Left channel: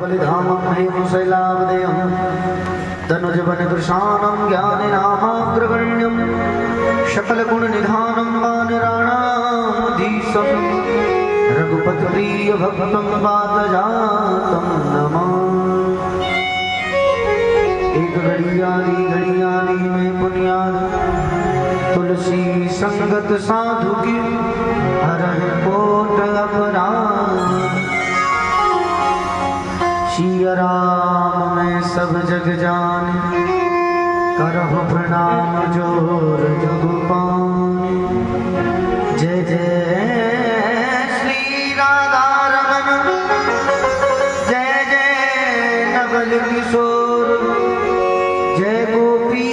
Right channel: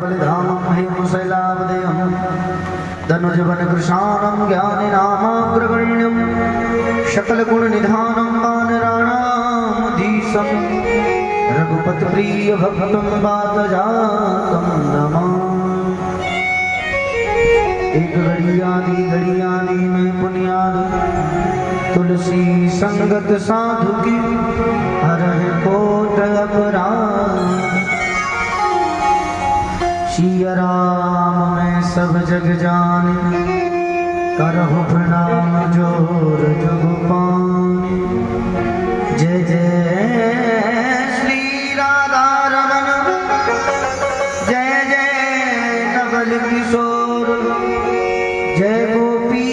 बलिधामं हेमशैलावदेयं धनुजवनकृशानं ज्ञाननामाग्रगण्यं सकलगुणनिधानं वानराणामधीशं रघुपतिप्रियभक्तं वातजातं नमामि। एक घड़ियाली में पुण्याली तुलसी संगत साधु की हरह कोट अपराध। सिया राम मैं सब जग जाने करहु प्रणाम जोर जुग पानी। जय जय श्री राधा रमन जय जय नवल किशोर जय गोपी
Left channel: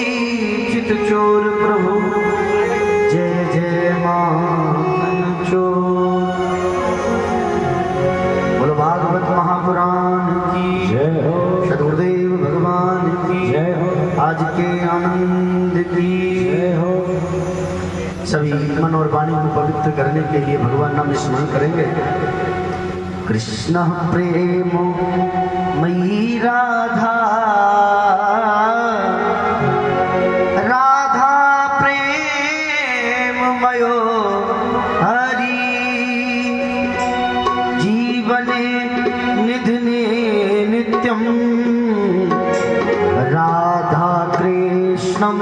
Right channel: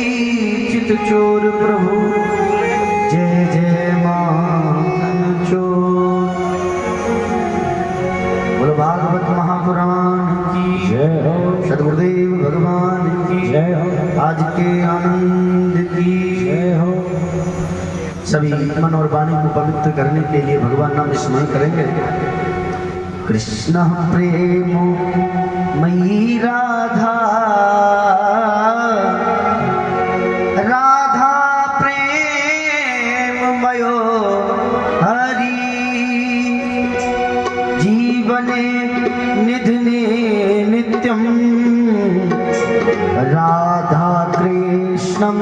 चित चोर प्रभु जय जय मानन चोर। बोलो भागवत महापुराण की जय हो, सदगुरुदेव भगवान की जय हो, आज के आनंद की जय हो। सभी मन और वाणी को पवित्र करने के लिए भगवान नाम स्मरण करेंगे। कृष्ण प्रेम मयि राधा राधा प्रेम मयो हरि जीवने निधने नित्यं राधा कृष्णं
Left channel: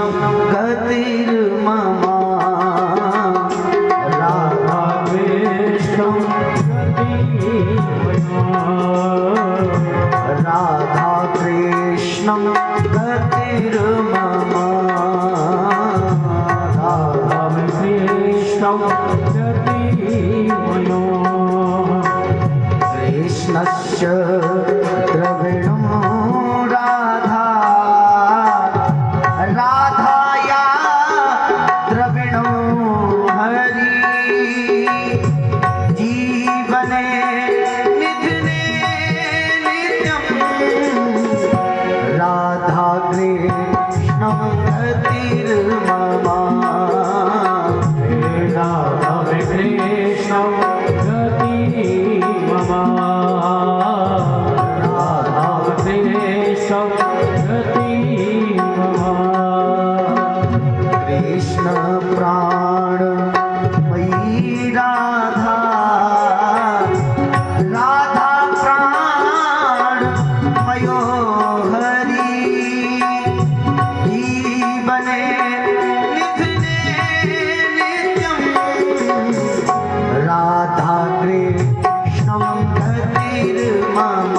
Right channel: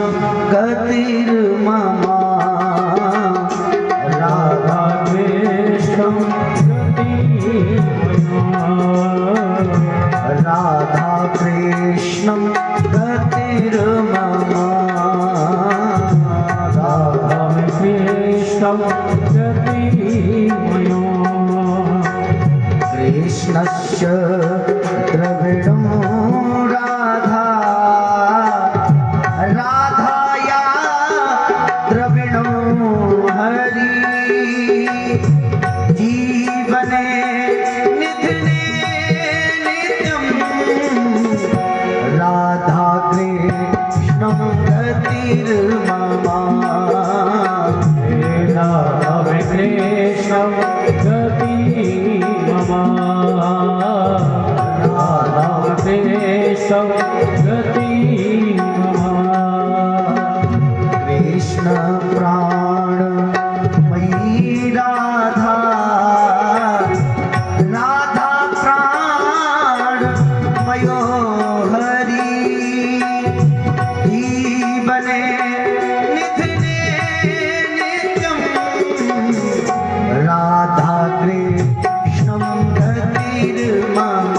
गतिर्मम राधा कृष्णं राधा कृष्णं गतिर्मम राधा कृष्णं कृष्णस्य द्रविणं राधा राधाया द्रविणो हरि जीवने निधने नित्यं राधा कृष्णं गतिर्मम राधा कृष्णं कृष्ण प्राण मयि राधा राधा प्राण मयो हरि जीवने निधने नित्यं राधा कृष्णं गतिर्मम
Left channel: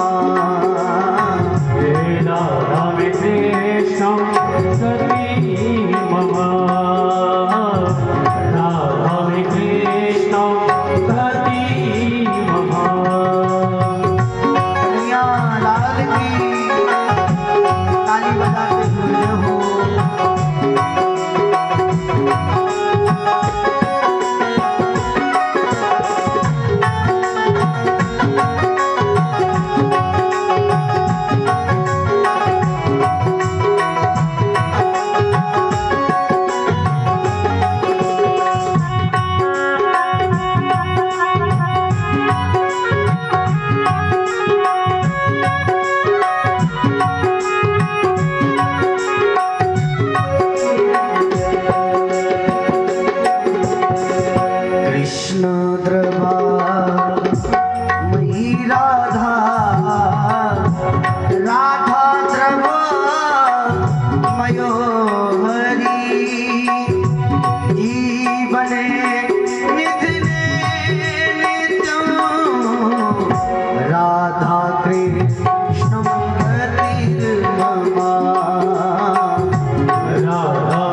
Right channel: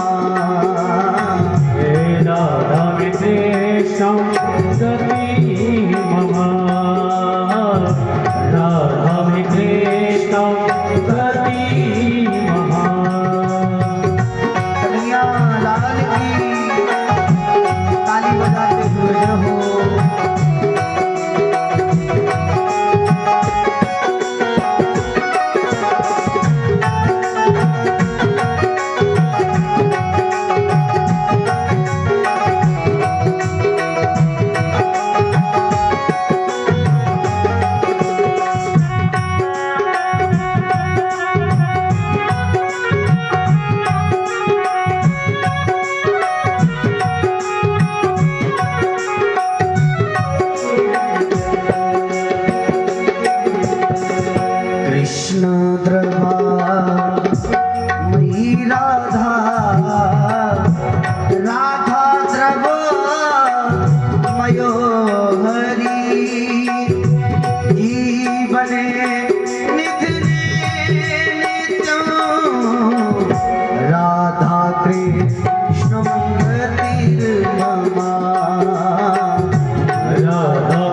राधा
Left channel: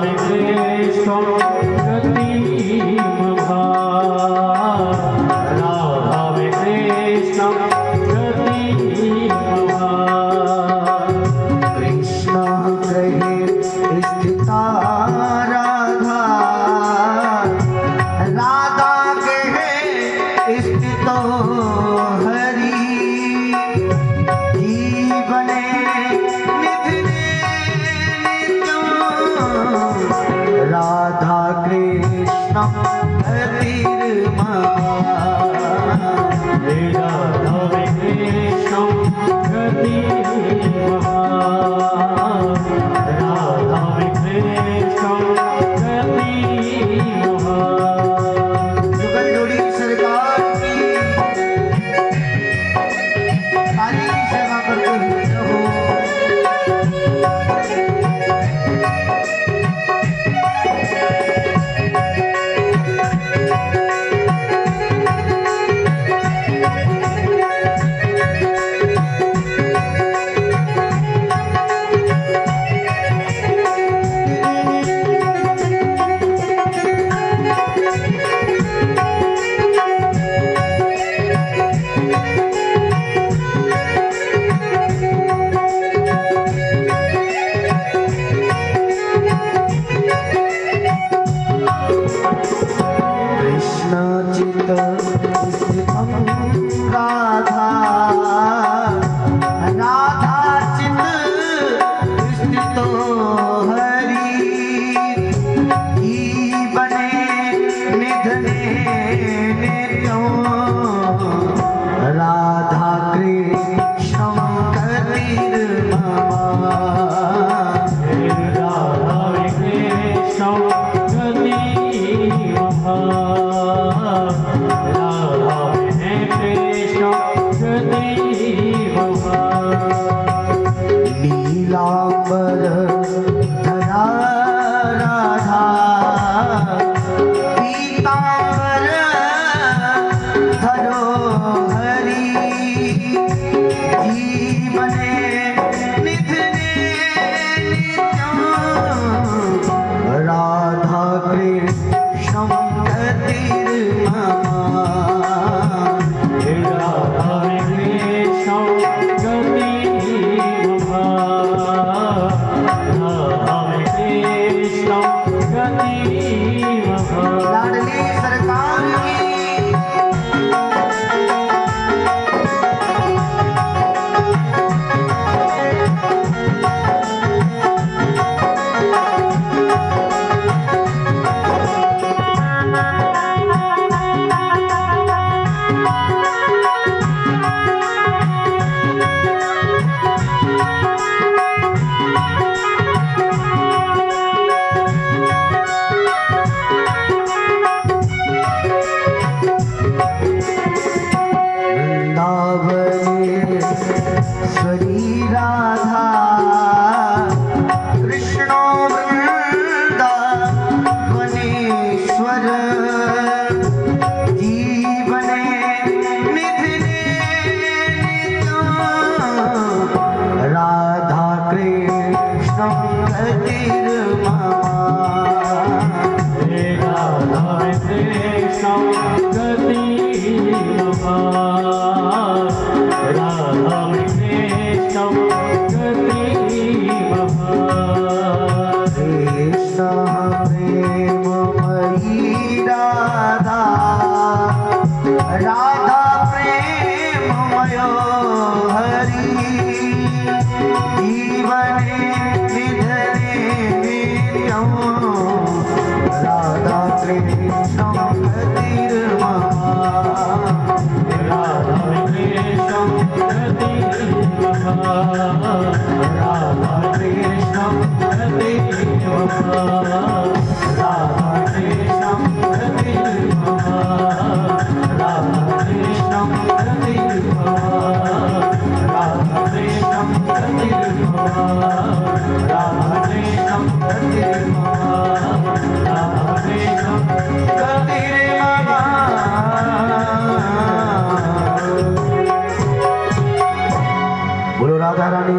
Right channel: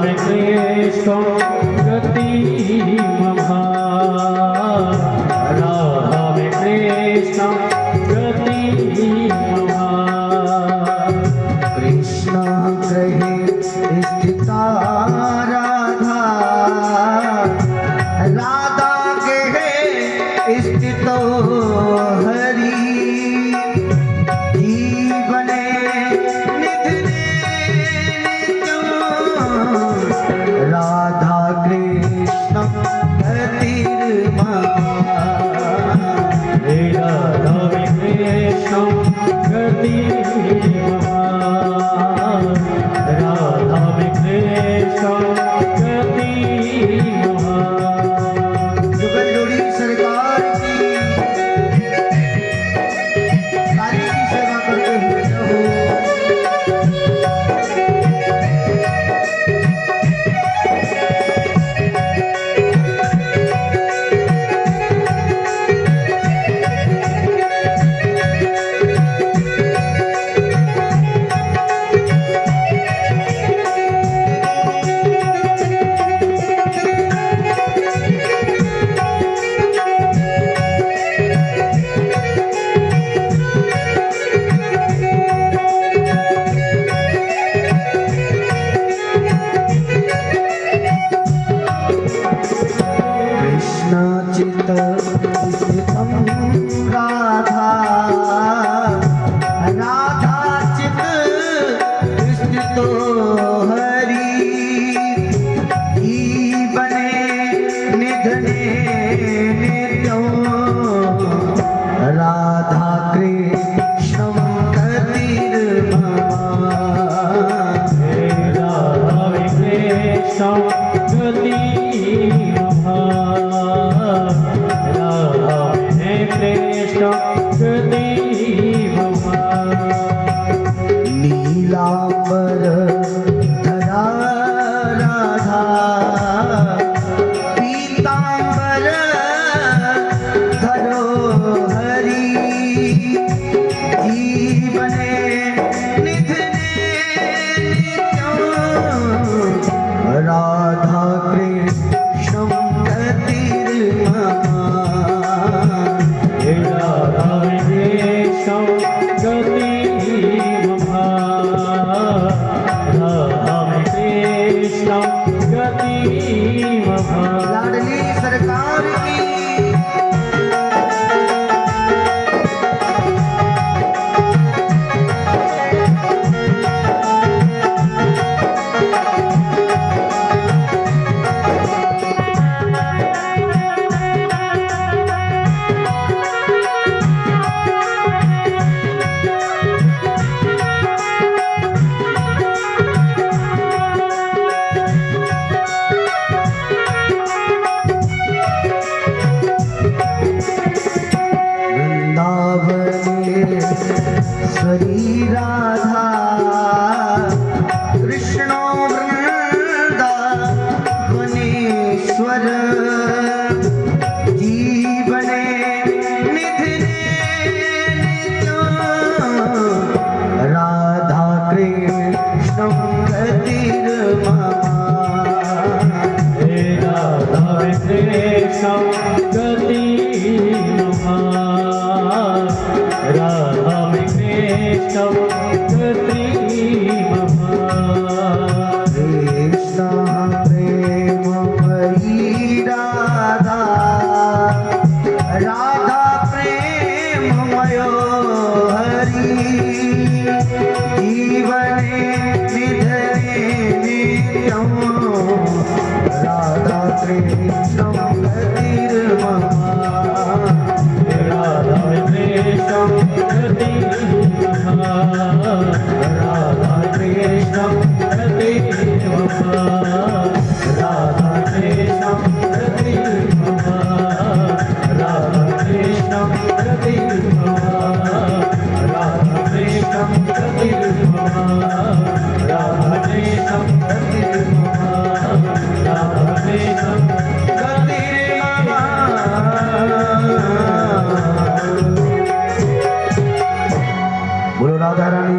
कृष्णं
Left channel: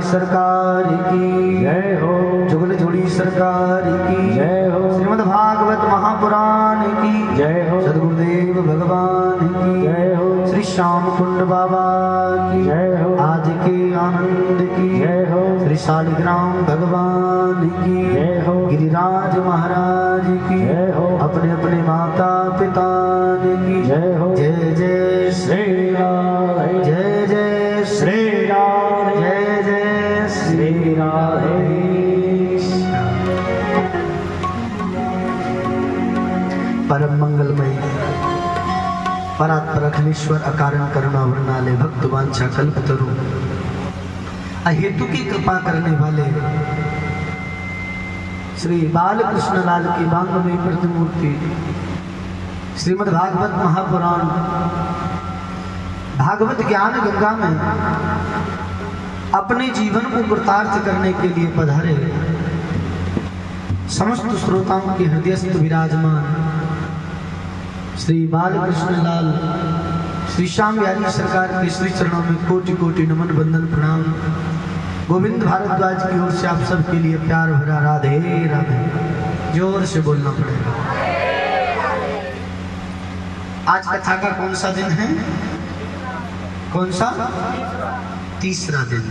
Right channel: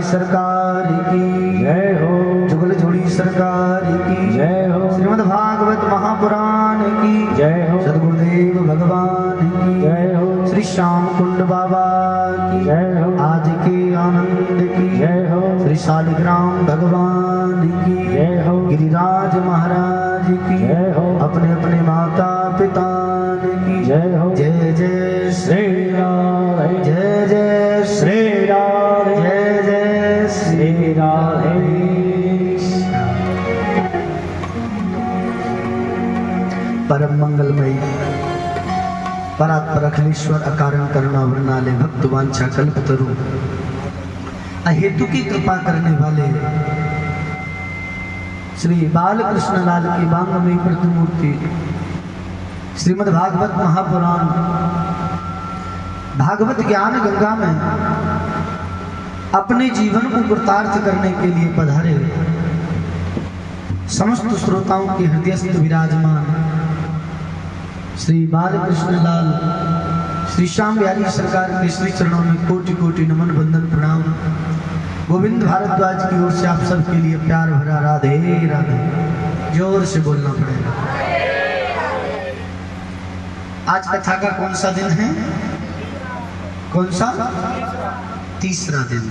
सरकार की जय हो, जुगल जोड़ी सरकार की जय हो, श्रीमद् भागवत महापुराण की जय हो, सदगुरुदेव भगवान की जय हो, श्री श्याम कुंड बाबा की जय हो, आज के आनंद की जय हो, श्री शालिग्राम भगवान की जय हो, गिरिराज महाराज की जय हो, अपने अपने माता पिता की जय हो, जय जय श्री राम, जय जय श्री राम, जय जय श्री राधे। परम मंगलमयी परात्पर अखिलेश्वर अकारण करुणा वर्णाले भक्त वांछा कल्पतरु अहेतु की कृपा करने वाले श्री बालकृष्ण लाल की बांधवी प्रतिमूर्ति श्रीमद् भागवत महापुराण भागवत ज्ञान गंगा में अपने जीवन को कृतार्थ करने के लिए पधारे समस्त श्रोताओं के हृदयस्थ विराजमान श्री बालकृष्ण लाल श्री श्याम बिहारी सरकार के श्री चरणों में कोटि कोटि नमन वंदन प्रणाम। गोविंद भारद्वाज की ओर से आप सबके लिए प्यार भरा राधे राधे। जोर से बोलना पड़ेगा। आज कथा का कौन सा दिन है? कौन सा? तीसरा दिन।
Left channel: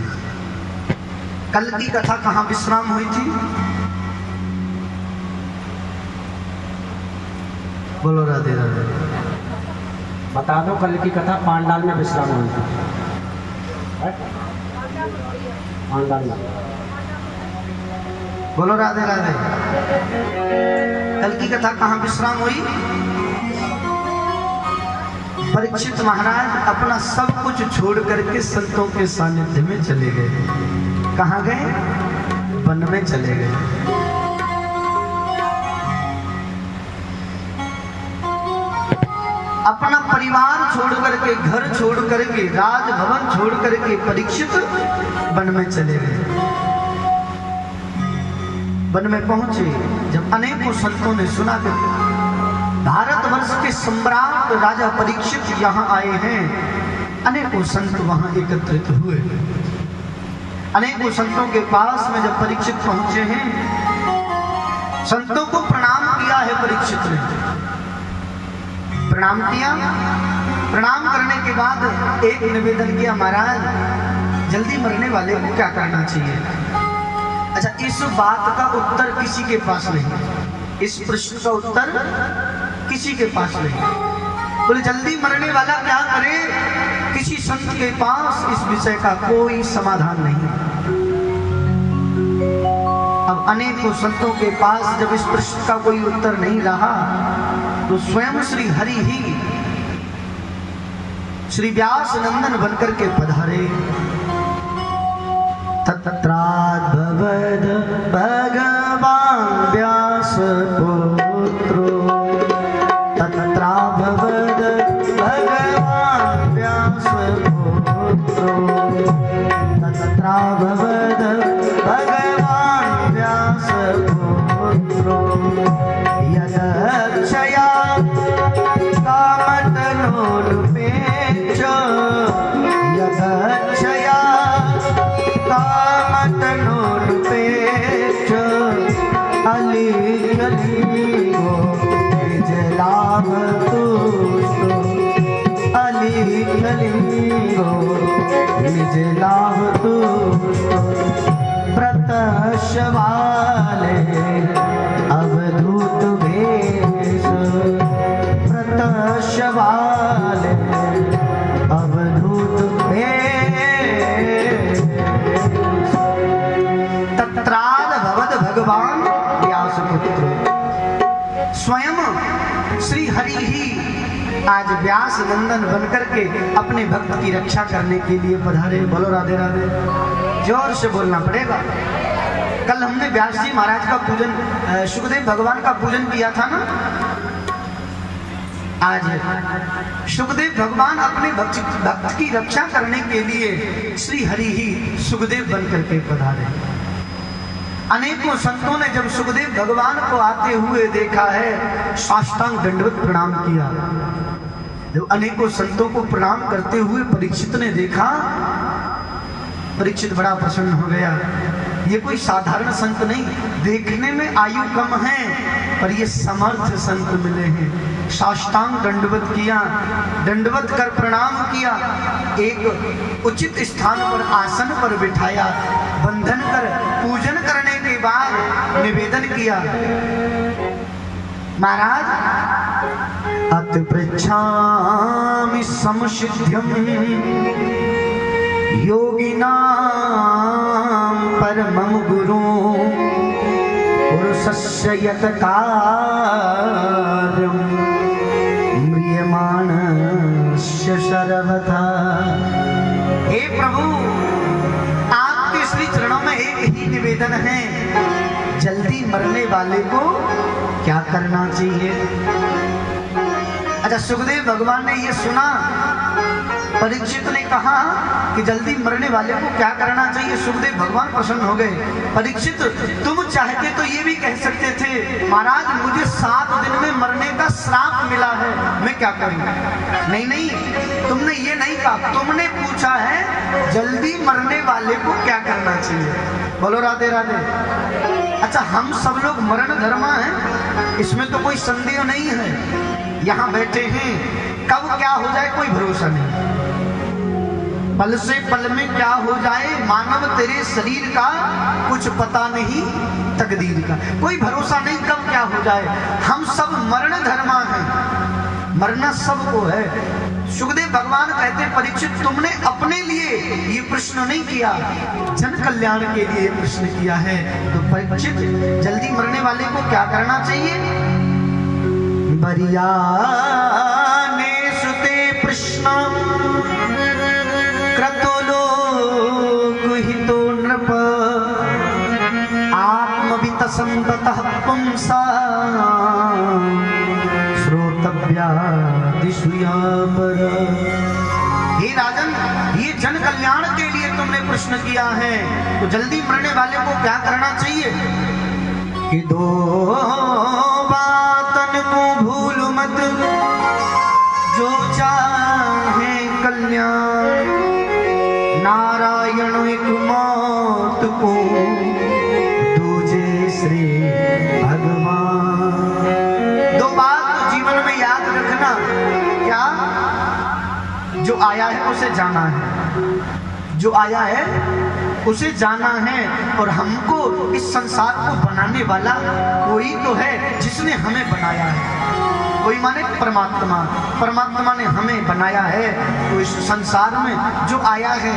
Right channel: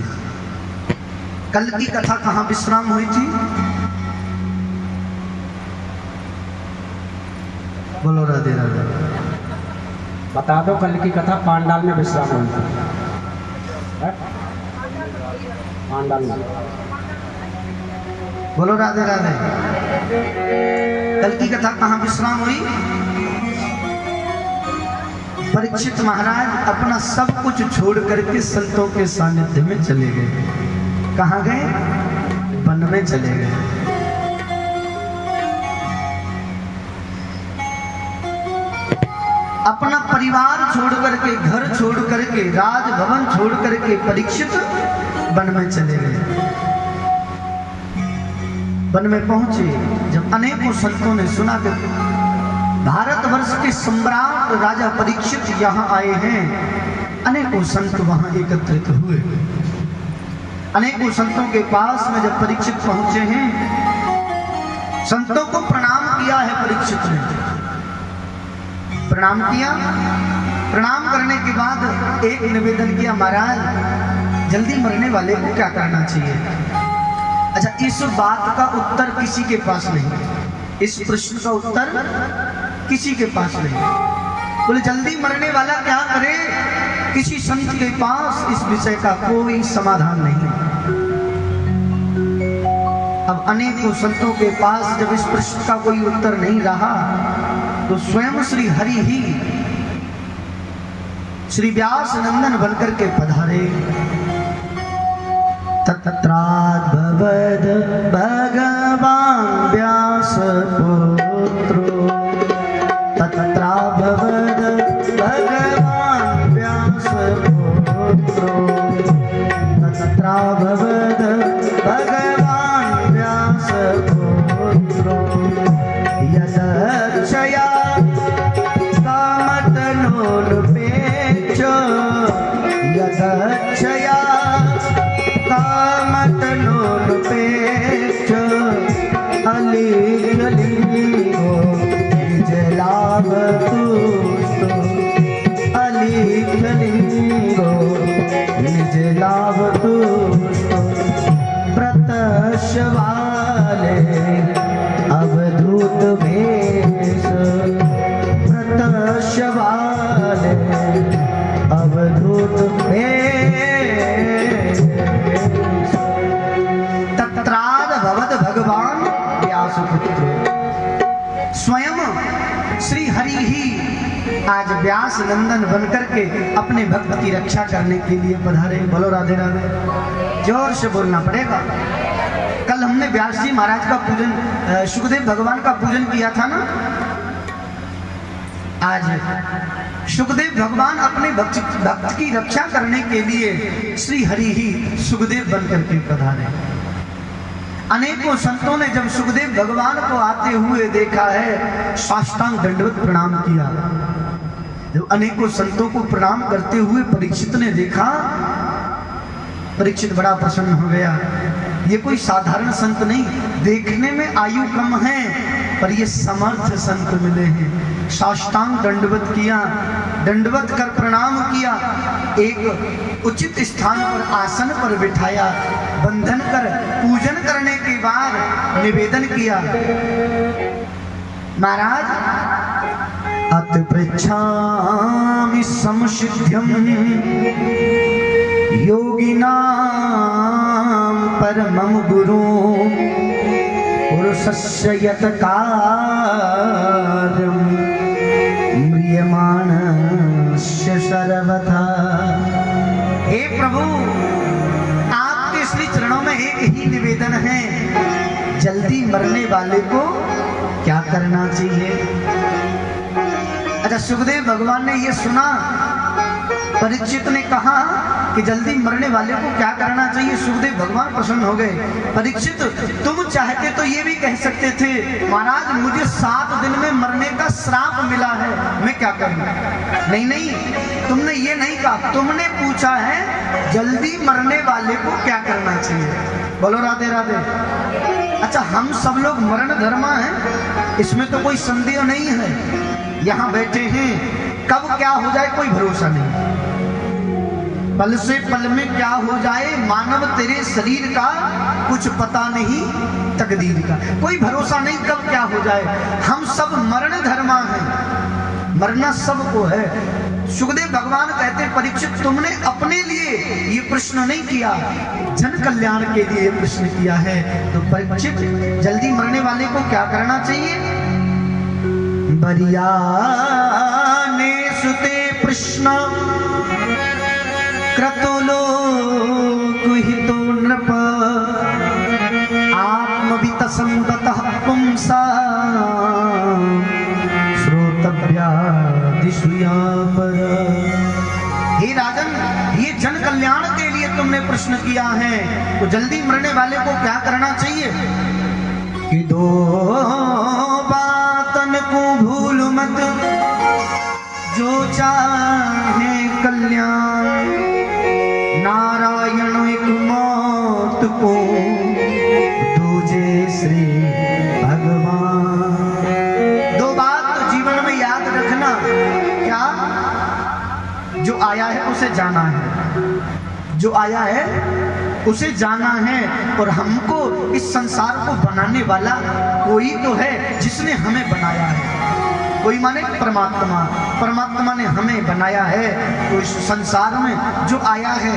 कल की कथा कहाँ विश्राम हुई थी? बोलो राधे राधे। बता दो, कल की कथा पांडाल में विश्राम हुई थी। पांडाल में। बोलो राधे राधे। कल की कथा कहाँ विश्राम हुई? परीक्षित महाराज अपना सब कुछ छोड़ करके संतों के सानिध्य में चले गए। कहाँ गए? वन में चले गए। अपना परिवार छोड़ करके, घर छोड़ करके, राजभवन छोड़ करके परीक्षित वन में चले गए। वन में पहुंचे जब अनेकों संतों ने सुना कि भारतवर्ष के सम्राट राजा परीक्षित यहाँ आए हैं, अनेकों संत वहां एकत्रित हुए। अनेकों संतों के पास में जब परीक्षित पहुंचे हैं, संतों को प्रणाम किया है परीक्षित ने। प्रणाम किया, प्रणाम करने के बाद एक निवेदन किया, महाराज जल्दी मरने वाले को क्या करना चाहिए? अच्छा, इस बात का उत्तर किसी के पास नहीं, इस प्रश्न का उत्तर किसी के पास नहीं। बोले जल्दी मरने वाला क्या करे? किसी संत के पास इस विषय का कोई समाधान नहीं। अब अनेकों संतों के पास जब इस प्रश्न का कोई उत्तर नहीं रहा, तो स्वयं श्री हरि ही श्री व्यास नंदन बनकर के पधारे। तत्राद्भवद भगवान व्यास पुत्रो, तत्राद्भवद भगवान व्यास पुत्रो, तत्राद्भवद भगवान व्यास पुत्रो, यदक्षया कामतनोरुपेक्षो, यदक्षया कामतनोरुपेक्षो, अलीयलीगो निज लाभ तुष्टो, अलीयलीगो निज लाभ तुष्टो, प्रतशवाले अवधूत भेष, प्रतशवाले अवधूत भेष। तत्राद भवद भगवान व्यास पुत्र, स्वयं श्री हरि ही आज व्यास नंदन बनकर के अपने भक्त की रक्षा करने के लिए पधारे। बोलो राधे राधे, जोर से बोलना पड़ेगा। कल हमने व्यास जी महाराज का पूजन, सुखदेव भगवान का पूजन किया था ना। आज सुखदेव भगवान अपने भक्त की रक्षा करने के लिए श्री हरि ही सुखदेव बनकर के पधारे। अनेकों संतों ने जब सुखदेव भगवान को आते हुए देखा है, साष्टांग दंडवत प्रणाम किया। जब अनेकों संतों को प्रणाम करते हुए परीक्षित ने देखा, परीक्षित बड़ा प्रसन्न हो गया। ये कोई साधारण संत नहीं, देखने में आयु कम है पर ये समर्थ संत मिले हैं। साष्टांग दंडवत किया, दंडवत कर प्रणाम किया, एक उचित स्थान पर आसन पर बिठाया, बंधन कर पूजन करने के बाद निवेदन किया, महाराज अति पृच्छामि समसिद्ध्यं योगिनां परमं गुरुं पुरुषस्य यत् कार्यं म्रियमाणस्य सर्वथा। हे प्रभु, आपके श्री चरणों में एक ही निवेदन है, जल्दी मरने वाले को क्या करना चाहिए? अच्छा, सुखदेव भगवान ने ये सुना, परीक्षित ने कहा कि जल्दी मरने वाले को क्या करना चाहिए। सुखदेव भगवान प्रसन्न हो गए। परीक्षित, तुम चाहते तो ये भी कह सकते थे, महाराज मुझे 7 दिन में मरने का श्राप मिला है, मैं क्या करूं? नहीं नहीं, तुमने ये नहीं कहा, तुमने पूछा है जल्दी मरने वाले को क्या करना चाहिए। बोलो राधे राधे। अच्छा, हम सब लोग मरण धर्मा हैं, इसमें तो कोई संदेह नहीं है। यहाँ बैठे हैं, कब क्या हो जाए कोई भरोसा नहीं, पल से पल में क्या हो जाए मानव तेरे शरीर का कुछ पता नहीं, तकदीर का कोई भरोसा नहीं, कब क्या हो जाए। हम सब मरण धर्मा हैं, मरना सबको है। सुखदेव भगवान कहते परीक्षित, तुमने अपने लिए ये प्रश्न नहीं किया, जन कल्याण के लिए प्रश्न किया है। तो परीक्षित, जल्दी मरने वाले को क्या करना चाहिए? बरियाने सुते प्रश्न क्रतुलो कुहितो नृप आत्मवित संगतः पुंसा श्रोतव्या दिशुयापर। हे राजन, ये जन कल्याण के लिए तुमने प्रश्न किया है, तो जल्दी मरने वाले को क्या करना चाहिए? कि दो बातन को भूल मत, जो चाहे कल्याण, नारायण एक मौत को दूजे श्री भगवान। दो बात तो जीवन में याद रखना, क्या? जो आया है उसे जाना है, जो आया है उसे जाना है, और हमको इस संसार को बनाने वाला कोई तो है जिसने हमें बनाया है। कोई माने परमात्मा, परमात्मा ने हमें बनाया है। तो इस संसार में जो आया है,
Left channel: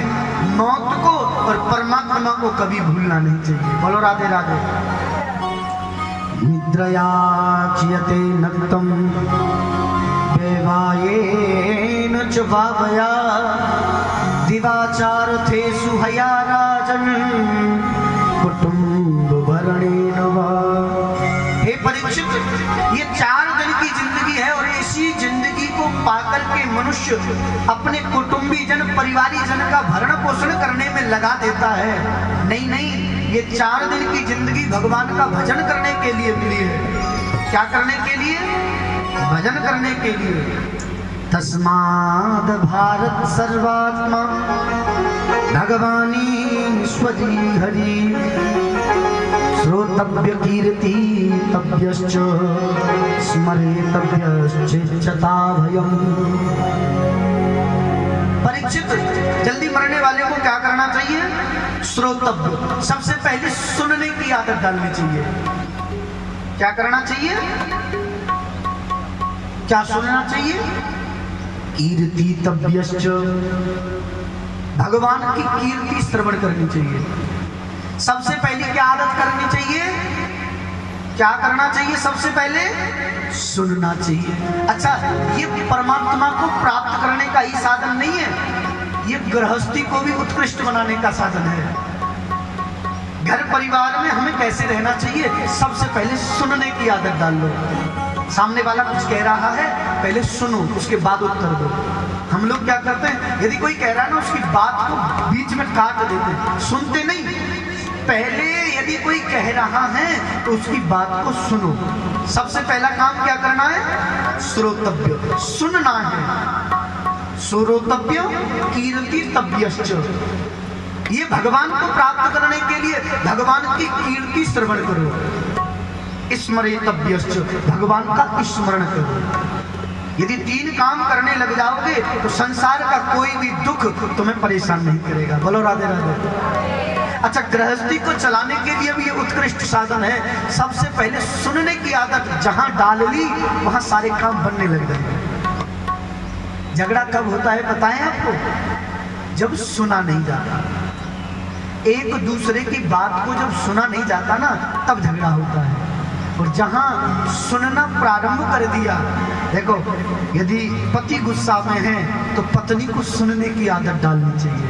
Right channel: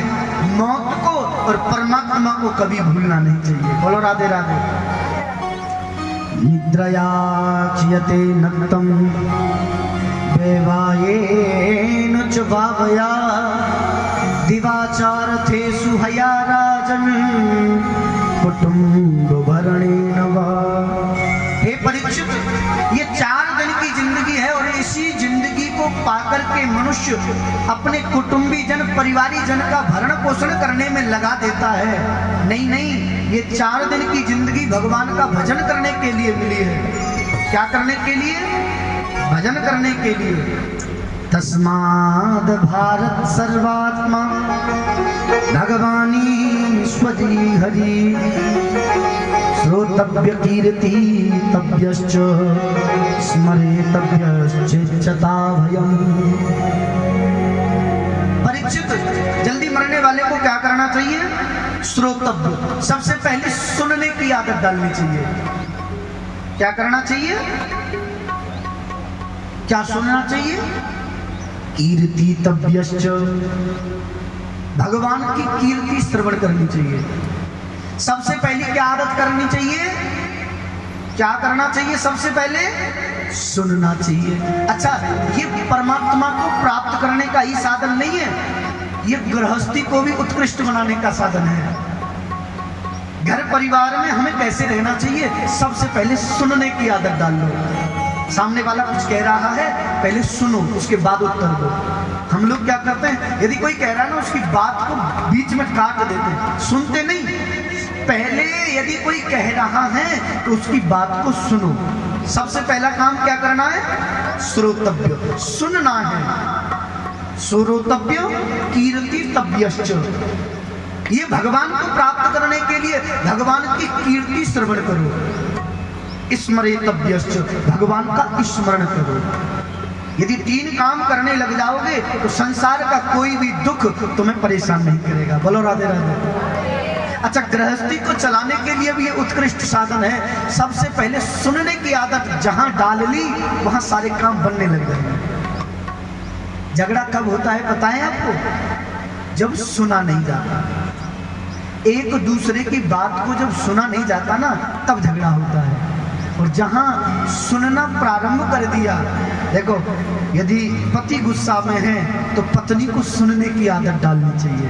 मौत को और परमात्मा को कभी भूलना नहीं चाहिए। बोलो राधे राधे। निद्रया क्षीयते नक्तम देवायेन च भावया दिवाचारथेषु हया राजन् कुटुम्ब भरणेन वा। हे परीक्षित, ये 4 दिन की जिंदगी है, और इसी जिंदगी को पाकर के मनुष्य अपने कुटुंबी जन, परिवारी जन का भरण पोषण करने में लगा देता है। नहीं नहीं, ये 4 दिन की जिंदगी भगवान का भजन करने के लिए मिली है। क्या करने के लिए? भजन करने के लिए। तस्माद् भारत सर्वात्मा भगवानी स्वजी हरि श्रोतव्य कीर्ति तव्यश्च स्मरेतव्यश्चिच्चता भयम्। परीक्षित, जल्दी मरने वाले को क्या करना चाहिए? श्रोतव्य, सबसे पहले सुनने की आदत डालनी चाहिए। क्या करना चाहिए? क्या सुनना चाहिए? कीर्ति तव्यश्च, भगवान की कीर्ति श्रवण करनी चाहिए। सबसे पहले क्या आदत करनी चाहिए? क्या करना चाहिए? सबसे पहले सुनना चाहिए। अच्छा, ये परमात्मा को प्राप्त करने का ही साधन नहीं है, ये गृहस्थी को भी उत्कृष्ट बनाने का साधन है। घर परिवार में हमें कैसे रहना चाहिए? सबसे पहले सुनने की आदत डाल लो। सामने वाला कुछ कह रहा है, पहले सुनो, उसके बाद उत्तर दो। हम लोग क्या करते हैं, यदि कोई कह रहा है ना, उसकी बात को बीच में काट देते, सुनते नहीं। पहले यदि कोई कह रहा है तो उसकी बात को सुनो। सबसे पहला काम क्या करना है? श्रोतव्य, सुनना है। श्रोतव्य कीर्ति तव्यश्च, ये भगवान को प्राप्त करने के लिए भगवान की कीर्ति श्रवण करो। स्मरेतव्यश्च, भगवान का स्मरण करो। यदि 3 काम करने लग जाओगे तो संसार का कोई भी दुख तुम्हें परेशान नहीं करेगा। बोलो राधे राधे। अच्छा, गृहस्थी को चलाने के लिए भी ये उत्कृष्ट साधन है। सबसे पहले सुनने की आदत जहां डाल ली, वहां सारे काम बनने लग जाएंगे। झगड़ा कब होता है पता है आपको? जब सुना नहीं जाता। एक दूसरे की बात को जब सुना नहीं जाता ना, तब झगड़ा होता है। और जहां सुनना प्रारंभ कर दिया, देखो, यदि पति गुस्सा में है तो पत्नी को सुनने की आदत डालनी चाहिए।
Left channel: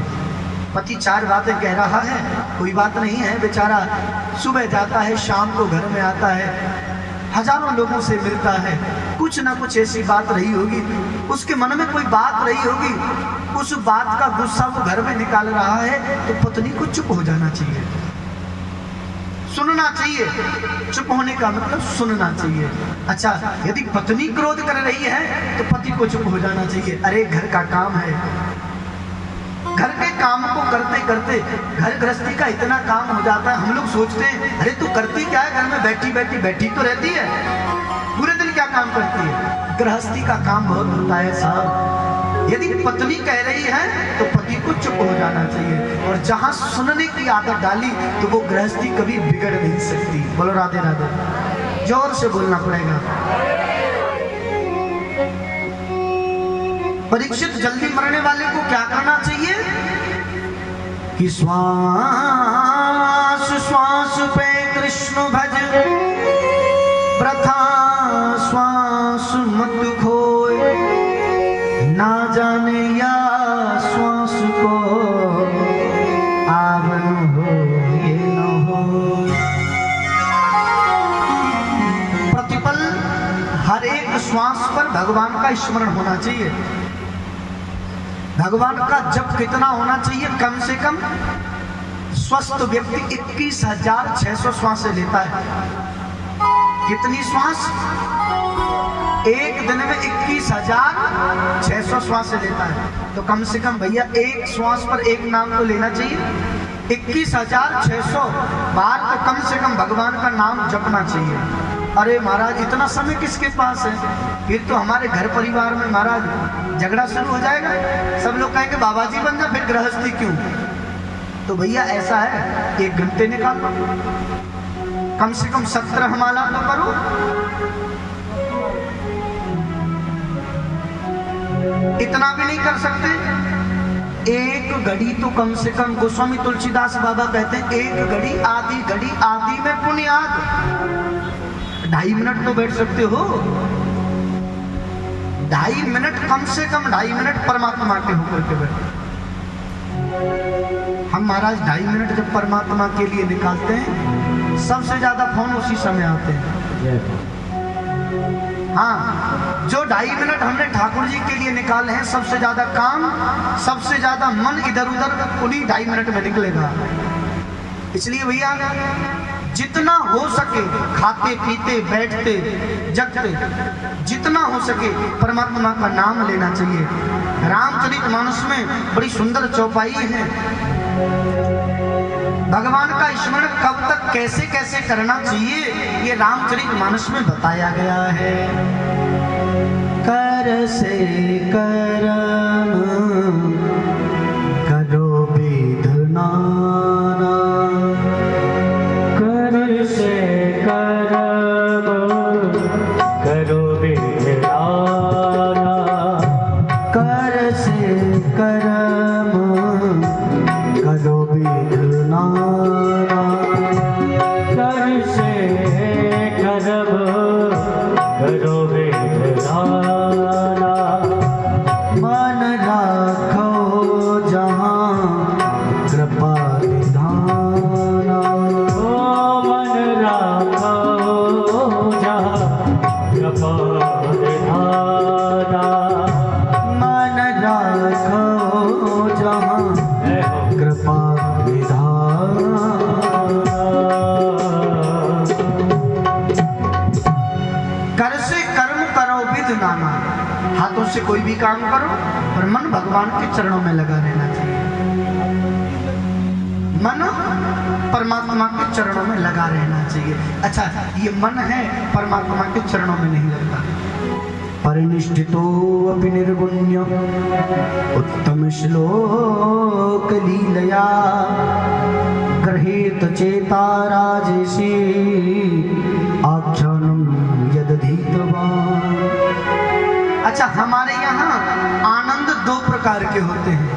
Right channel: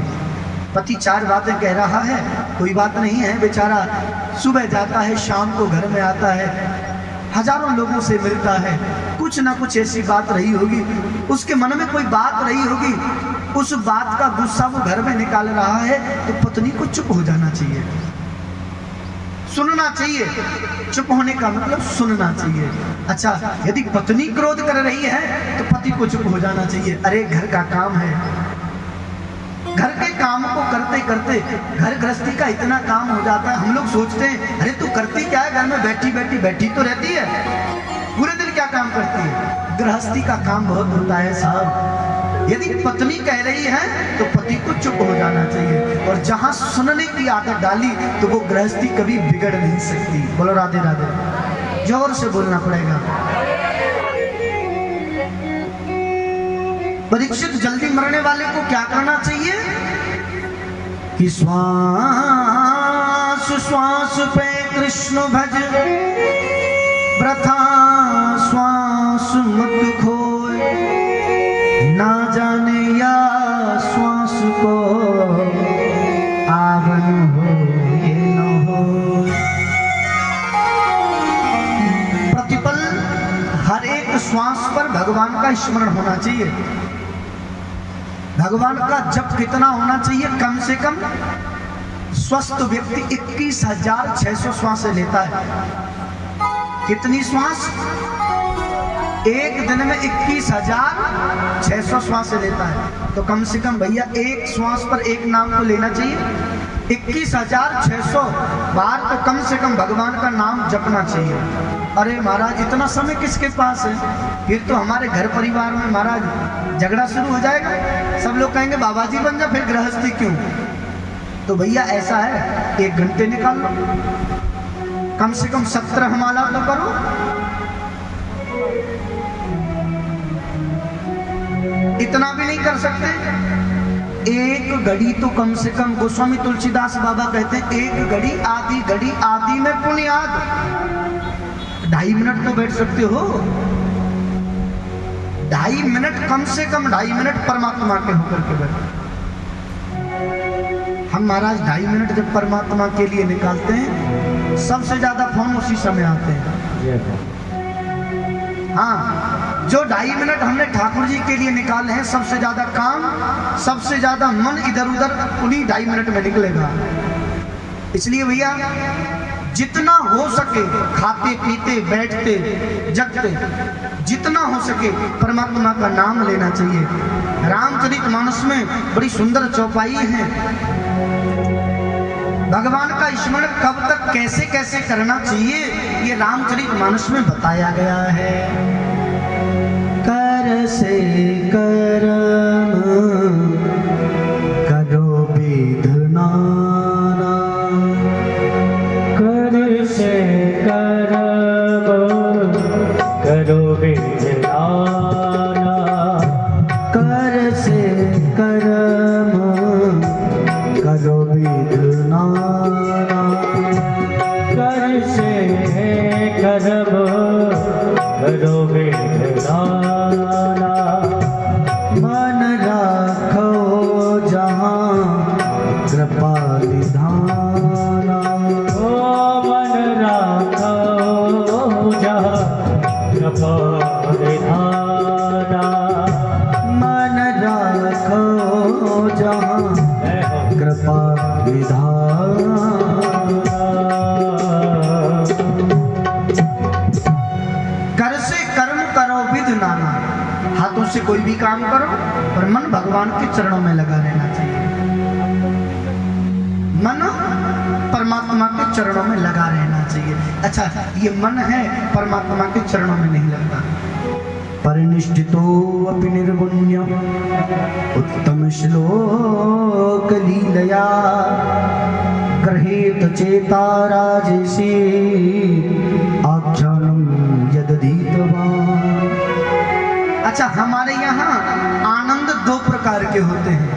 पति 4 बातें कह रहा है, कोई बात नहीं है, बेचारा सुबह जाता है, शाम को घर में आता है, हजारों लोगों से मिलता है, कुछ ना कुछ ऐसी बात रही होगी, उसके मन में कोई बात रही होगी, उस बात का गुस्सा वो घर में निकाल रहा है, तो पत्नी को चुप हो जाना चाहिए, सुनना चाहिए। चुप होने का मतलब सुनना चाहिए। अच्छा, यदि पत्नी क्रोध कर रही है तो पति को चुप हो जाना चाहिए। अरे घर का काम है, घर के काम को करते करते घर गृहस्थी का इतना काम हो जाता है, हम लोग सोचते हैं अरे तू करती क्या है, घर में बैठी तो रहती है, पूरे दिन क्या काम करती है? गृहस्थी का काम बहुत होता है साहब। यदि पत्नी कह रही है तो पति को चुप हो जाना चाहिए, और जहां सुनने की आदत डाली तो वो गृहस्थी कभी बिगड़ नहीं सकती। बोलो राधे राधे, जोर से बोलना पड़ेगा। परीक्षित, जल्दी मरने वाले को क्या करना चाहिए? कि श्वास श्वास पे कृष्ण भज, वृथा श्वास मत खोए, ना जाने या श्वास को आवरण हो ये न हो। प्रतिपल हर एक श्वास पर भगवान का स्मरण होना चाहिए। भगवान का जप कितना होना चाहिए? कम से कम स्वस्थ व्यक्ति 21,600 श्वास लेता है। कितनी श्वास? एक दिन में 21,600 श्वास लेता है। तो कम से कम भैया एक श्वास पर एक नाम तो लेना चाहिए। 21,600 बार तो कम से कम भगवान का नाम जपना चाहिए। अरे महाराज इतना समय किसके पास है? फिर तो हमारे घर परिवार में महाराज झगड़ा शुरू हो जाएगा। सब लोग कहेंगे बाबा जी बन जा, फिर गृहस्थी क्यों? तो भैया ऐसा है, 1 घंटे निकाल लो, कम से कम 17 माला तो करो। इतना भी नहीं कर सकते, 1 घड़ी तो कम से कम, गोस्वामी तुलसीदास बाबा कहते हैं 1 घड़ी आधी में पुण्याद। 2.5 मिनट तो बैठ सकते हो, 2.5 मिनट, कम से कम 2.5 मिनट परमात्मा के होकर के बैठो। हम महाराज 2.5 मिनट जब परमात्मा के लिए निकालते हैं, सबसे ज्यादा फोन उसी समय आते हैं। हाँ, जो 2.5 मिनट हमने ठाकुर जी के लिए निकाले हैं, सबसे ज्यादा काम, सबसे ज्यादा मन इधर उधर उन्हीं 2.5 मिनट में निकलेगा। इसलिए भैया जितना हो सके, खाते पीते बैठते जगते, जितना हो सके परमात्मा का नाम लेना चाहिए। रामचरितमानस में बड़ी सुंदर चौपाई है, भगवान का स्मरण कब तक कैसे कैसे करना चाहिए, ये रामचरितमानस में बताया गया है। कर से करम करो विधना, कर से करम करो विधना, कर से करम करो विधना, कर से करम करो विधना, मन राखो जहाँ कृपा विधाना, ओ मन राखो जहाँ कृपा विधाना, मन राखो जहाँ कृपा विधाना। कर से कर्म करो विध नाना, हाथों से कोई भी काम करो पर मन भगवान के चरणों में लगा रहना चाहिए। मन परमात्मा के चरणों में लगा रहना चाहिए। अच्छा, ये मन है परमात्मा के चरणों में नहीं लगता। परिनिष्ठितो अपि निर्गुण्य उत्तम श्लोक लीलया गृहीत चेता राजेशी आख्यानम यदधीतवान्। अच्छा, हमारे यहाँ आनंद 2 प्रकार के होते हैं।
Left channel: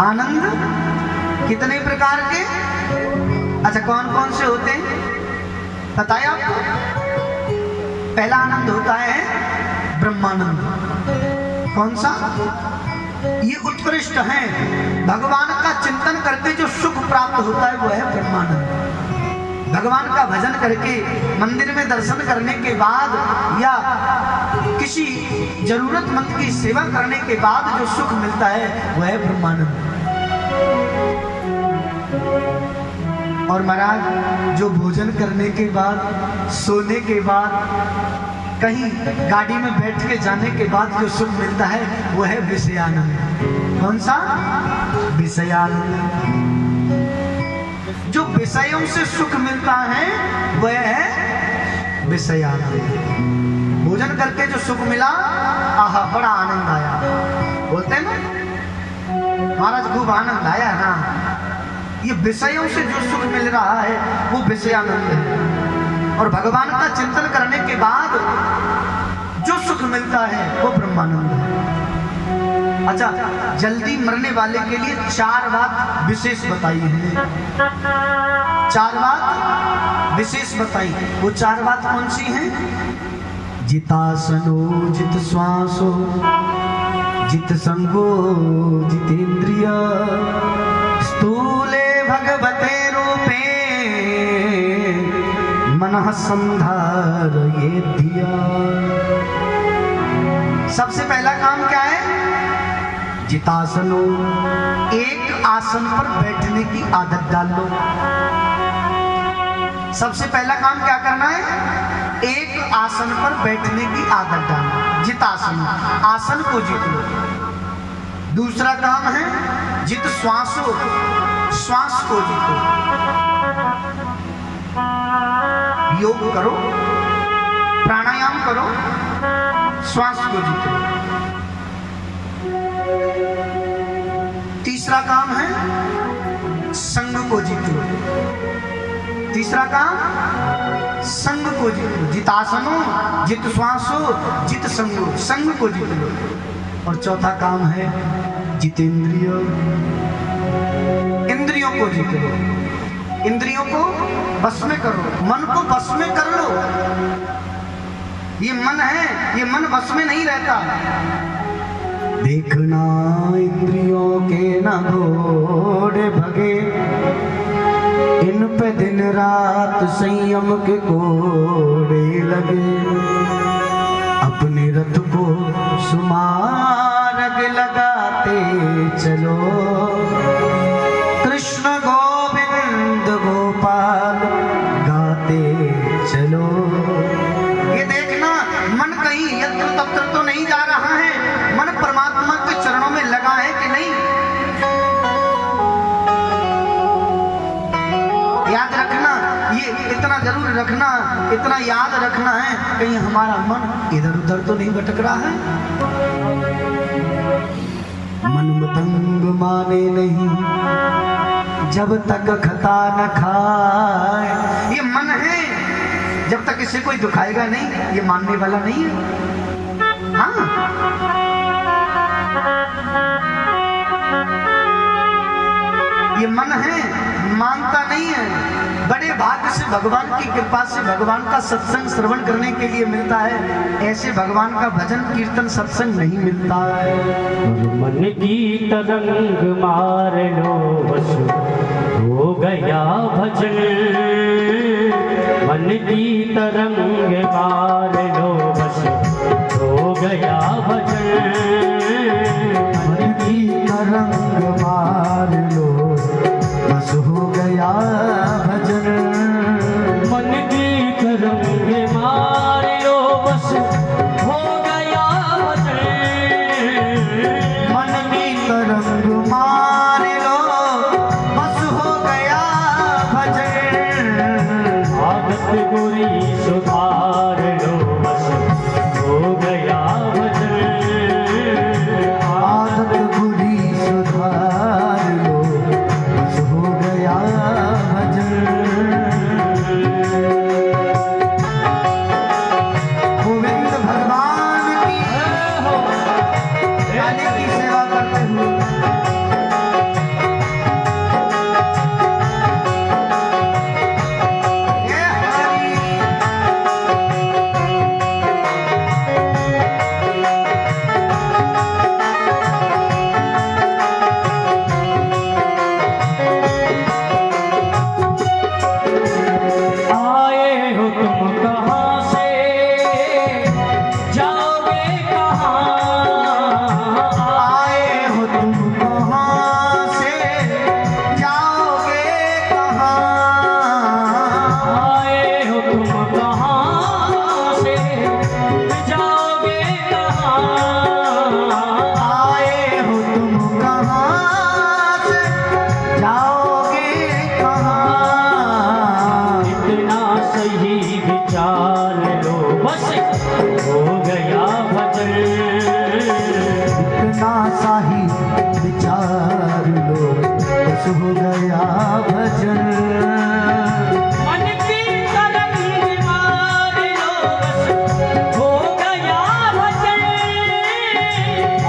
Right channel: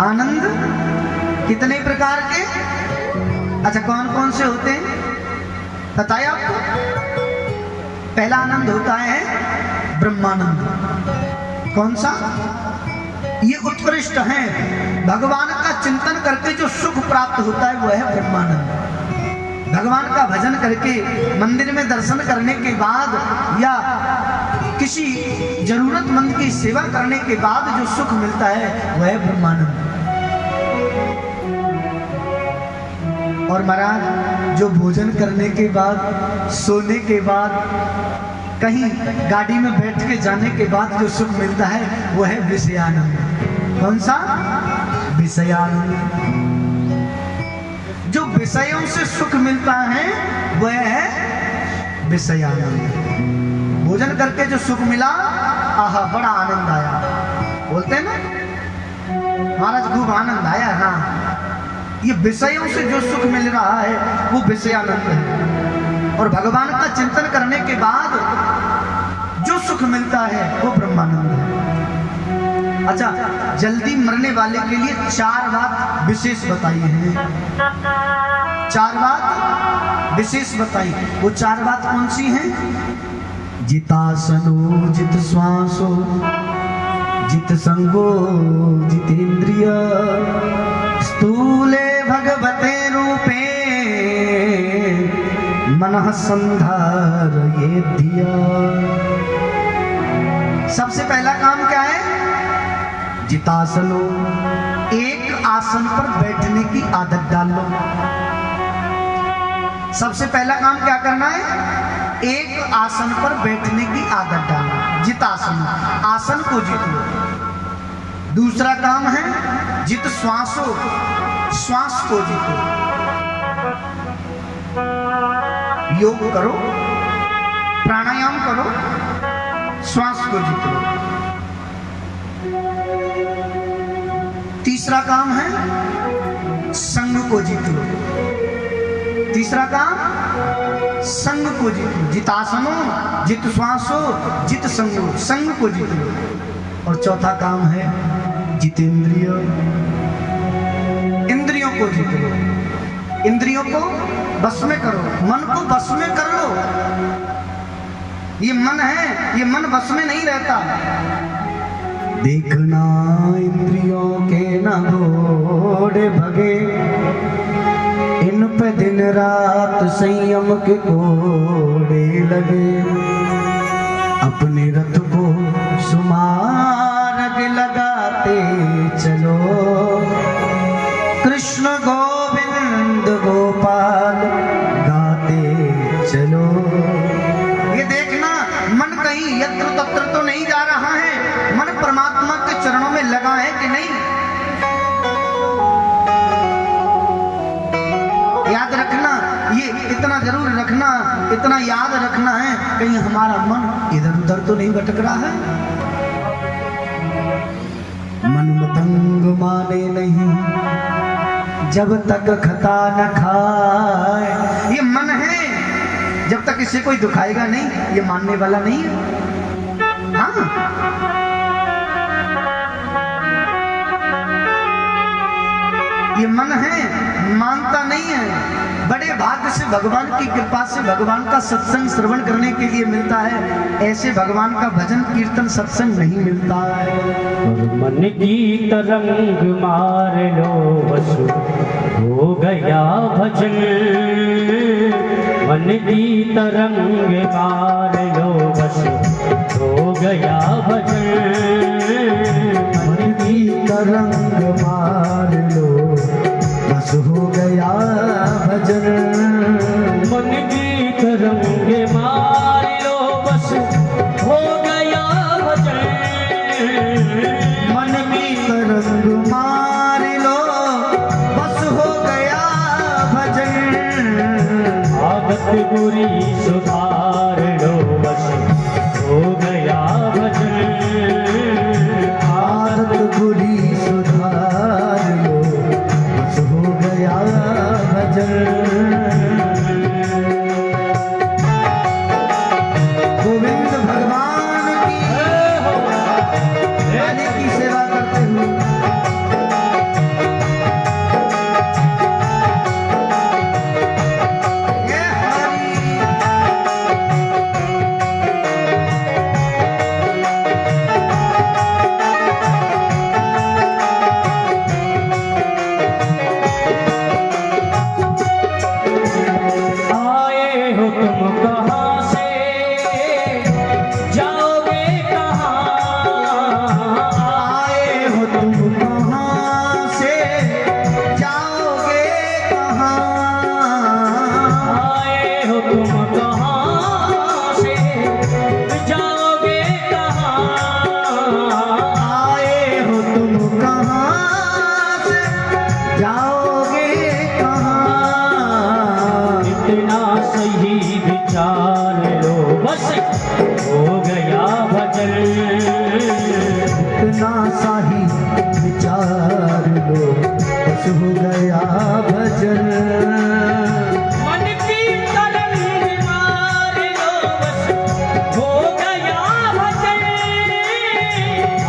आनंद कितने प्रकार के? अच्छा, कौन कौन से होते हैं बताइए आपको? पहला आनंद होता है ब्रह्मानंद। कौन सा? ये उत्कृष्ट है, भगवान का चिंतन करके जो सुख प्राप्त होता है वह है ब्रह्मानंद। भगवान का भजन करके, मंदिर में दर्शन करने के बाद या किसी जरूरतमंद की सेवा करने के बाद जो सुख मिलता है वह है ब्रह्मानंद। और महाराज जो भोजन करने के बाद, सोने के बाद, कहीं गाड़ी में बैठ के जाने के बाद जो सुख मिलता है वो है विषयानंद। कौन सा? विषयानंद। जो विषयों से सुख मिलता है वह है विषयानंद। भोजन करके जो सुख मिला, आहा बड़ा आनंद आया, बोलते हैं ना महाराज खूब आनंद आया। हाँ, ये विषयों से जो सुख मिल रहा है वो विषयानंद है। और भगवान का चिंतन करने के बाद जो सुख मिलता है वो ब्रह्मानंद है। अच्छा, जल्दी मरने वाले के लिए 4 बात विशेष बताई है। 4 बात विशेष बताई। वो 4 बात कौन सी हैं? जितासनो जित श्वासो जित संगो जितेंद्रिय स्थूले भगवते रूपे मनः संधार ये दिया। सबसे पहला काम क्या है? जितासनो, एक आसन पर बैठने की आदत डाल लो। सबसे पहला काम क्या करना है? एक आसन पर बैठने की आदत डालो। जितासन, आसन को जीतो। दूसरा काम है जित श्वासो, श्वास को जीतो, योग करो, प्राणायाम करो, श्वास को जीतो। तीसरा काम है संग को जीतो। तीसरा काम संग को जीतो। जितासनो, जित श्वासो, जित संगो, संग को जीतो। और चौथा काम है जितेंद्रियो, इंद्रियों को जीतो। इंद्रियों को बस में करो, मन को बस में कर लो। ये मन है, ये मन बस में नहीं रहता। देखना इंद्रियों के न घोड़े भगे, इन पे दिन रात संयम के घोड़े लगे। अपने रथ को सुमार्ग लगाते चलो, कृष्ण गोविंद गोपाल गाते चलो। ये देखना मन कहीं यत्र तत्र तो नहीं जा रहा है, मन परमात्मा के चरणों में लगा है कि नहीं। याद रखना, ये इतना जरूर रखना, इतना याद रखना है, कहीं हमारा मन इधर उधर तो नहीं भटक रहा है। मन मतंग माने नहीं जब तक खता न खाए। ये मन है, जब तक इसे कोई दुखाएगा नहीं, ये मानने वाला नहीं। हाँ, ये मन है, मानता नहीं है। बड़े भाग्य से भगवान की कृपा से भगवान का सत्संग श्रवण करने के लिए मिलता है। ऐसे भगवान का भजन कीर्तन सत्संग नहीं मिलता है। मन की तरंग मार लो बस हो गया भजन। मन की तरंग मार लो बस हो गया भजन। मन की तरंग मार लो बस हो गया भजन। मन की तरंग मार लो बस हो गया भजन। मन की तरंग मार लो बस हो गया भजन। आदत बुरी सुधार लो बस हो गया भजन। आदत बुरी सुधार लो बस हो गया भजन। गोविंद भगवान की राधे की सेवा करते हुए ये हमारी आए हो तुम कहाँ से जाओगे कहाँ। आए हो तुम कहाँ से जाओगे कहाँ। आए हो तुम कहाँ से जाओगे कहाँ। आए हो तुम कहाँ से जाओगे कहाँ। इतना सही विचार लो बस हो गया भजन। इतना सा ही विचार लो बस हो गया भजन। मन की तरंग मार लो बस हो गया भजन।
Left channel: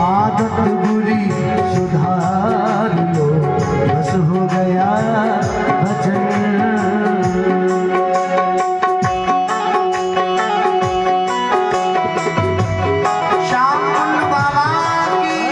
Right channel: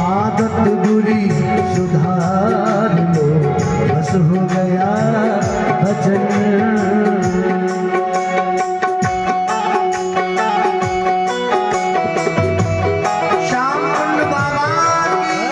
आदत बुरी सुधार लो बस हो गया भजन। श्याम कुंड भगवान की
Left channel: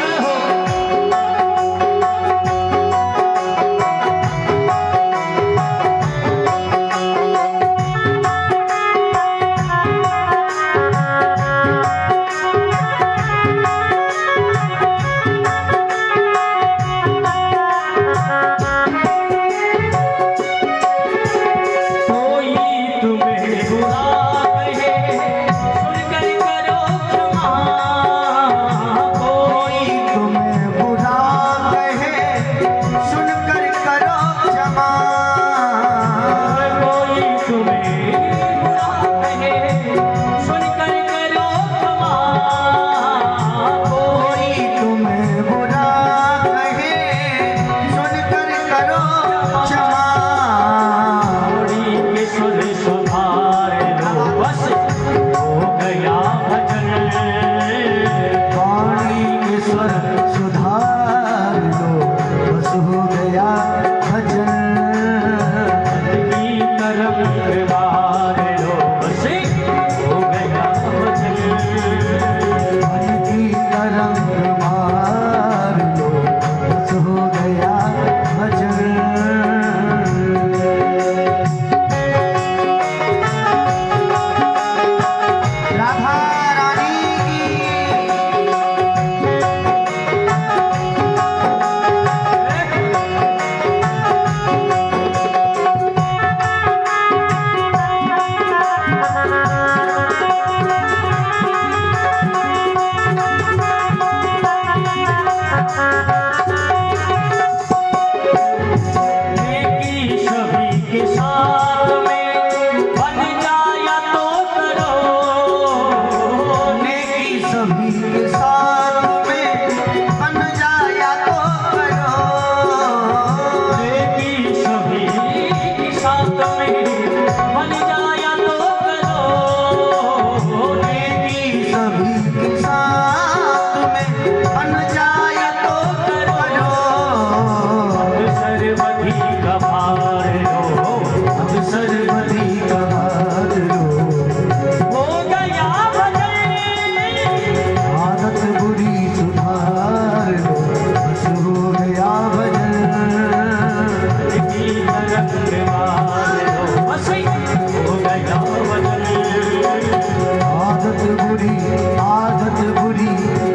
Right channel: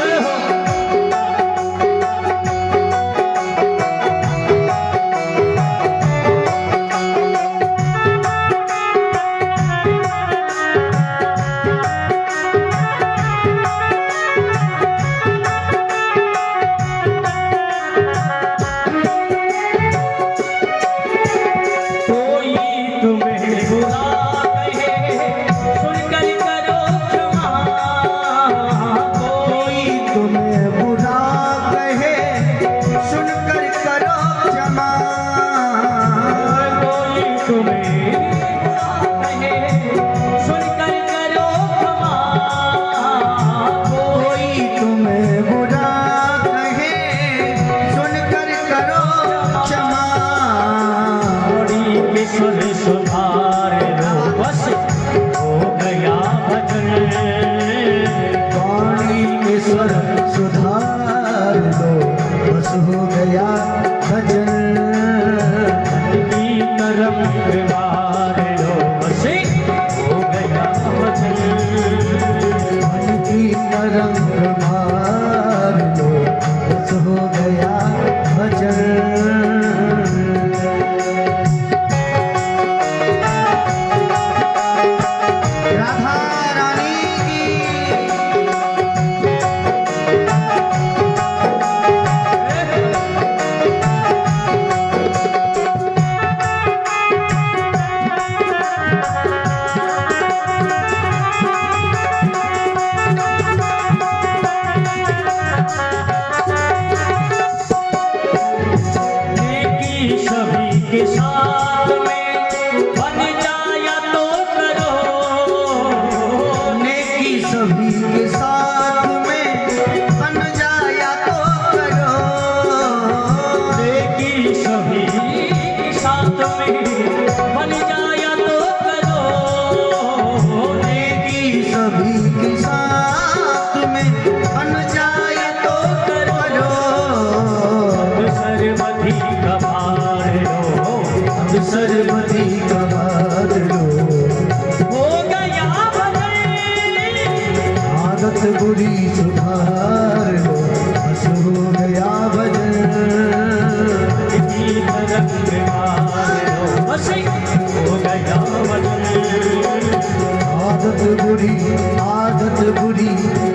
रंग मार लो बस हो गया भजन।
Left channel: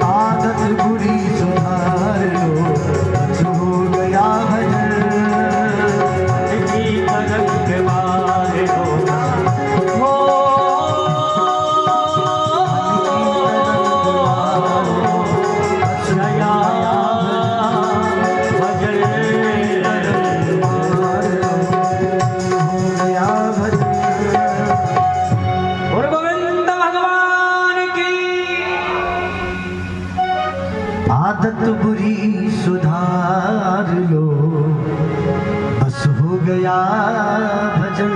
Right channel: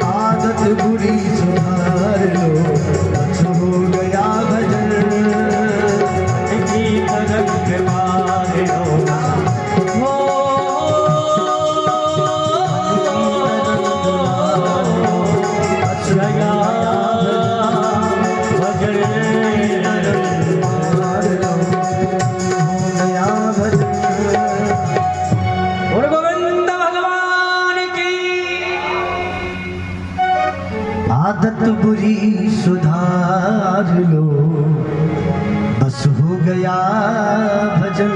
आदत बुरी सुधार लो बस हो गया भजन। जी रंग मार लो हो गया और गोविंद भगवान की आदत बुरी सुधार लो बस हो गया भजन।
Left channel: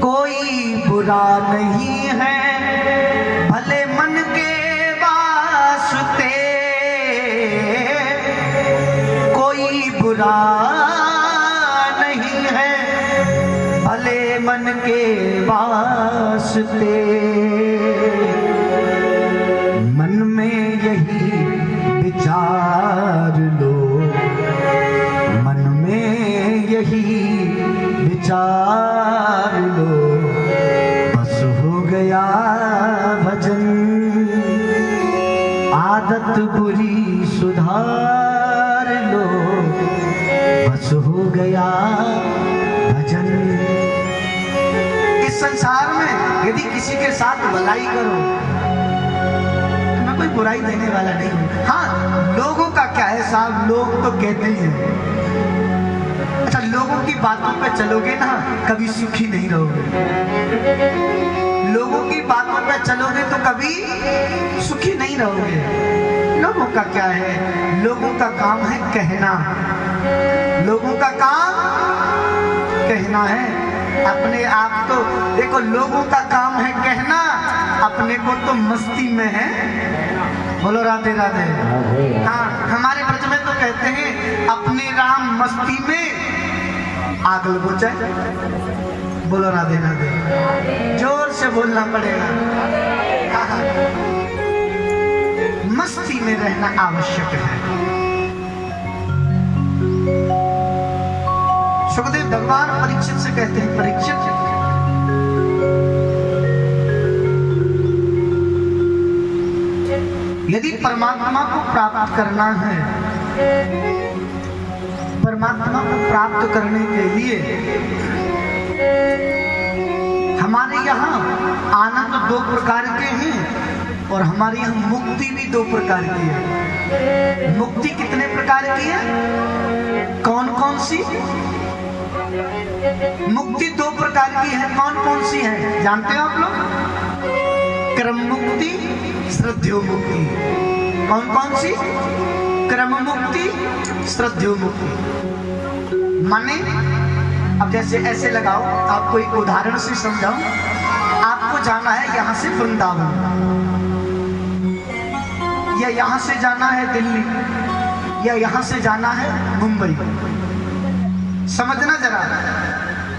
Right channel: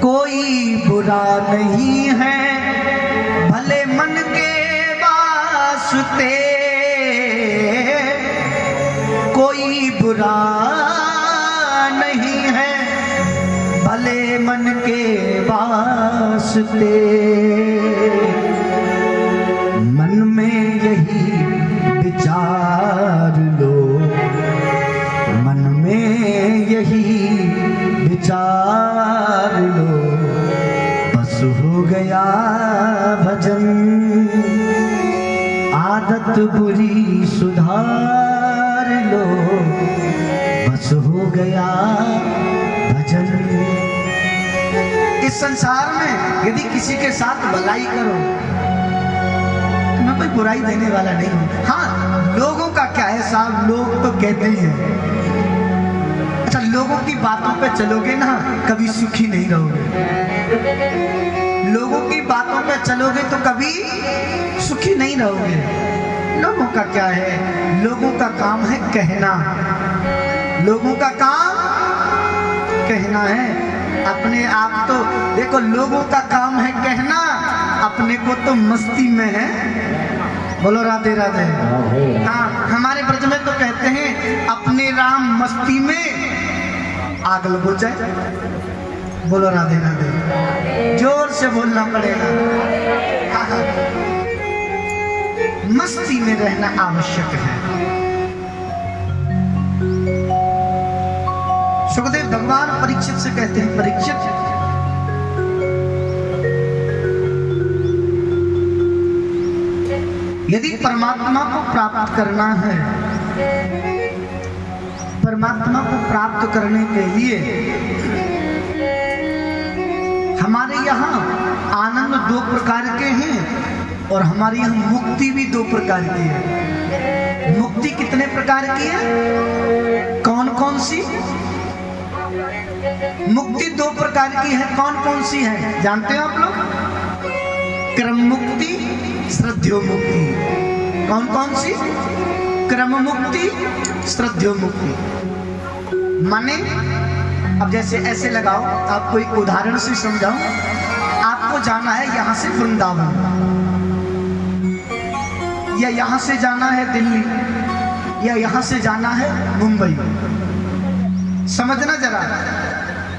कोई बुरा नहीं है भले मन के वास्ते, कोई बुरा नहीं है भले मन के वास्ते। मन में यही विचार लो, मन में यही विचार लो बस हो गया भजन। आदत बुरी सुधार लो बस हो गया भजन। इस संसार में यदि किसी के साथ भलाई करो, मैं कोई बुराई देने वाला नहीं हूं। हाँ, लोगों का क्या है साहब, लोग तो कहते ही हैं। अच्छा, लोगों की बातों पे चलोगे ना कभी सुखी नहीं रहोगे। लोगों की बातों पे चलोगे तो कभी सुखी नहीं रहोगे। लोगों का क्या है, लोगों का काम है कहना, लोगों का काम कहना है। अपने आप तो देखो, लोगों का काम है कहना, अपने को तो मस्ती में है। बोलो राधे राधे। हाँ, हमारे ब्रज में तो कहते हैं अपने राम मस्ती में आग लगो चाहे। बोलो राधे राधे, जोर से बोलना पड़ेगा। मस्ती में रहना आवश्यक है। सुखदेव भगवान परीक्षित से कहते हैं, परीक्षित यदि परमात्मा को प्राप्त करना है, परमात्मा को प्राप्त करने के लिए हमारे यहाँ आनंद दो प्रकार के हैं और हमारे यहाँ मुक्ति भी दो प्रकार की है। मुक्ति कितने प्रकार की है, कौन कौन सी? मुक्ति दो प्रकार की है, कौन कौन सी है जानते हो आप लोग? क्रम मुक्ति, श्रद्धेय मुक्ति। कौन कौन सी? क्रम मुक्ति, श्रद्धेय मुक्ति। माने अब जैसे ऐसे लगाओ, आपको एक उदाहरण से समझाऊं। आपको जाना है यहाँ से वृंदावन, या यहाँ से जाना है दिल्ली, या यहाँ से जाना है मुंबई। समझना जरा,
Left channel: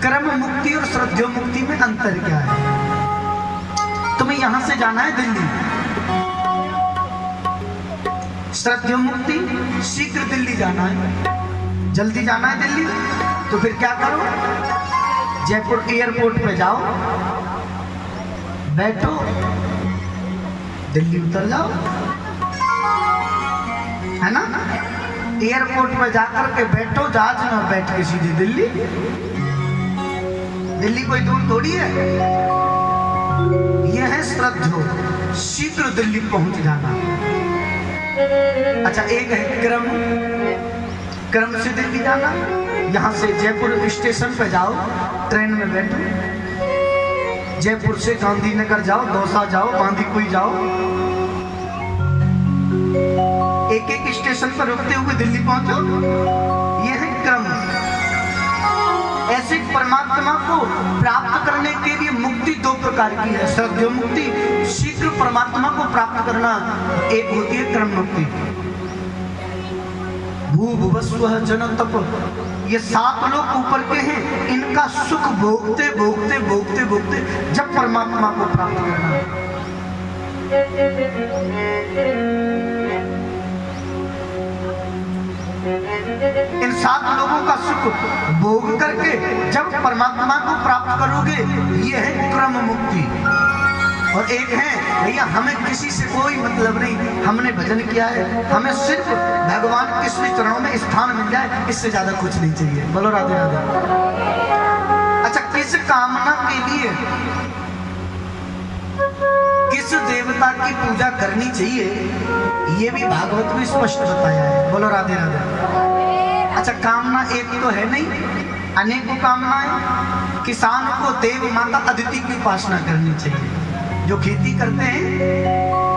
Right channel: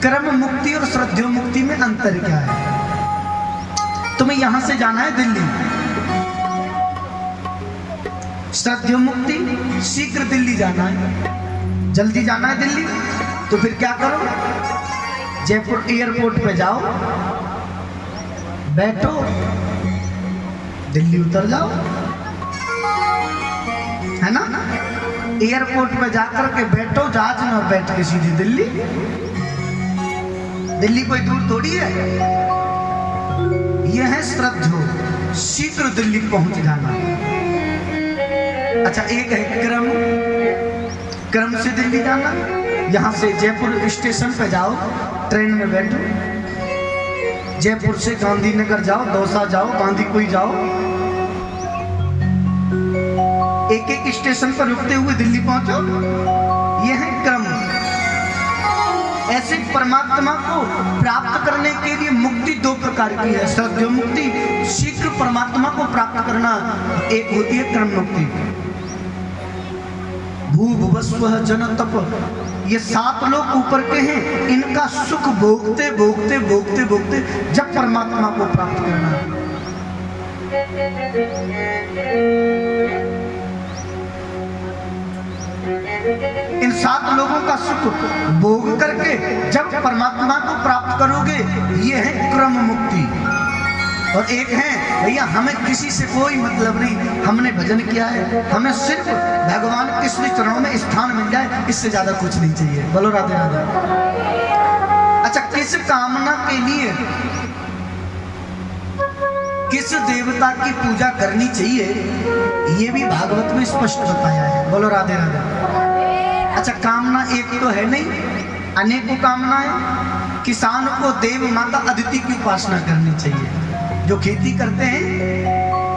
क्रम मुक्ति और श्रद्धेय मुक्ति में अंतर क्या है। तुम्हें यहां से जाना है दिल्ली, श्रद्धेय मुक्ति शीघ्र दिल्ली जाना है, जल्दी जाना है दिल्ली, तो फिर क्या करो, जयपुर एयरपोर्ट पे जाओ, बैठो, दिल्ली उतर जाओ, है ना। एयरपोर्ट पे जाकर के बैठो, जहाज में बैठ के सीधी दिल्ली। दिल्ली कोई दूर थोड़ी है। यह है श्रद्धेय, शीघ्र दिल्ली पहुंच जाना। अच्छा, एक है क्रम, क्रम से दिल्ली जाना। यहाँ से जयपुर स्टेशन पे जाओ, ट्रेन में बैठो, जयपुर से गांधीनगर जाओ, दौसा जाओ, बांदीकुई जाओ, एक एक स्टेशन पर रुकते हुए दिल्ली पहुंचो। यह है क्रम। ऐसे परमात्मा को प्राप्त करने के लिए मुक्ति दो प्रकार की है, श्रद्धेय मुक्ति, शीघ्र परमात्मा को प्राप्त करना। एक होती है क्रम मुक्ति। भू भुवस्व जन तप, ये 7 लोग ऊपर के हैं, इनका सुख भोगते भोगते भोगते भोगते जब परमात्मा को प्राप्त करना है। इन 7 लोगों का सुख भोग करके जब परमात्मा को प्राप्त करोगे, ये है क्रम मुक्ति। और एक है भैया हमें किसी से कोई मतलब नहीं, हमने भजन किया है, हमें सिर्फ भगवान के श्री चरणों में स्थान मिल जाए, इससे ज्यादा कुछ नहीं चाहिए। बोलो राधे राधे। अच्छा, किस कामना के लिए किस देवता की पूजा करनी चाहिए, ये भी भागवत में स्पष्ट बताया है। बोलो राधे राधे। अच्छा, कामना एक तो है नहीं, अनेकों कामनाएं। किसान को देव माता अदिति की उपासना करनी चाहिए। जो खेती करते हैं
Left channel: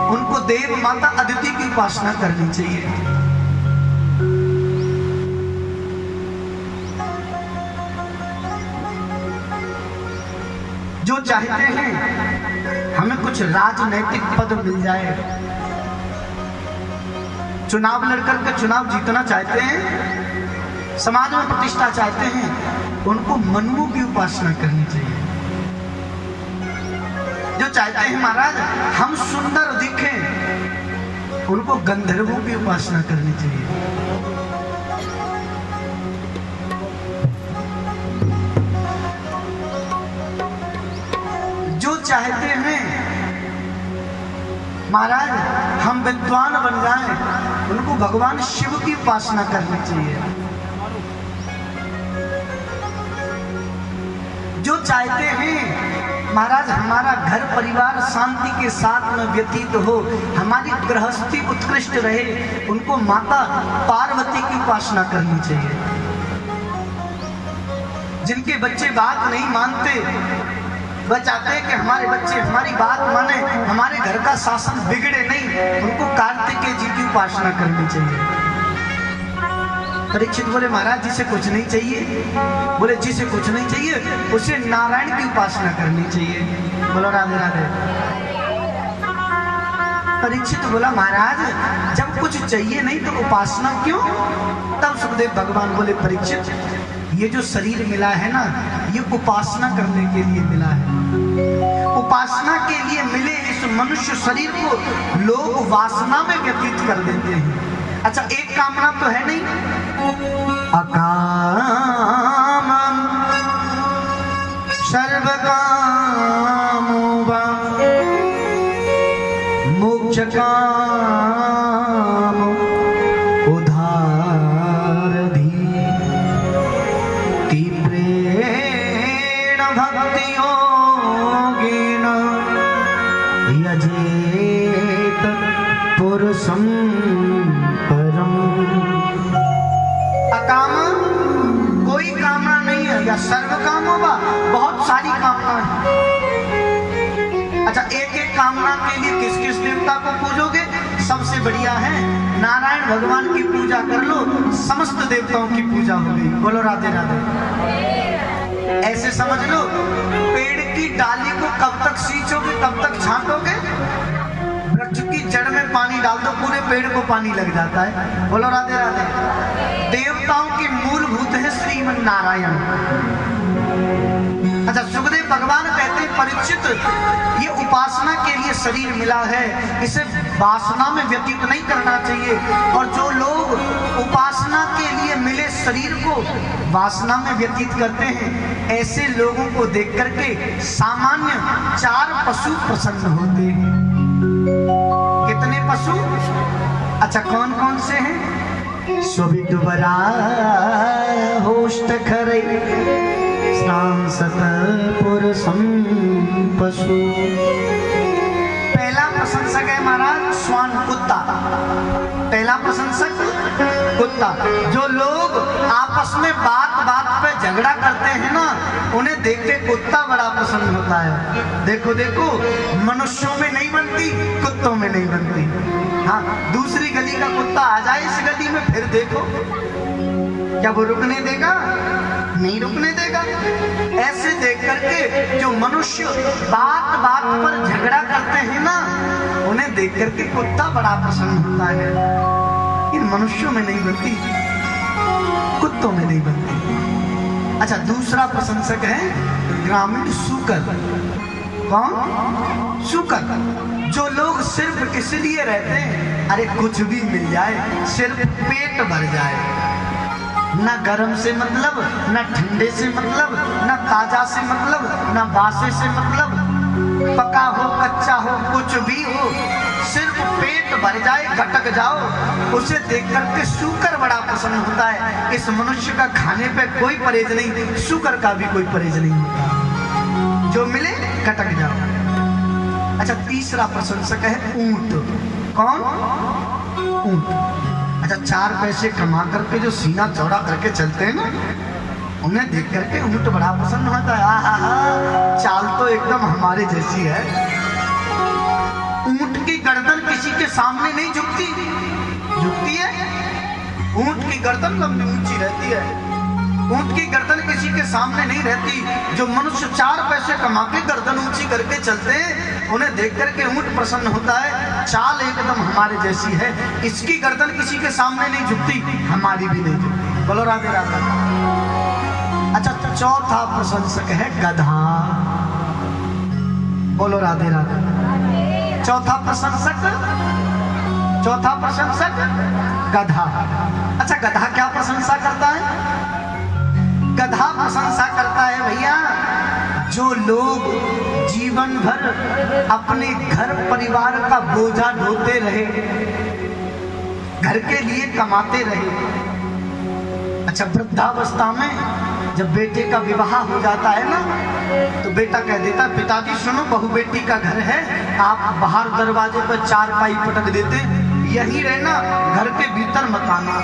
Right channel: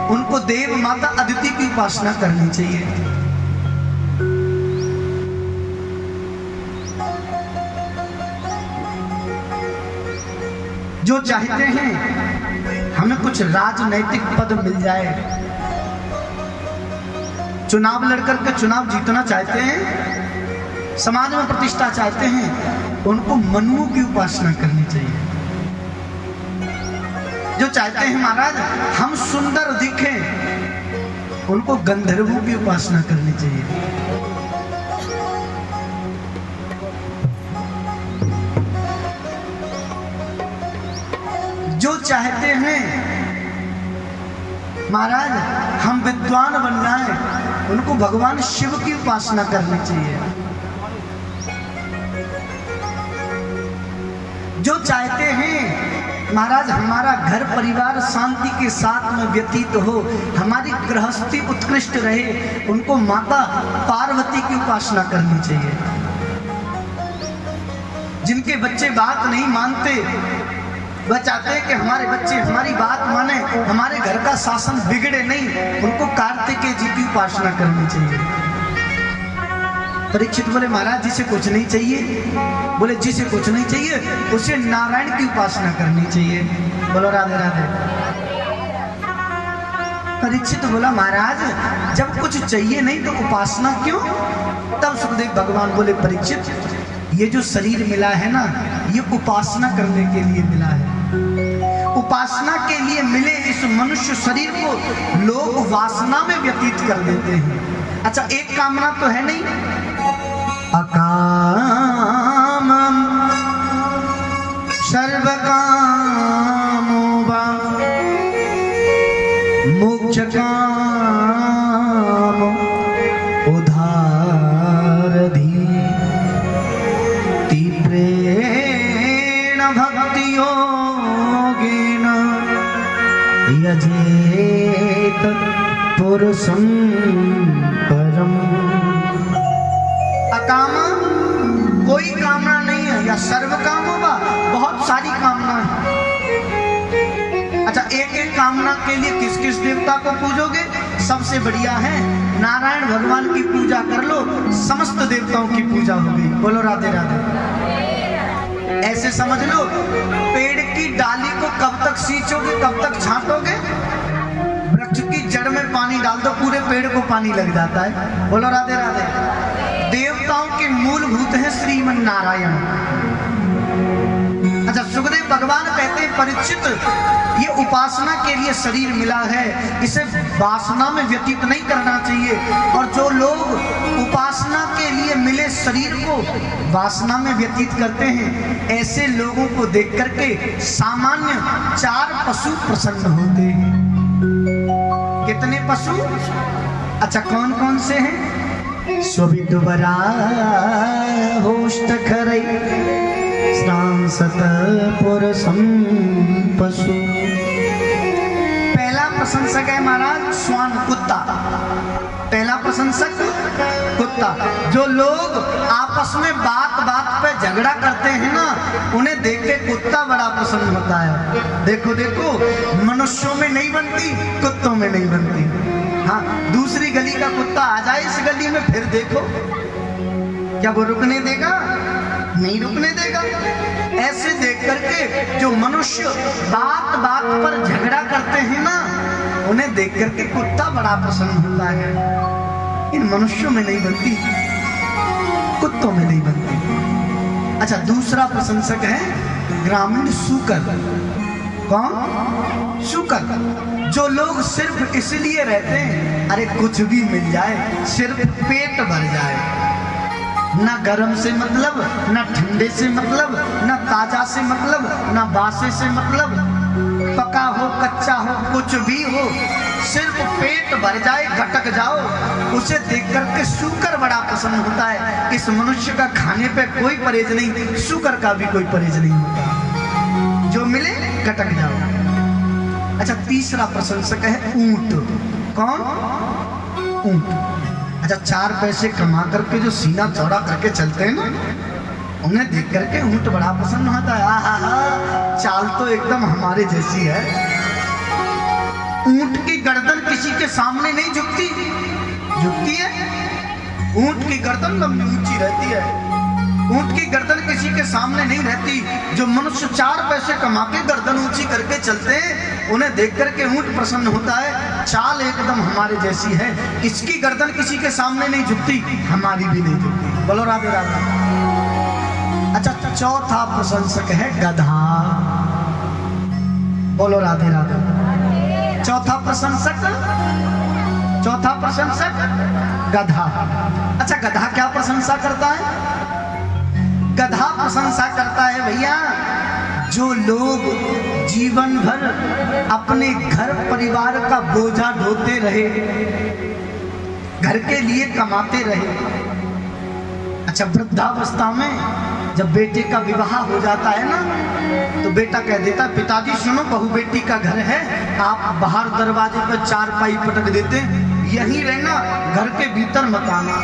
उनको देव माता अदिति की उपासना करनी चाहिए। जो चाहते हैं हमें कुछ राजनैतिक पद मिल जाए, चुनाव लड़कर के चुनाव जीतना चाहते हैं, समाज में प्रतिष्ठा चाहते हैं, उनको मनुओं की उपासना करनी चाहिए। जो चाहते हैं महाराज हम सुंदर दिखें, उनको गंधर्वों की उपासना करनी चाहिए। जो चाहते हैं महाराज हम विद्वान बन जाएं, उनको भगवान शिव की उपासना करनी चाहिए। जो चाहते हैं महाराज हमारा घर परिवार शांति के साथ में व्यतीत हो, हमारी गृहस्थी उत्कृष्ट रहे, उनको माता पार्वती की उपासना करनी चाहिए। जिनके बच्चे बात नहीं मानते, वह चाहते हैं कि हमारे बच्चे हमारी बात माने, हमारे घर का शासन बिगड़े नहीं, उनको कार्तिकेय जी की उपासना करनी चाहिए। परीक्षित बोले महाराज जिसे कुछ नहीं चाहिए, बोले जिसे कुछ नहीं चाहिए उसे नारायण की उपासना करनी चाहिए। बोलो राधे राधे। परीक्षित बोला महाराज जब कुछ चाहिए नहीं तो उपासना क्यों? तब सुखदेव भगवान बोले परीक्षित ये जो शरीर मिला है ना, ये उपासना करने के लिए मिला है। उपासना के लिए मिले इस मनुष्य शरीर को लोग वासना में व्यतीत कर देते हैं। अच्छा, एक कामना तो है नहीं, अकाम सर्व कामो वा मोक्ष काम उधार धी तीव्रेण भक्ति योगेन यजेत पुरुषं परम। अकाम कोई कामना नहीं है, या सर्व काम होगा, बहुत सारी कामना है। अच्छा, एक एक कामना के लिए किस किस देवता को पूजोगे? सबसे बढ़िया है नारायण भगवान की पूजा कर लो, समस्त देवताओं की पूजा होगी। बोलो राधे राधे। ऐसे समझ लो पेड़ की डाली को कब तक सींचोगे, कब तक छांटोगे? वृक्ष की जड़ में पानी डाल दो, पूरे पेड़ को पानी लग जाता है। बोलो राधे राधे। देवताओं के मूलभूत है श्रीमन नारायण। अच्छा, सुखदेव भगवान कहते हैं परीक्षित ये उपासना के लिए शरीर मिला है, इसे वासना में व्यतीत नहीं करना चाहिए। और जो लोग उपासना के लिए मिले शरीर को वासना में व्यतीत करते हैं, ऐसे लोगों को देख करके सामान्य 4 पशु प्रसन्न होते हैं। कितने पशु? अच्छा, कौन कौन से हैं? स्वविद्वरा होष्ट खरै सांसत पुरुषं पशु। पहला प्रशंसक है महाराज श्वान, कुत्ता। पहला प्रशंसक कुत्ता। जो लोग आपस में बात बात पे झगड़ा करते हैं ना, उन्हें देख के कुत्ता बड़ा पसंद होता है। देखो देखो मनुष्यों में नहीं बनती, कुत्तों में नहीं बनती। हाँ, दूसरी गली का कुत्ता आ जाए इस गली में, फिर देखो क्या वो रुकने देगा? नहीं रुकने देगा। ऐसे देख करके जो मनुष्य बात बात पर झगड़ा करते हैं ना, उन्हें देख करके कुत्ता बड़ा पसंद होता है। इन मनुष्यों में नहीं बनती, कुत्तों में नहीं बनती। अच्छा, दूसरा प्रशंसक है ग्रामीण सूकर। कौन? सूकर। जो लोग सिर्फ इसलिए रहते हैं अरे कुछ भी मिल जाए, सिर्फ पेट भर जाए, ना गर्म से मतलब, ना ठंडे से मतलब, ना ताजा से मतलब, ना बासे से मतलब, पका हो कच्चा हो कुछ भी हो, सिर्फ पेट भर जाए घटक जाओ, उसे देख करके सूकर बड़ा पसंद होता है। इस मनुष्य का खाने पे कोई परहेज नहीं, सूकर का भी कोई परहेज नहीं होता, जो मिले घटक जाओ। अच्छा, तीसरा प्रशंसक है ऊंट। कौन? ऊंट। अच्छा, 4 पैसे कमा करके जो सीना चौड़ा करके चलते हैं ना, उन्हें देख करके ऊंट बड़ा पसंद होता है। आहा, चाल तो एकदम हमारे जैसी है। ऊंट की गर्दन किसी के सामने नहीं झुकती, झुकती है? ऊंट की गर्दन लंबी ऊंची रहती है, ऊंट की गर्दन किसी के सामने नहीं रहती। जो मनुष्य 4 पैसे कमा के गर्दन ऊंची करके चलते हैं, उन्हें देख करके ऊंट प्रसन्न होता है। चाल एकदम हमारे जैसी है, इसकी गर्दन किसी के सामने नहीं झुकती, हमारी भी नहीं झुकती। बोलो राधे राधे। अच्छा, चौथा प्रशंसक है गधा। बोलो राधे राधे। चौथा प्रशंसक गधा। अच्छा, गधा क्या प्रशंसा करता है? गधा प्रशंसा करता है भैया, जो लोग जीवन भर अपने घर परिवार का बोझा ढोते रहे, घर के लिए कमाते रहे। अच्छा, वृद्धावस्था में जब बेटे का विवाह हो जाता है ना, तो बेटा कह देता है, पिताजी सुनो, बहू बेटी का घर है, आप बाहर दरवाजे पर 4 पाई पटक देते, यहीं रहना, घर के भीतर मत आना।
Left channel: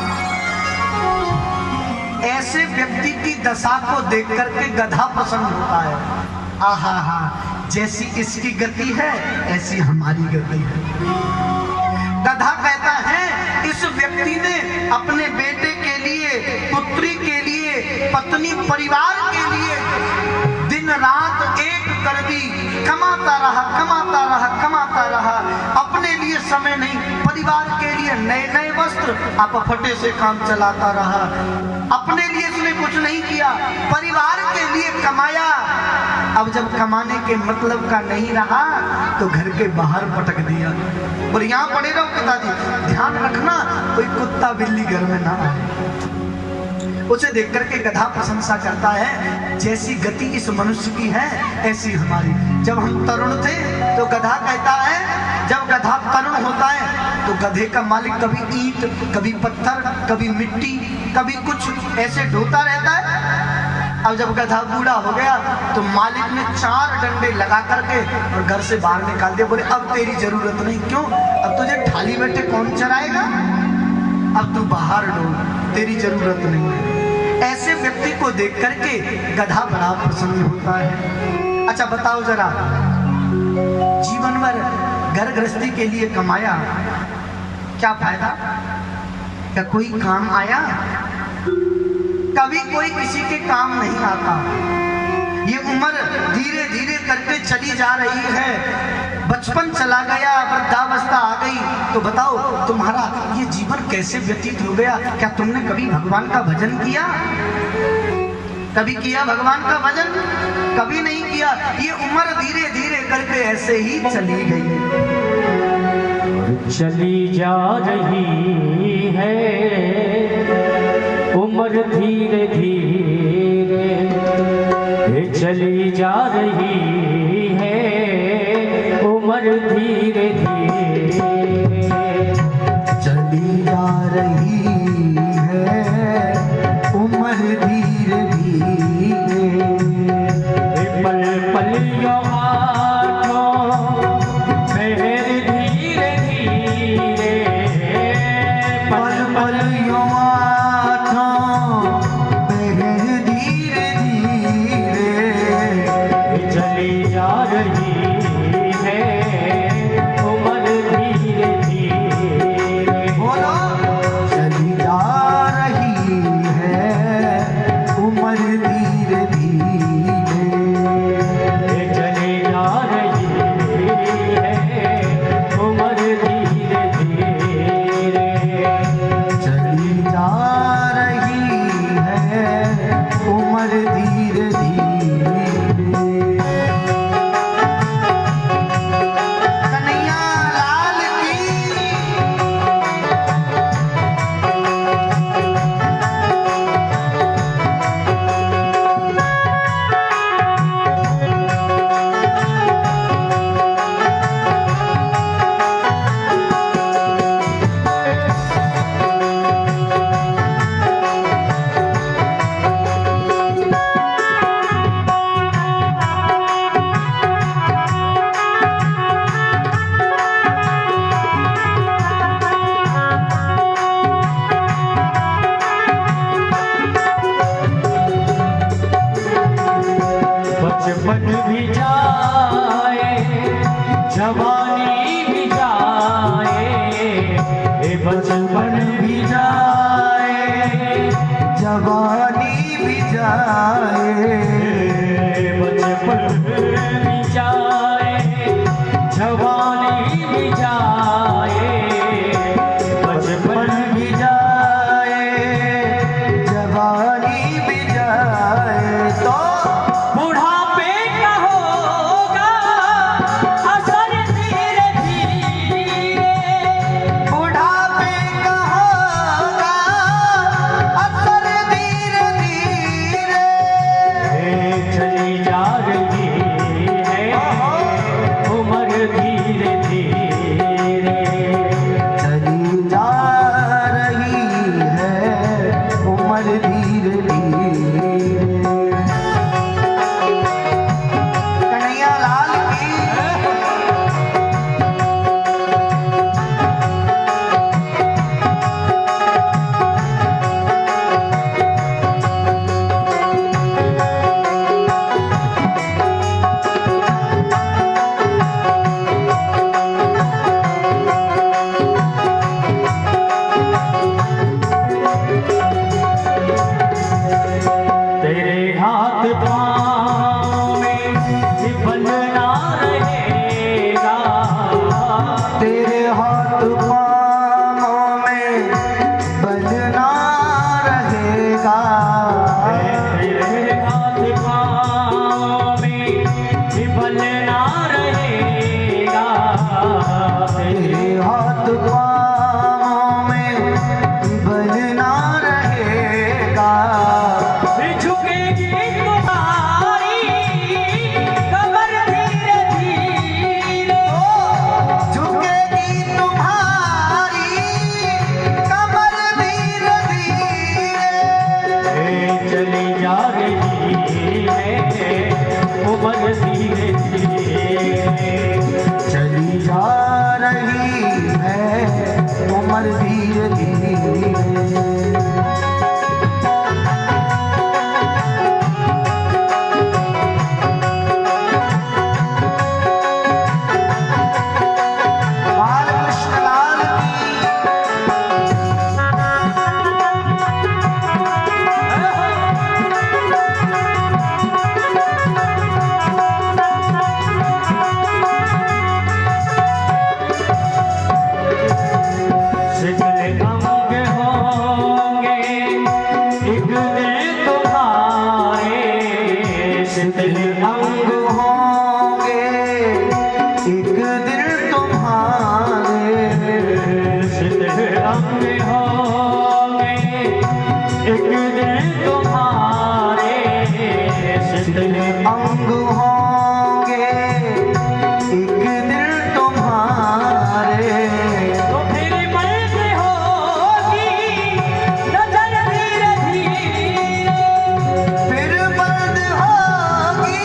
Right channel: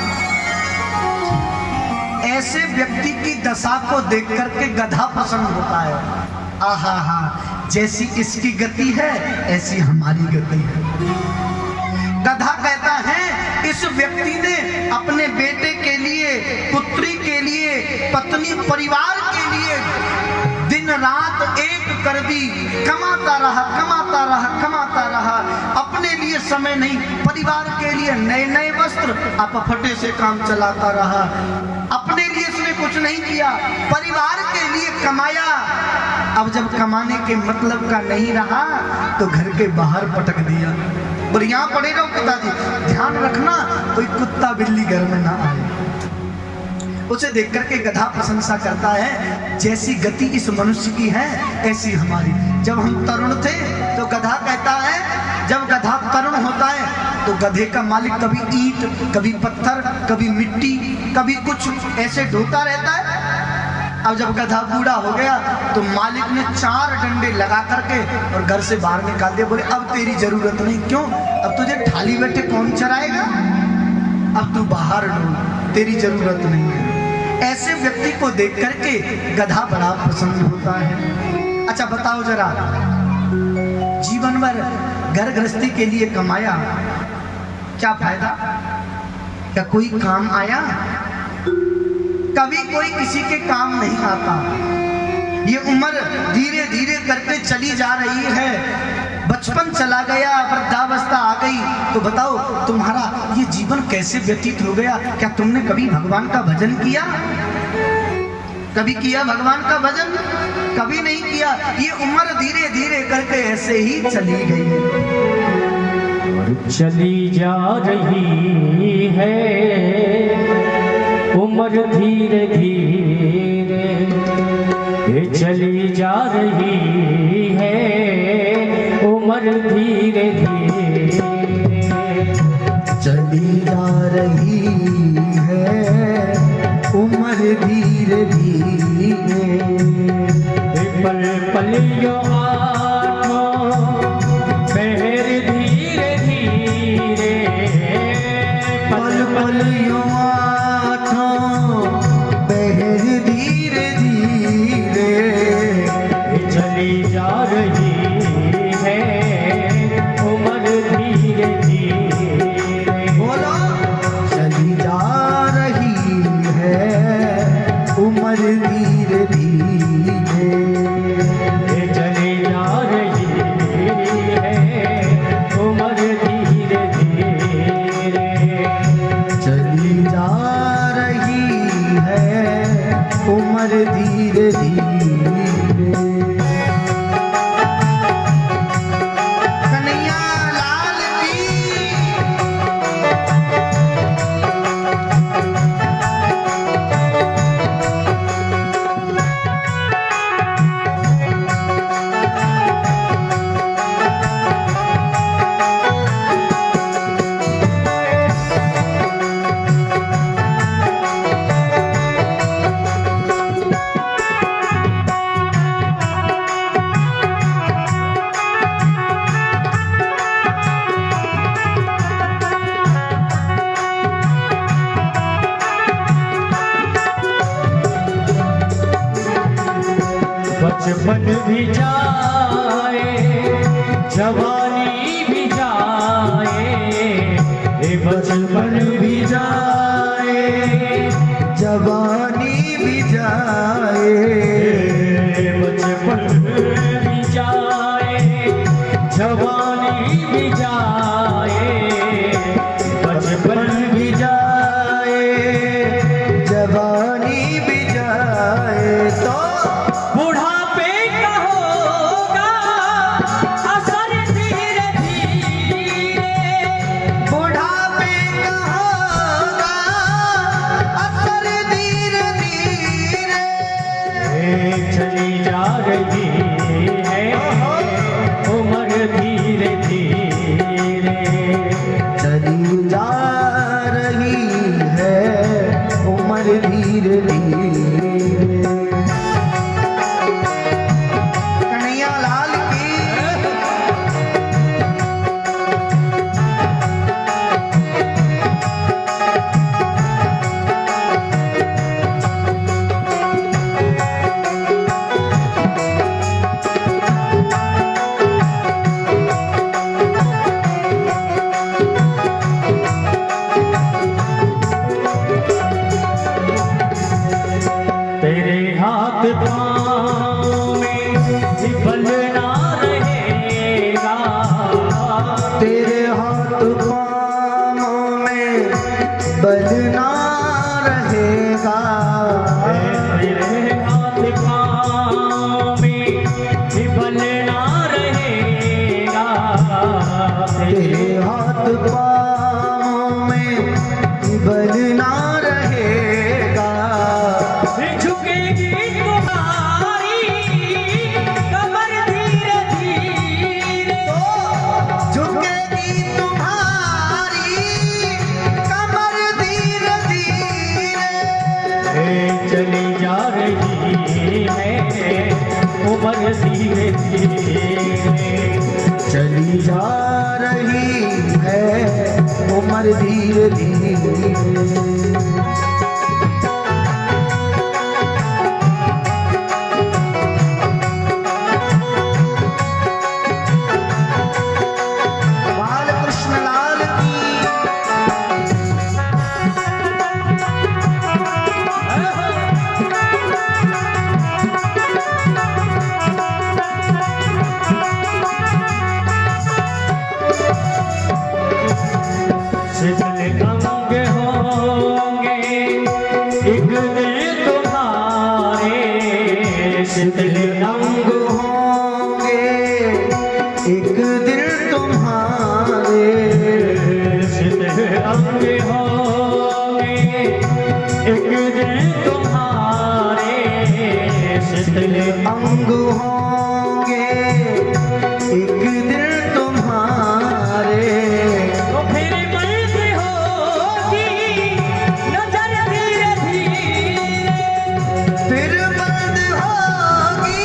ऐसे व्यक्ति की दशा को देख करके गधा पसंद होता है। आहा हा, जैसी इसकी गति है ऐसी हमारी गति है। गधा कहता है, इस व्यक्ति ने अपने बेटे के लिए, पुत्री के लिए, पत्नी परिवार के लिए दिन रात एक कर दी, कमाता रहा, अपने लिए समय नहीं, परिवार के लिए नए नए वस्त्र, आप फटे से काम चलाता रहा, अपने लिए इसने कुछ नहीं किया, परिवार के लिए कमाया। अब जब कमाने के मतलब का नहीं रहा तो घर के बाहर पटक दिया। बोले यहाँ पड़े रहो पिताजी, ध्यान रखना कोई कुत्ता बिल्ली घर में ना आए। उसे देख करके गधा प्रशंसा करता है, जैसी गति इस मनुष्य की है ऐसी हमारी। जब हम तरुण थे तो गधा कहता है, जब गधा तरुण होता है तो गधे का मालिक कभी ईंट, कभी पत्थर, कभी मिट्टी, कभी कुछ ऐसे ढोता रहता है। अब जब गधा बूढ़ा हो गया तो मालिक ने 4 डंडे लगा करके और घर से बाहर निकाल दिया। बोले अब तेरी जरूरत नहीं। क्यों? अब तुझे थाली बैठे कौन चराएगा, अब तू बाहर ढूंढ, तेरी जरूरत नहीं है। ऐसे व्यक्ति को देख करके गधा बड़ा प्रसन्न होता है। अच्छा बताओ जरा, जीवन भर घर गृहस्थी के लिए कमाया, क्या फायदा? क्या कोई काम आया? कभी कोई किसी के काम नहीं आता। ये उम्र धीरे धीरे करके चली जा रही है, बचपन चला गया, वृद्धावस्था आ गई, तो बताओ तुम्हारा ये जीवन कैसे व्यतीत हो गया? क्या तुमने कभी भगवान का भजन किया? कभी किया भगवान का भजन? कभी नहीं किया। ये उम्र धीरे धीरे करके ऐसे ही चली गई, चली जा रही है उम्र धीरे धीरे, ये चली जा रही है उम्र धीरे धीरे, चली जा रही है उम्र धीरे धीरे, पल पल यो आँखों बहर धीरे धीरे, पल पल यो आँखों बहर धीरे धीरे, चली जा रही है उम्र धीरे धीरे। बोलो, चली जा रही है उम्र धीरे धीरे, चली जा रही है उम्र धीरे धीरे, चली जा रही है उम्र धीरे धीरे। कन्हैया लाल की। बचपन भी जाए जवानी भी जाए, ये बचपन भी जाए जवानी भी जाए, बचपन भी जाए जवानी भी जाए, बचपन भी जाए जवानी भी जाए तो बुढ़ापे का होगा असर धीरे धीरे, बुढ़ापे का होगा असर धीरे धीरे। चली जा रही है उम्र धीरे धीरे, चली जा रही है उम्र धीरे धीरे। कन्हैया लाल की तेरे हाथ पाँव में बल ना रहेगा, तेरे हाथ पाँव में बल ना रहेगा, तेरे हाथ पाँव में बल ना रहेगा, तेरे हाथ पाँव में बल ना रहेगा। झुकेगी तुम्हारी कमर धीरे धीरे, झुकेगी तुम्हारी कमर धीरे धीरे। चली जा रही है उम्र धीरे धीरे, चली जा रही है उम्र धीरे धीरे। बालकृष्ण लाल की शीतल अंग होंगे एक दिल तुम्हारे, शीतल अंग होंगे एक दिन तुम्हारे, शीतल अंग होंगे एक दिल तुम्हारे, शीतल अंग होंगे एक दिन तुम्हारे। तो फिर मर्द होगी नजर धीरे धीरे, फिर बंद होगी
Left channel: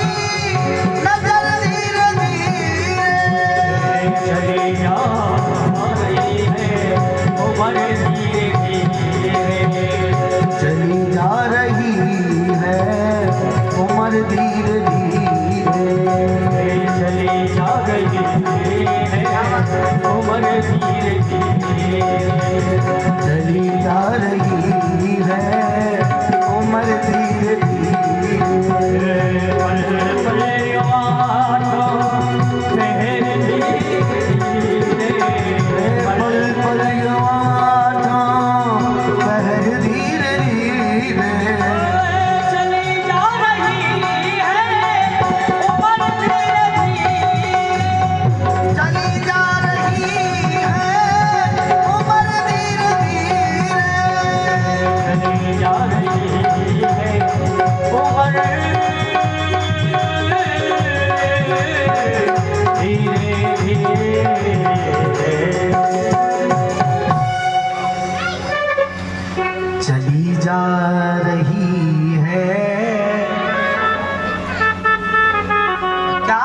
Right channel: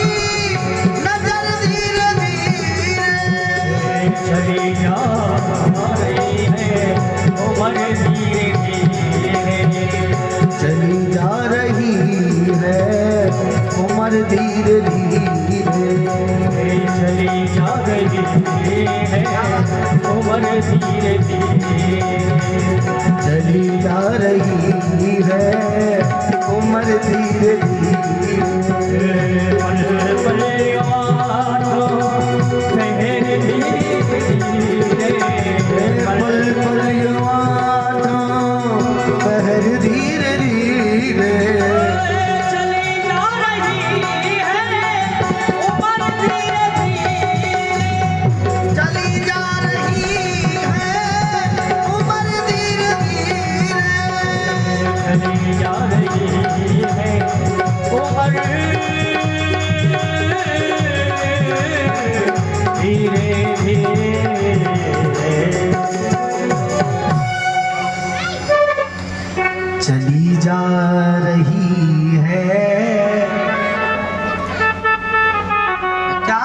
नजर धीरे धीरे। चली जा रही है उम्र धीरे धीरे, चली जा रही है उम्र धीरे धीरे। चली जा रही है उम्र धीरे धीरे, चली जा रही है उम्र धीरे धीरे। पल पल यादों मेरे धीरे धीरे, पल पल यादों बहर धीरे धीरे। चली जा रही है उम्र धीरे धीरे, चली जा रही है उम्र धीरे धीरे। चली जा रही है उम्र धीरे धीरे। चली जा रही है क्या?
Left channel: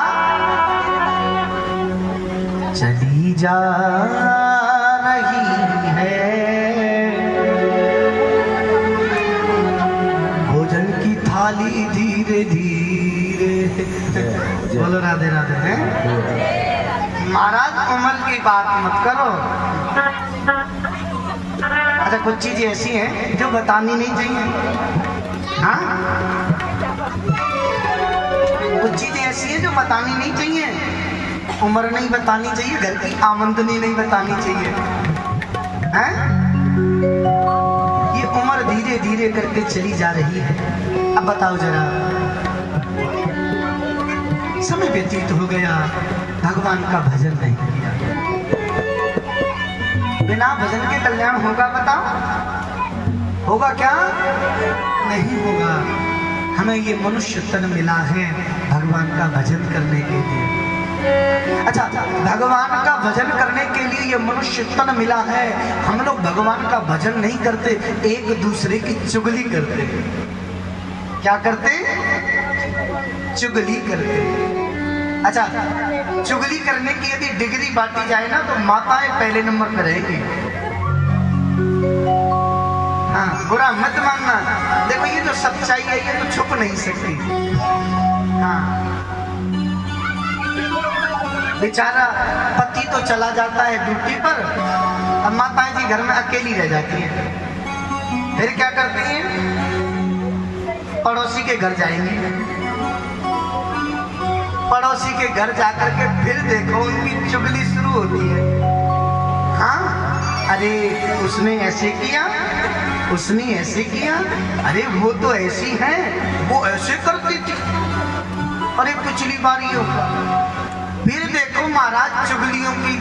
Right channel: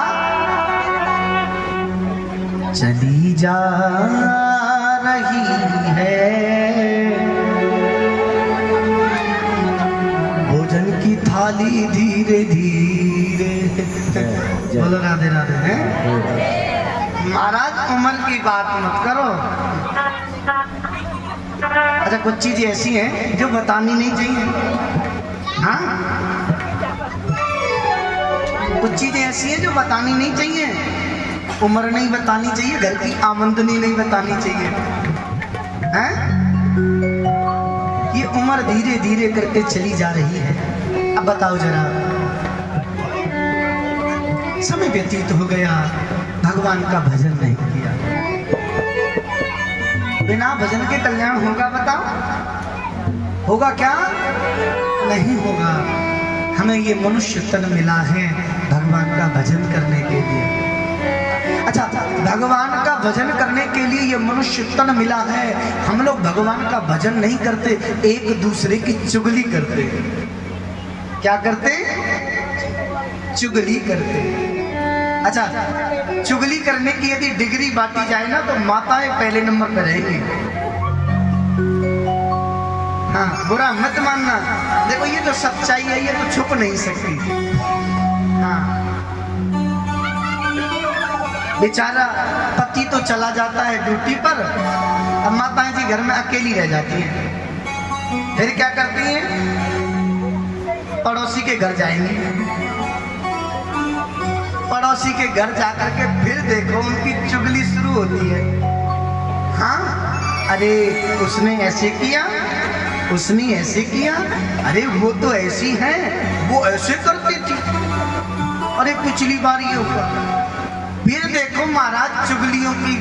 चली जा रही है भोजन की थाली धीरे धीरे करो। अच्छा कुछ चीजें ऐसी हैं जो बतानी नहीं चाहिए। हाँ कुछ चीजें ऐसी हैं जो बतानी नहीं चाहिए। उम्र नहीं बतानी चाहिए, घर की आमदनी नहीं बतानी चाहिए। हैं? ये उम्र धीरे धीरे करके चली जा रही है। अब बताओ जरा, समय व्यतीत हो गया, भगवान का भजन नहीं किया। बिना भजन के कल्याण होगा? बताओ होगा क्या? नहीं होगा। हमें ये मनुष्य तन मिला है भगवान का भजन करने के लिए। अच्छा, भगवान का भजन करने के लिए ये मनुष्य तन मिला है। हम लोग भगवान का भजन नहीं करते, एक दूसरे की चुगली करते। क्या करते? चुगली करते। अच्छा, चुगली करने की यदि डिग्री बांटी जाए ना तो माताएं पहले नंबर पर रहेंगी। हाँ, बुरा मत मानना। देखो ये तो सच्चाई है, ये तो छुप नहीं सकती। हाँ, बेचारा पति तो चला जाता है ड्यूटी पर, अब माताएं जी घर में अकेली रह जाती हैं। फिर क्या करती हैं? पड़ोसी के घर जाएंगी। पड़ोसी के घर जाकर के फिर देखो उनकी चुगली शुरू होती है। हाँ, अरे उसने ऐसे किया, उसने ऐसे किया, अरे वो तो ऐसी है, वो ऐसे करती थी, अरे पिछली बार ये होगा। फिर देखो महाराज चुगलियों की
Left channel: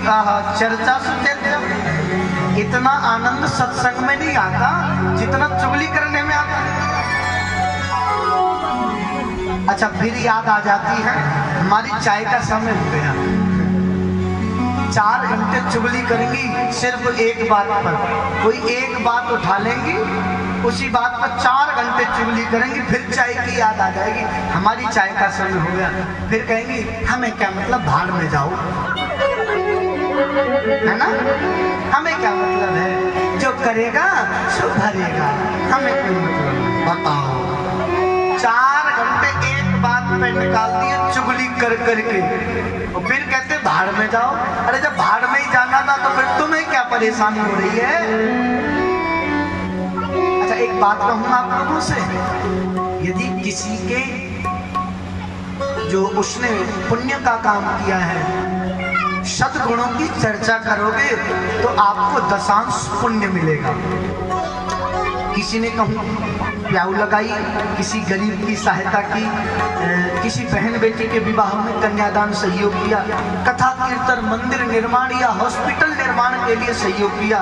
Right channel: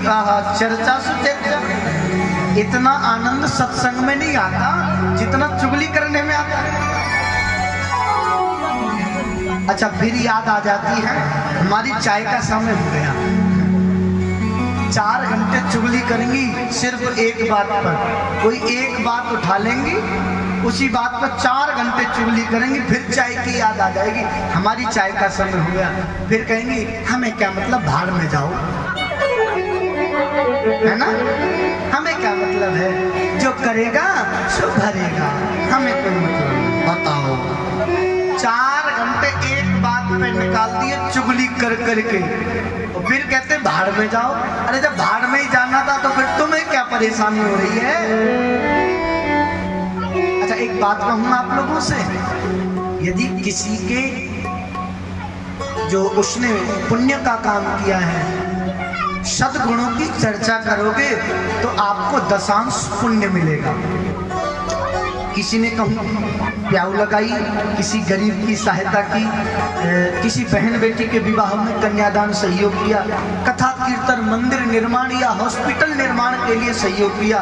चर्चा से चर्चा। इतना आनंद सत्संग में नहीं आता जितना चुगली करने में आता है। अच्छा, फिर याद आ जाती है हमारी चाय का समय हो गया। 4 घंटे चुगली करेंगी सिर्फ एक बात पर। कोई एक बात उठा लेंगी, उसी बात पर 4 घंटे चुगली करेंगी, फिर चाय की याद आ जाएगी, हमारी चाय का समय हो गया। फिर कहेंगी हमें क्या मतलब, भाड़ में जाओ, है ना? हमें क्या मतलब है, जो करेगा सो भरेगा, हमें कोई मतलब नहीं। बताओ, 4 घंटे एक बात पे निकाल दिए चुगली कर करके, तो फिर कहते भाड़ में जाओ। अरे जब भाड़ में ही जाना था तो फिर तुम्हें क्या परेशानी हो रही है? अच्छा, एक बात कहूँ आप लोगों से, यदि किसी के जो उसने पुण्य का काम किया है, सद्गुणों की चर्चा करोगे तो आपको दशांश पुण्य मिलेगा। किसी ने कहूँ प्याऊ लगाई, किसी गरीब की सहायता की, किसी बहन बेटी के विवाह में कन्यादान सहयोग किया, कथा कीर्तन, मंदिर निर्माण या हॉस्पिटल निर्माण के लिए सहयोग किया,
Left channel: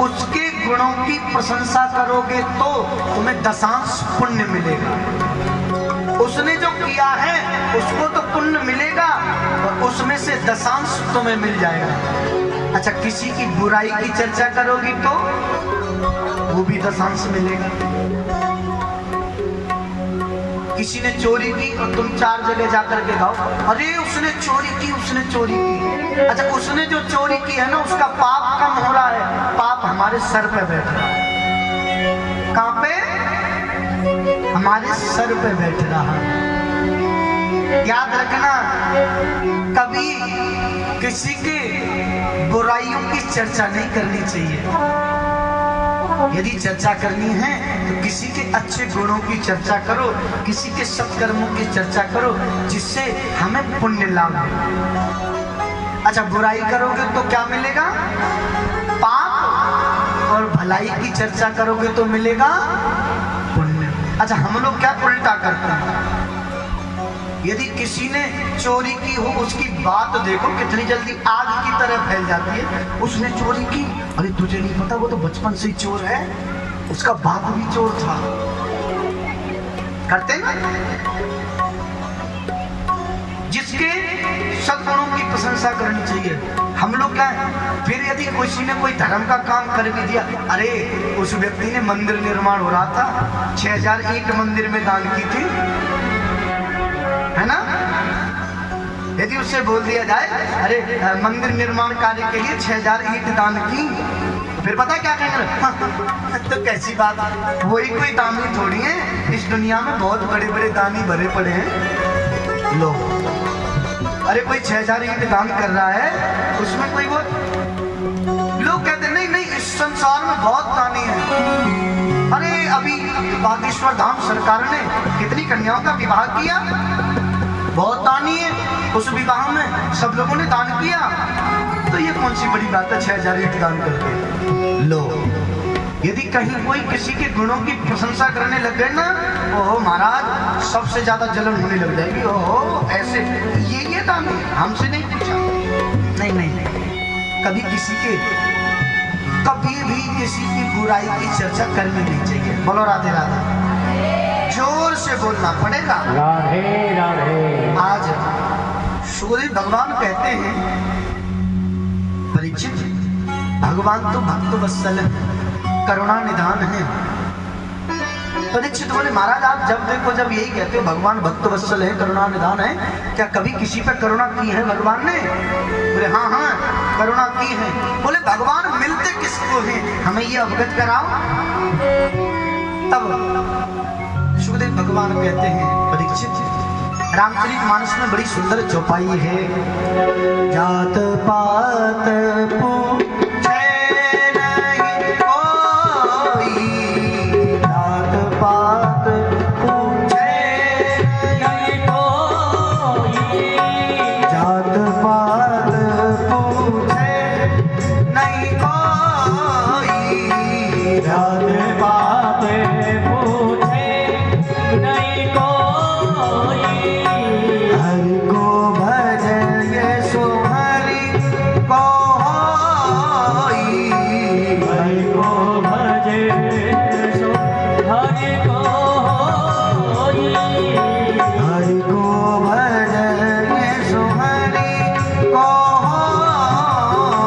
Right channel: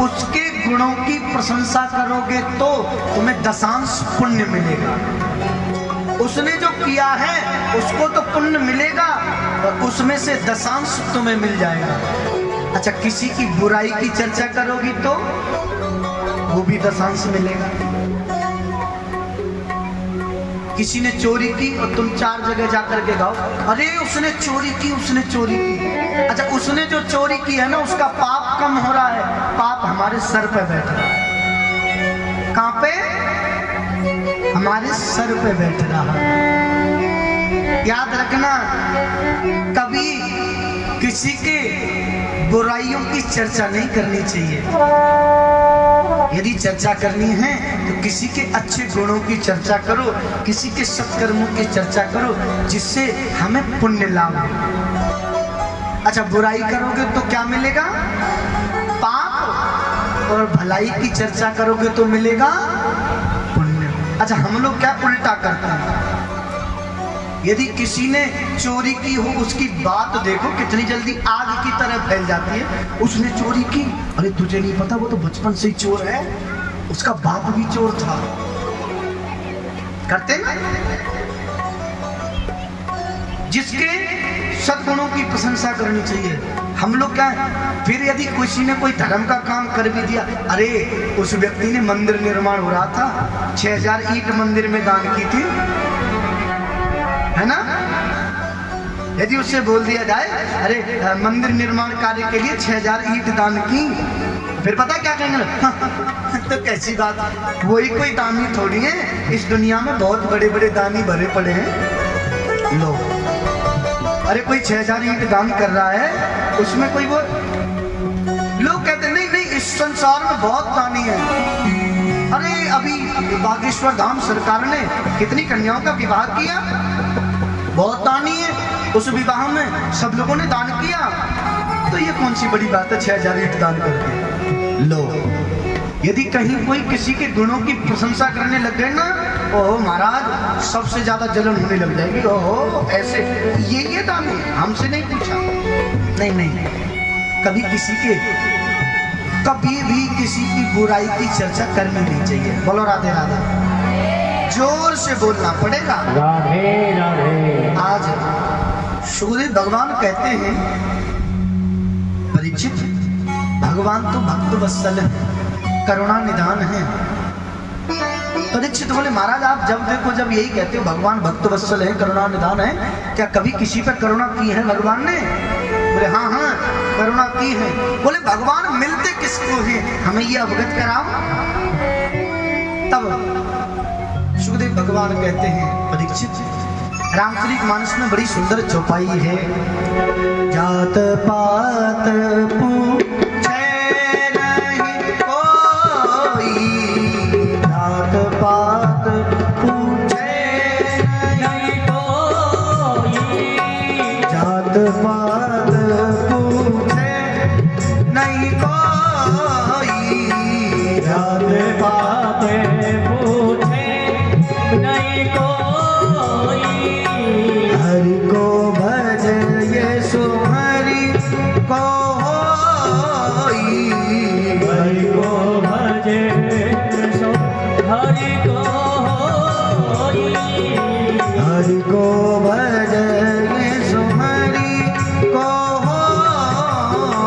उसके गुणों की प्रशंसा करोगे तो तुम्हें दशांश पुण्य मिलेगा। उसने जो किया है उसको तो पुण्य मिलेगा और उसमें से दशांश तुम्हें मिल जाएगा। अच्छा, किसी की बुराई की चर्चा करोगी तो वो भी दशांश मिलेगा। किसी ने चोरी की और तुम 4 जगह जाकर के गाओ, अरे उसने चोरी की, उसने चोरी की। अच्छा, उसने जो चोरी की है ना उसका पाप कम हो रहा है, पाप हमारे सर पे बैठा। कहाँ पे? हमारे सर पे बैठ रहा। याद रखना, कभी किसी के बुराइयों की चर्चा नहीं करनी चाहिए। यदि चर्चा करनी है तो किसी के अच्छे गुणों की चर्चा करो, किसी के सत्कर्मों की चर्चा करो, जिससे हमें पुण्य लाभ हो। अच्छा, बुराई करोगे तो क्या मिलेगा? पाप। और भलाई की चर्चा करोगे तो मिलेगा पुण्य। अच्छा, हम लोग क्या उल्टा करते हैं, यदि किसी ने चोरी की हो उसकी बात देखो कितनी जल्दी आग की तरह फैल जाती है। उसने चोरी की, अरे तुझे नहीं पता वो तो बचपन से ही चोर है, उसका बाप भी चोर था। करते ना? जिसके सद्गुणों की प्रशंसा करनी चाहिए। हम लोग क्या है, फिर यदि किसी ने कोई धर्म का काम कर भी दिया, अरे उस व्यक्ति ने मंदिर निर्माण हो रहा था, 6000 ईंट मंदिर में दान की थी, है ना? यदि उससे बोल दिया जाए अरे मंदिर निर्माण कार्य के लिए 6000 ईंट दान की, फिर पता क्या करना? तो कैसी बात, वही कोई दानी थोड़ी है, इस दुनिया में बहुत बड़े बड़े दानी भरे पड़े हैं। लो, अरे कोई 6000 ईंट दान कर रहा है, उसमें कोई वो संसार में बहुत दानी है। अरे अभी बागेश्वर धाम सरकार ने कितनी कन्याओं का विवाह किया, बहुत दानी है। उस विवाह में सब लोगों ने दान किया, तो ये कौन सी बड़ी बात है 6000 ईंट दान करके। लो, यदि कहीं कोई किसी के गुणों की प्रशंसा करने लग गए ना, ओहो महाराज सबसे ज्यादा जलन होने लग जाएगी। ओहो ऐसे ये दाम हमसे नहीं पूछा। नहीं नहीं, कभी भी किसी की बुराई की चर्चा करनी नहीं चाहिए। बोलो राधे राधे, जोर से बोलना पड़ेगा। राधे राधे। आज सुखदेव भगवान कहते हैं, परीक्षित भगवान तो भक्त वत्सल है, करुणा निधान है। परीक्षित बोले महाराज आप जब देखो जब यही कहते हो भगवान भक्त वत्सल है, करुणा निधान है, क्या कभी किसी पर करुणा की है भगवान ने? बोले हाँ हाँ करुणा की है। बोले भगवान मिलते किसको हैं, हमें ये अवगत कराओ। तब सुखदेव भगवान कहते हैं, परीक्षित रामचरितमानस में बड़ी सुंदर चौपाई है। जात पात पूछे नहीं कोई, जात पात पूछे नहीं कोई, जात पात पूछे नहीं कोई, जात पात पूछे नहीं कोई, हरि को भजन सो हरि को होई, हरि को भजे सो हरि को होई, हरि को भजन सो हरि को होई, हरि को भजे सो हरि को होई।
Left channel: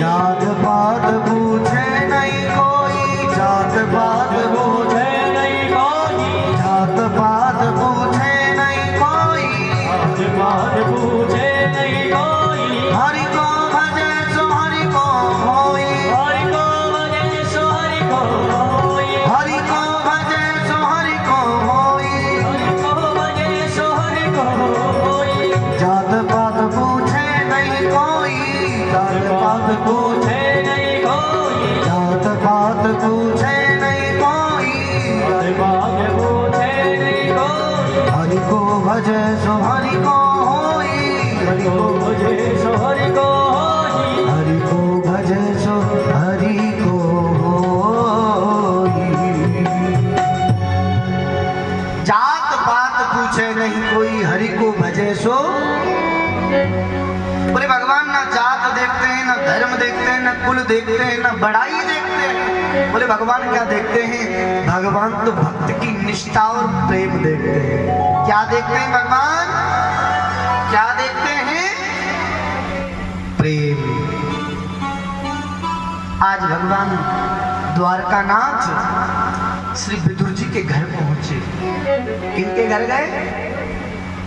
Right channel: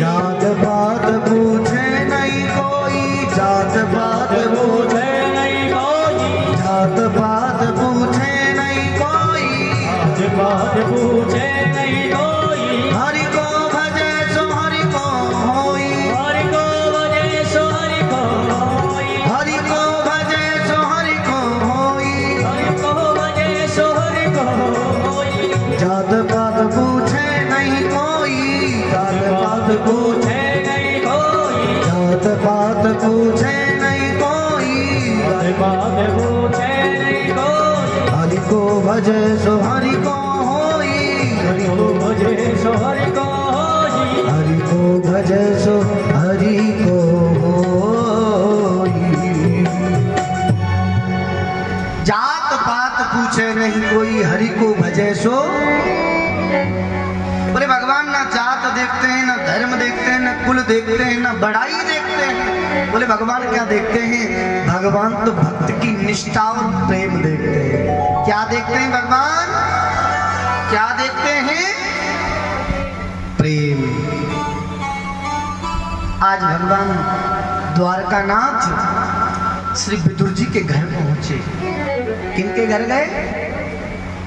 जात पात पूछे नहीं कोई, जात पात पूछे नहीं कोई, जात पात पूछे नहीं कोई, जात पात पूछे नहीं कोई, हरि को भजे सो हरि को होई, हरि को भजे सो हरि को होई, हरि को भजे सो हरि को होई, हरि को भजे सो हरि को होई। जात पात पूछे नहीं कोई, जात पात पूछे, पूछे नहीं कोई, जात पात पूछे नहीं कोई, जात पात पूछे नहीं कोई, हरि को भजे सो हरि को होई, हरि को भजे सो हरि को होई, हरि को भजे सो हरि को होई। जात पात पूछे नहीं कोई, हरि को भजे सो। बोले भगवान ना जात देखते हैं, ना धर्म देखते हैं, ना कुल देखते हैं, ना बड़ाई देखते हैं। बोले भगवान क्या देखते हैं? भगवान तो भक्त की निष्ठा और प्रेम देखते हैं। क्या देखते हैं भगवान? क्या देखते हैं? प्रेम। आज भगवान द्वारकानाथ श्री विदुर जी के घर पहुंचे। किनके घर गए?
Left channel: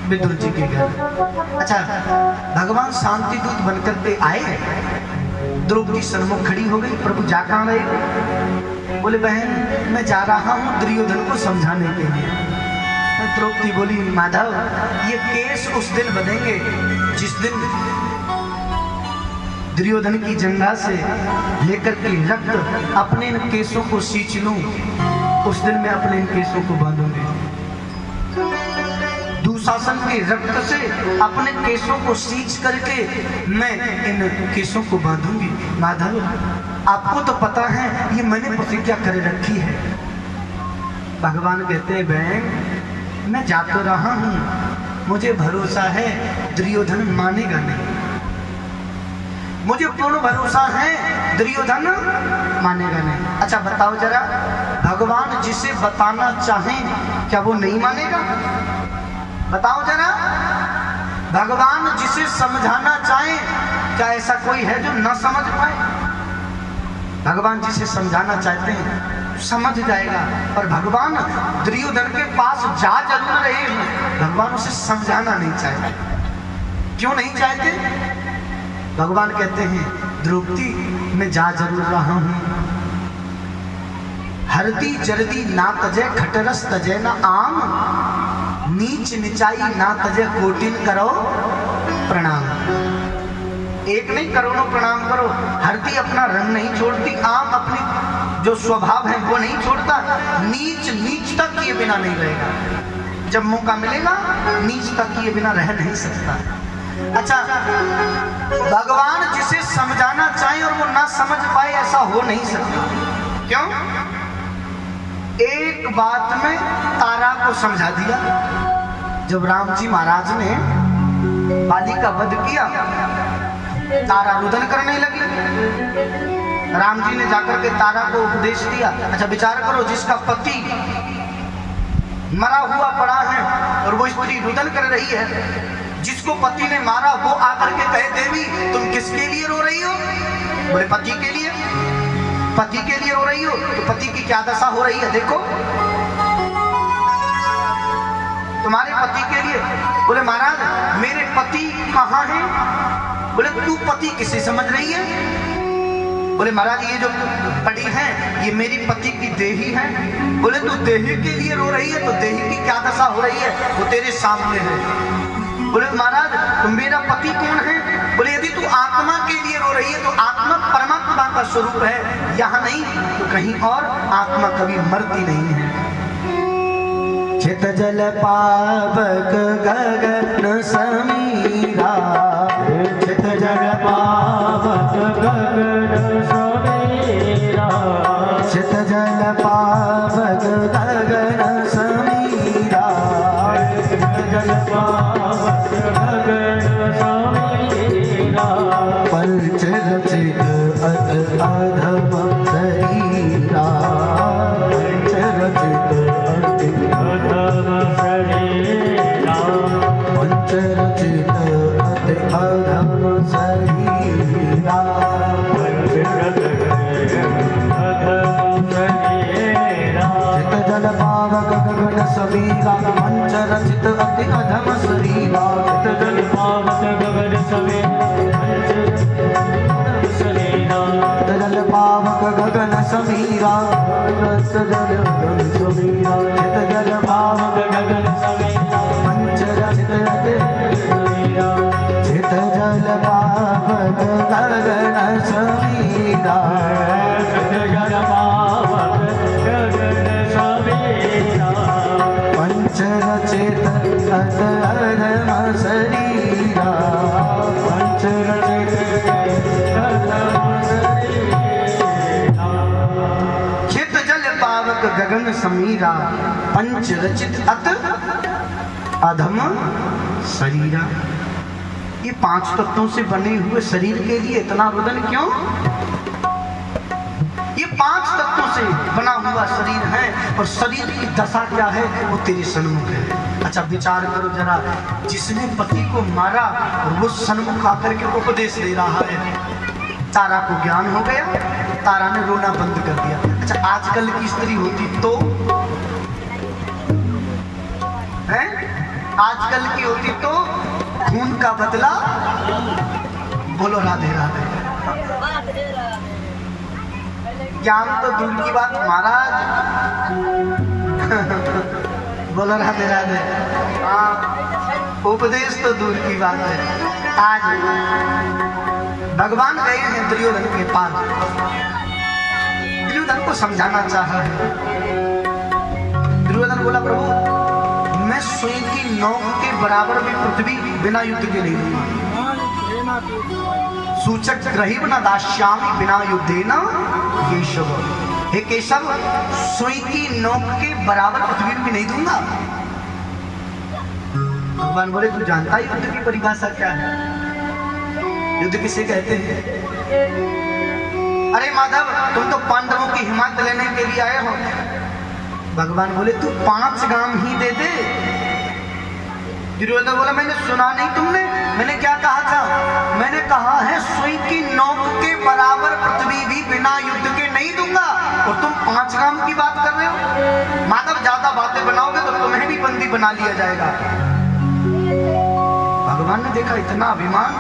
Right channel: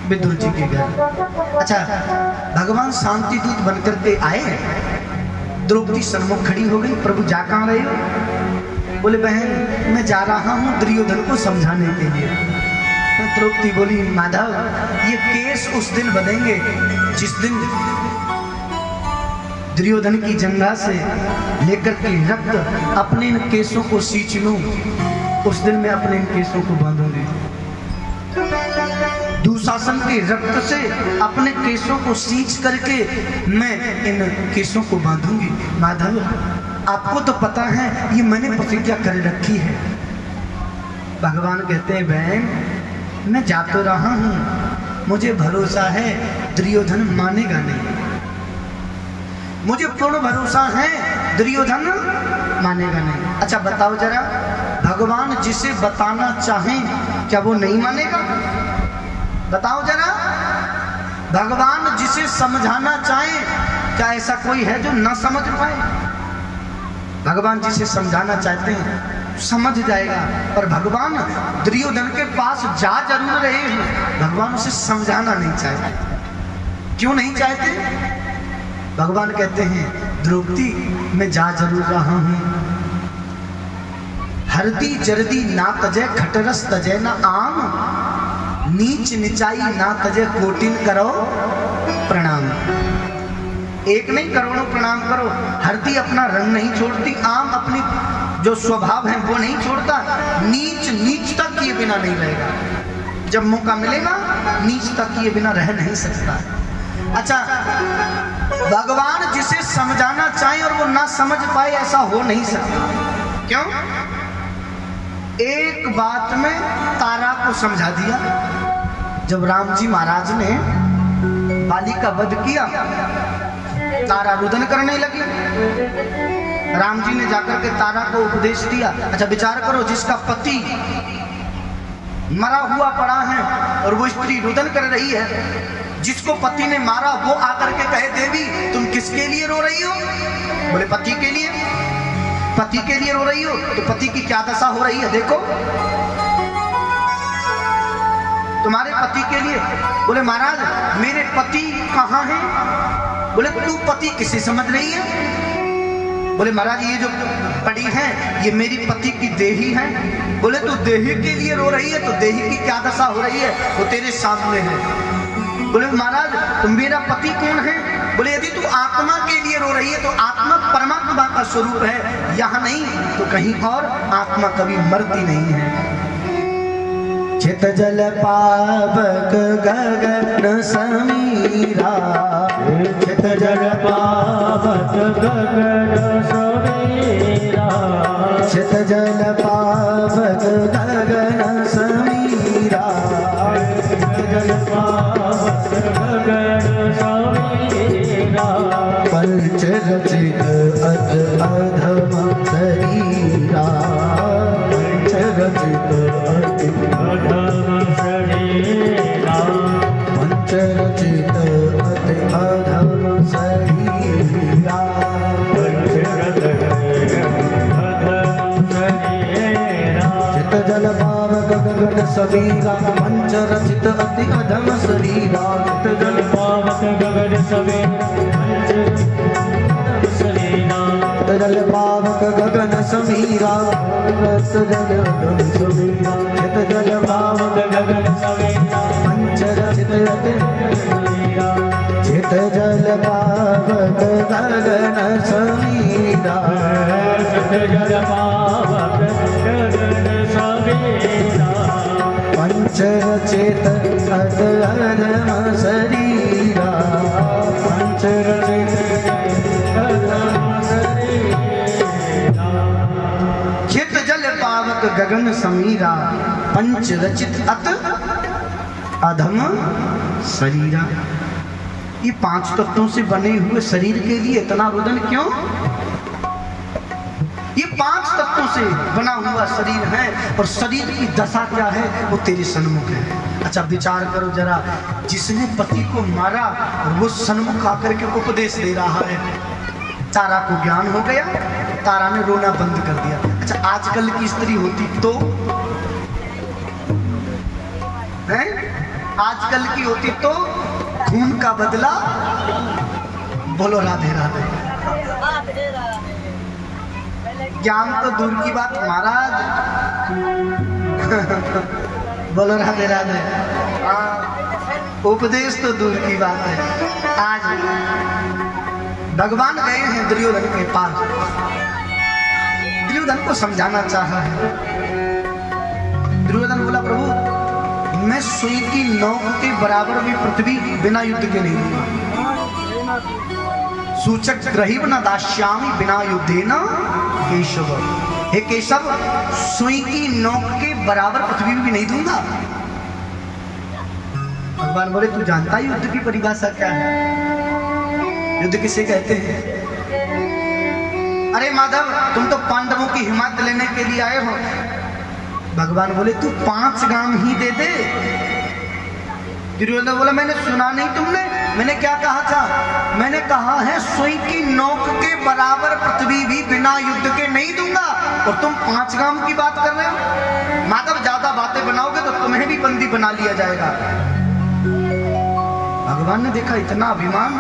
विदुर जी के घर। अच्छा, भगवान शांति दूत बनकर के आए। द्रौपदी सम्मुख खड़ी हो गई। प्रभु जा कहाँ रहे? बोले बहन मैं जा रहा हूँ दुर्योधन को समझाने के लिए। तो द्रौपदी बोली माधव ये केस उस दिन बनेंगे जिस दिन दुर्योधन की जंघा से लेकर के रक्त अपने इन केसों को सींच लूं, उस दिन मैं अपने इन केसों को बांधूंगी। दुशासन के रक्त से अपने केसों को सींच करके मैं इन केसों को बांधूंगी। माधव आपको तो पता है ये मैंने प्रतिज्ञा कर रखी है। भगवान कहते हैं बहन मैं जा तो रहा हूं, मुझे भरोसा है दुर्योधन मानेगा नहीं। मुझे पूर्ण भरोसा है दुर्योधन मानेगा नहीं। अच्छा बताओ जरा, भगवान जिसे बताना चाहें क्या वो नहीं मानेगा? बताओ जरा, भगवान जिसे समझाना चाहे क्या ऐसा कोई है जो ना समझ पाए? भगवान जिसे समझाना चाहते हैं समझ जाएगा। पर भगवान दुर्योधन के पास जा जरूर रहे हैं, भगवान उसे समझाना नहीं चाहते। क्यों नहीं चाहते? भगवान कहते हैं द्रौपदी मैं जा जरूर रहा हूं, हल्दी जल्दी ना तजे खटरस तजे ना आम। नीच निचाई ना तजे कोटिल करो प्रणाम। एक नहीं करोड़ों प्रणाम करो। हरदी अपना रंग नहीं छोड़ती, आम अपनी जो स्वभाव है वो नहीं छोड़ता। नीच नीचता किए बिना नहीं रहेगा। जब मौका मिलेगा नीचता किए बिना रह नहीं सकता। अच्छा, भगवान जिसे समझाना चाहे और वो ना समझ पाए ऐसा हो नहीं सकता। क्यों? एक बात में तारा को समझा दिया। जब राम जी महाराज ने बाली का वध किया, तारा रुदन करने लगी। राम जी ने जाकर के तारा को उपदेश दिया। अच्छा विचार करो, जिसका पति मरा हुआ पड़ा है और वो स्त्री रुदन कर रही है, जिसको पति ने मारा वो आकर के कहे देवी तुम किसके लिए रो रही हो? बोले पति के लिए। पति के लिए रो रही हो तो पति की क्या दशा हो रही है देखो। तुम्हारे पति के लिए। बोले महाराज मेरे पति कहाँ हैं? बोले तू पति किसे समझ रही है? बोले महाराज ये जो पड़ी है ये मेरी पति की देही है। बोले तू देही के लिए रो रही है तो देही की क्या दशा हो रही है वो तेरे सामने है। बोले महाराज तुम मेरा पति कौन है? बोले यदि तू आत्मा के लिए रो रही है तो आत्मा परमात्मा का स्वरूप है, यहाँ नहीं तो कहीं और। आत्मा कभी मरती नहीं है। चित जल पावक गगन समीरा, चित जल पावक गगन समीरा, चित जल पावक गगन समीरा, जल पावक गगन समीरा, पंच रचित अधम शरीरा, पंच रचित अधम शरीरा, पंच रचित अधम शरीरा, चित जल पावक गगन समीरा, पंच रचित अति अधम शरीरा, जल पावक गगन समीरा, जल पावक गगन समीरा, रस जल समीरा, चित जल पावक गगन समीरा, पंच रचित अति चित जल पावक गगन समीरा, जल पावक गगन समीरा, पंच रचित अधम शरीरा, पंच रचित चित जल पावक गगन समीरा, पंच रचित अत अधम शरीरा। ये पांच तत्वों से बने हुए शरीर के लिए इतना रुदन क्यों? ये पांच तत्वों से बना हुआ शरीर है और शरीर की दशा क्या है वो तेरे सन्मुख है। अच्छा विचार करो जरा, जिसने पति को मारा वो सन्मुख आकर के उपदेश दे रहा है। तारा को ज्ञान हो गया, तारा ने रोना बंद कर दिया। अच्छा आजकल की स्त्री होती तो है, आजकल की होती तो खून का बदला। बोलो राधे राधे। ज्ञान तो दूर की बात महाराज। बोलो राधे राधे। उपदेश तो दूर की बात है। आज भगवान गए हैं दुर्योधन के पास, दुर्योधन को समझाना चाहा है। दुर्योधन बोला प्रभु मैं सुई की नोक के बराबर भी पृथ्वी बिना युद्ध के नहीं दूंगा। सूचक ग्रहिव न दास्यामि बिना युद्धेन केशव। हे केशव सुई की नोक के बराबर पृथ्वी भी नहीं दूंगा। भगवान बोले तू जानता है युद्ध की परिभाषा क्या है? युद्ध किसे कहते हैं? अरे माधव तुम तो पांडवों की हिम्मत लेने के लिए आए हो। भगवान बोले तू 5 गांव ही दे दे। दुर्योधन बोला मैंने सुना नहीं तुमने, मैंने क्या कहा था? मैंने कहा है सुई की नोक के बराबर पृथ्वी भी बिना युद्ध के नहीं दूंगा और तुम 5 गांव की बात कर रहे हो। माधव ज्यादा बातें बनाओगे तो तुम्हें भी बंदी बना लिया जाएगा। भगवान ने देखा इतना अभिमान,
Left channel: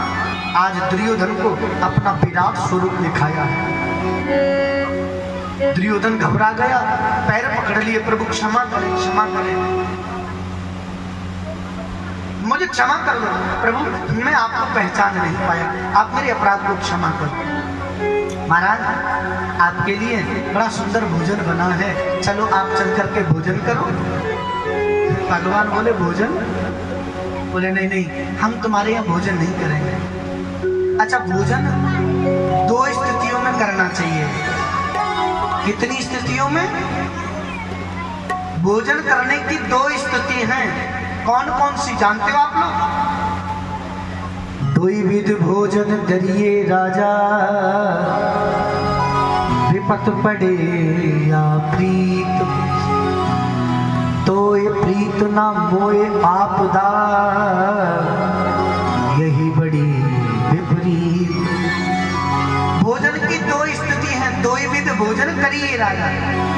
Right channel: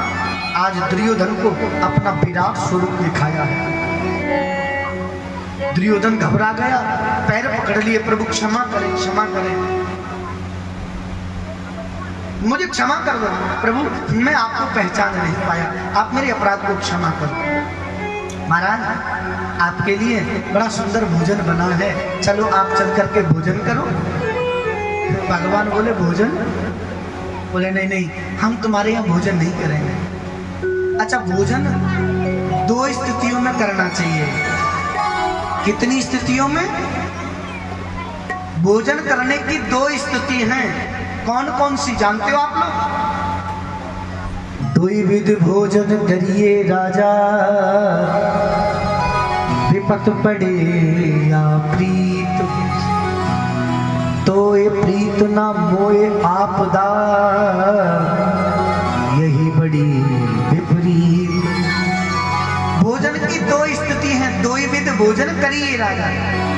आज दुर्योधन को अपना विराट स्वरूप दिखाया है। दुर्योधन घबरा गया, पैर पकड़ लिए, प्रभु क्षमा करें क्षमा करें। मुझे क्षमा कर दो प्रभु, मैं आपको पहचान नहीं पाया, आप मेरे अपराध को क्षमा करो। महाराज आपके लिए बड़ा सुंदर भोजन बना है, चलो आप चल करके भोजन करो। भगवान बोले भोजन? बोले नहीं नहीं, हम तुम्हारे यहाँ भोजन नहीं करेंगे। अच्छा, भोजन दो स्थितियों में करना चाहिए। कितनी स्थितियों में? भोजन करने की दो स्थिति हैं। कौन कौन सी जानते हो आप लोग? द्विविध भोजन करिए राजा, विपत पड़े या प्रीत, तोय प्रीत न मोए आपदा, यही बड़ी विपरीत। भोजन की दो स्थिति है, द्विविध भोजन करिए राजा।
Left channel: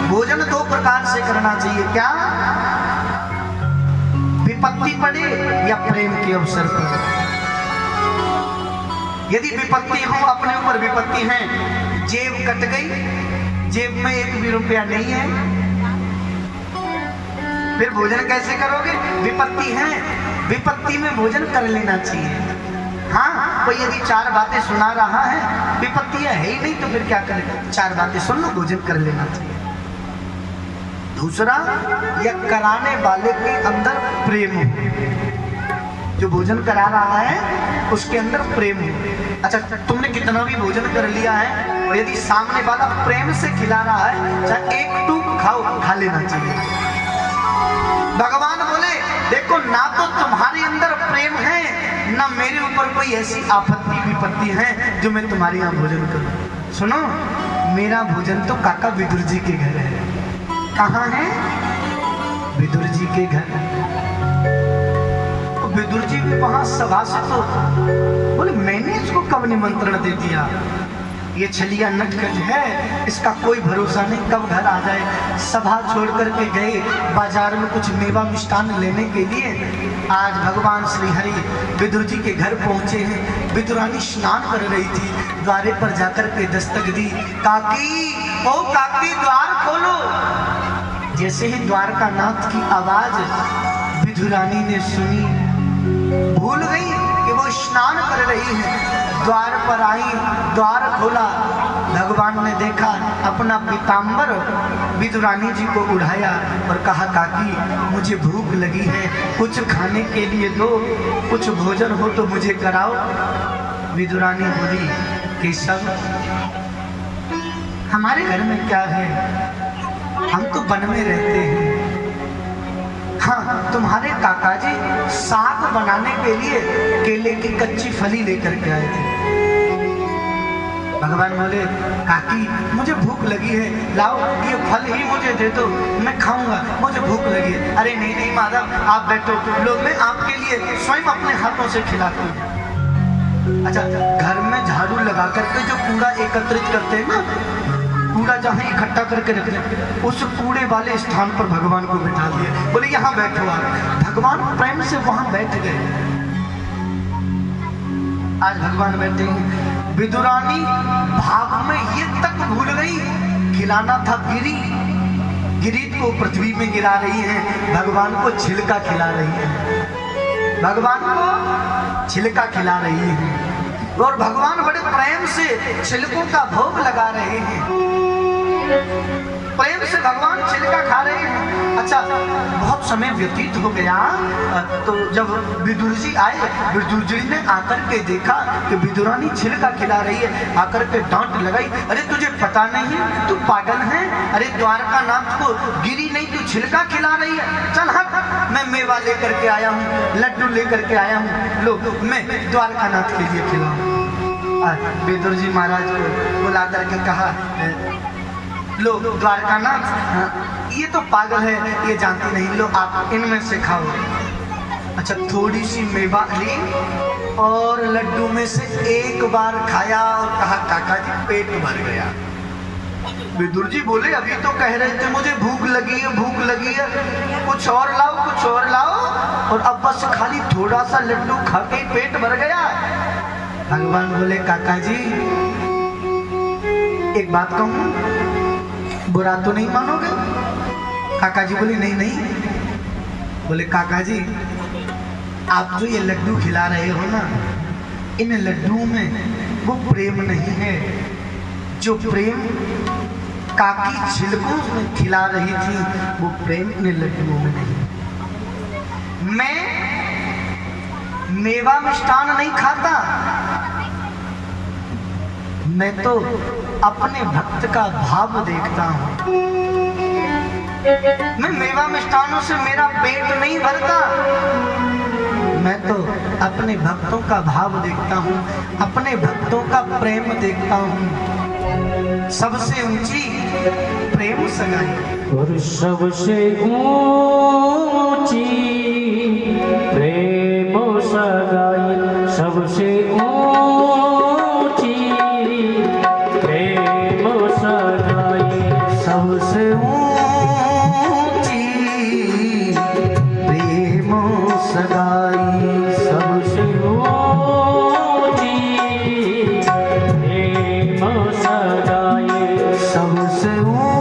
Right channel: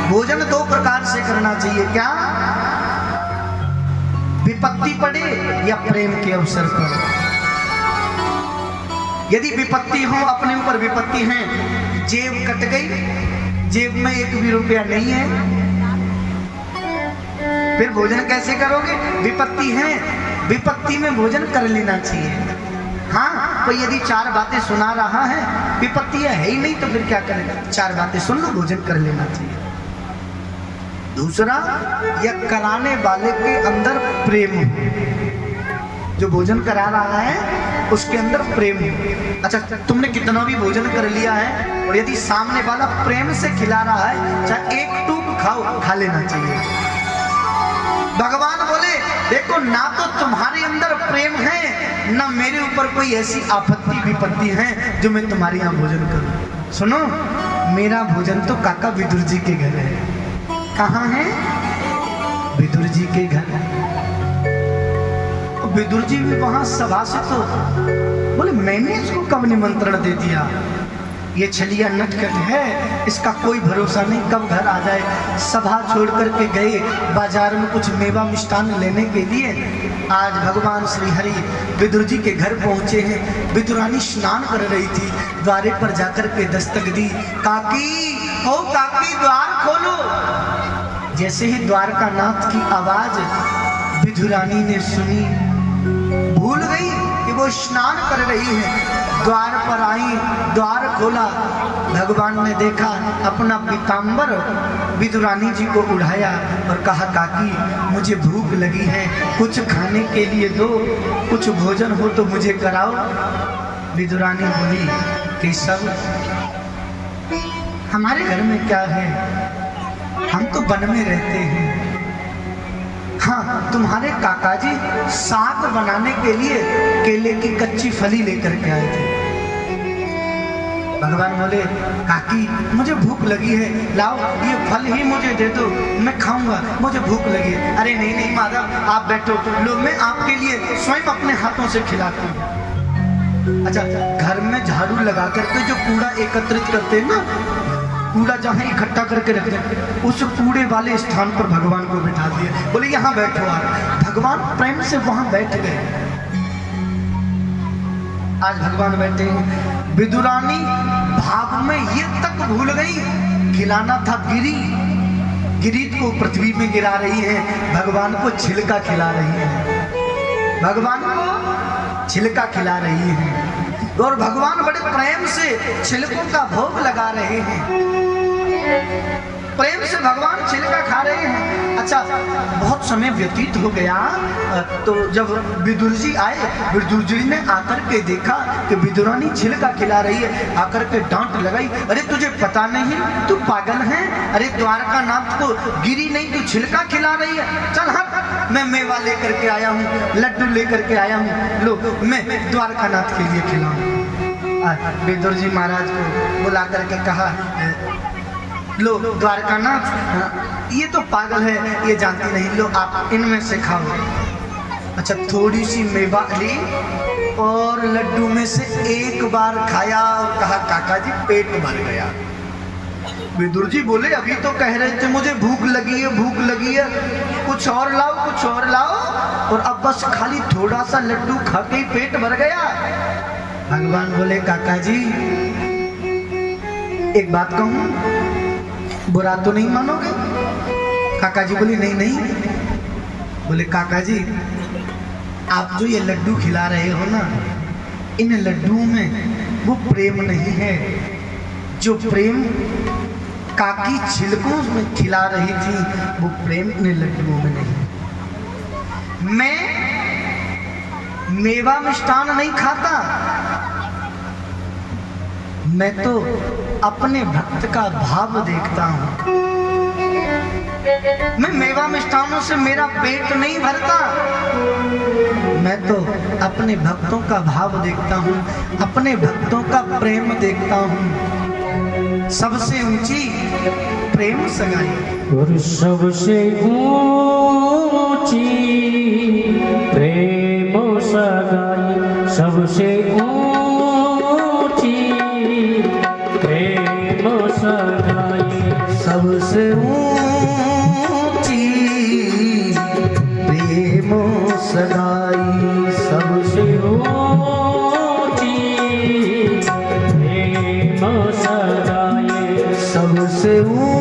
भोजन दो प्रकार से करना चाहिए। क्या? विपत्ति पड़े या प्रेम के अवसर पर। यदि विपत्ति हो, अपने ऊपर विपत्ति है, जेब कट गई, जेब में 1 भी रुपया नहीं है, फिर भोजन कैसे करोगे? विपत्ति है, विपत्ति में भोजन कर लेना चाहिए। हाँ, कोई यदि 4 बातें सुना रहा है, विपत्ति है ही नहीं, तो फिर क्या करेगा? 4 बातें सुन लो, भोजन कर लेना चाहिए। दूसरा, यह कराने वाले के अंदर प्रेम हो, जो भोजन करा रहा है उसके अंदर प्रेम हो। अच्छा, तुमने कितना भी भोजन कर लिया है और यदि सामने वाला प्रेम से खिला रहा है, चाहे 1 टूक खाओ, खा लेना चाहिए। भगवान बोले देखो, ना तो तुम्हारे अंदर प्रेम है, ना मेरे ऊपर कोई ऐसी आपत्ति विपत्ति है जो मैं तुम्हारे यहाँ भोजन करूं। सुनो, मेरा भोजन तो काका विदुर जी के घर है। कहाँ है? विदुर जी के घर। तो विदुर जी भी वहां सभा से, तो बोले मैंने इसको कब निमंत्रण दे दिया? ये छलिया नटखट है, इसका कोई भरोसा नहीं, कब घर आ जाए। सभा छोड़ करके गए, बाजार में कुछ मेवा मिष्ठान लेने के लिए। आज भगवान श्री हरि विदुर जी के घर पहुंचे हैं। विदुरानी स्नान कर रही थी, द्वारे पर जाकर के दस्तक दी, काकी, ओ काकी, द्वार खोलो। जैसे ही द्वारकानाथ की आवाज विदुरानी ने सुनी, भूल गई कि वो स्नान कर रही है। द्वार पर आई, द्वार खोला, भगवान ने देखा, अपना पीताम्बर विदुरानी जी को उठाया और कहा, काकी मुझे भूख लगी है, कुछ खाने के लिए दो, कुछ भोजन हो तो मुझे कराओ। विदुरानी बोली, केशव, हमारे घर में क्या है, हम तो वन में रहते हैं। हाँ, तुम्हारे काका जी साग बनाने के लिए केले की कच्ची फली लेकर के आए थे। भगवान बोले, काकी मुझे भूख लगी है, लाओ ये फल ही मुझे दे दो, मैं खाऊंगा, मुझे भूख लगी है। अरे नहीं नहीं माधव, आप बैठो, लोग मैं आपके लिए स्वयं अपने हाथों से खिलाती हूँ। अच्छा, घर में झाड़ू लगा करके जो कूड़ा एकत्रित करते हैं ना, कूड़ा जहाँ इकट्ठा करके रखते हैं, उस कूड़े वाले स्थान पर भगवान को बिठा दिए। बोले यहाँ बैठो आप। भगवान प्रेम से वहां बैठ गए। आज भगवान बैठे हैं। विदुरानी भाव में ये तक भूल गई, खिलाना था गिरी, गिरी को पृथ्वी में गिरा रही है, भगवान को छिलका खिला रही है, भगवान को छिलका खिला रही है। और भगवान बड़े प्रेम से छिलकों का भोग लगा रहे हैं, प्रेम से भगवान छिलका खा रहे हैं। अच्छा, बहुत समय व्यतीत हो गया, तो जब विदुर जी आए, विदुर जी ने आकर के देखा कि विदुरानी छिलका खिला रही है, आकर के डांट लगाई, अरे तुझे पता नहीं, तू पागल है, अरे द्वारकानाथ को गिरी नहीं, तू छिलका खिला रही है, चल हट, मैं मेवा लेकर के आया हूँ, लड्डू लेकर के आया हूँ, लो मैं द्वारकानाथ के लिए खिलाऊं। विदुर जी महाराज को बुला करके कहा, लो द्वारकानाथ, ये तो पागल है, ये जानती नहीं, लो आप इनमें से खाओ। अच्छा, थोड़ी सी मेवा ली और लड्डू में से एक बार खाया और कहा, काका जी पेट भर गया। विदुर जी बोले, अभी तो कह रहे थे मुझे भूख लगी है, भूख लगी है, कुछ और लाओ, कुछ और लाओ, और अब बस खाली थोड़ा सा लड्डू खा के पेट भर गया। भगवान बोले, काका जी एक बात कहूं, बुरा तो नहीं मानोगे? काका जी बोले, नहीं नहीं। बोले, काका जी आप जो ये लड्डू खिला रहे हो ना, इन लड्डुओं में वो प्रेम नहीं है जो प्रेम काकी छिलकों में खिला रही थी, वो प्रेम इन लड्डुओं में नहीं। मैं मेवा मिष्ठान नहीं खाता, मैं तो अपने भक्त का भाव देखता हूं। मैं मेवा मिष्ठानों से मेरा पेट नहीं भरता, मैं तो अपने भक्तों का भाव देखता हूँ, अपने भक्तों का प्रेम देखता हूँ। सबसे ऊंची प्रेम सगाई और सबसे ऊंची प्रेम सगाई, सबसे ऊंची प्रेम सगाई, सबसे ऊंची प्रेम सगाई, सबसे ऊंची प्रेम सगाई, सबसे ऊंची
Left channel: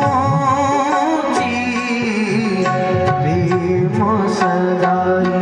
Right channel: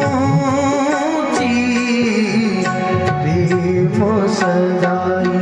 प्रेम सगाई।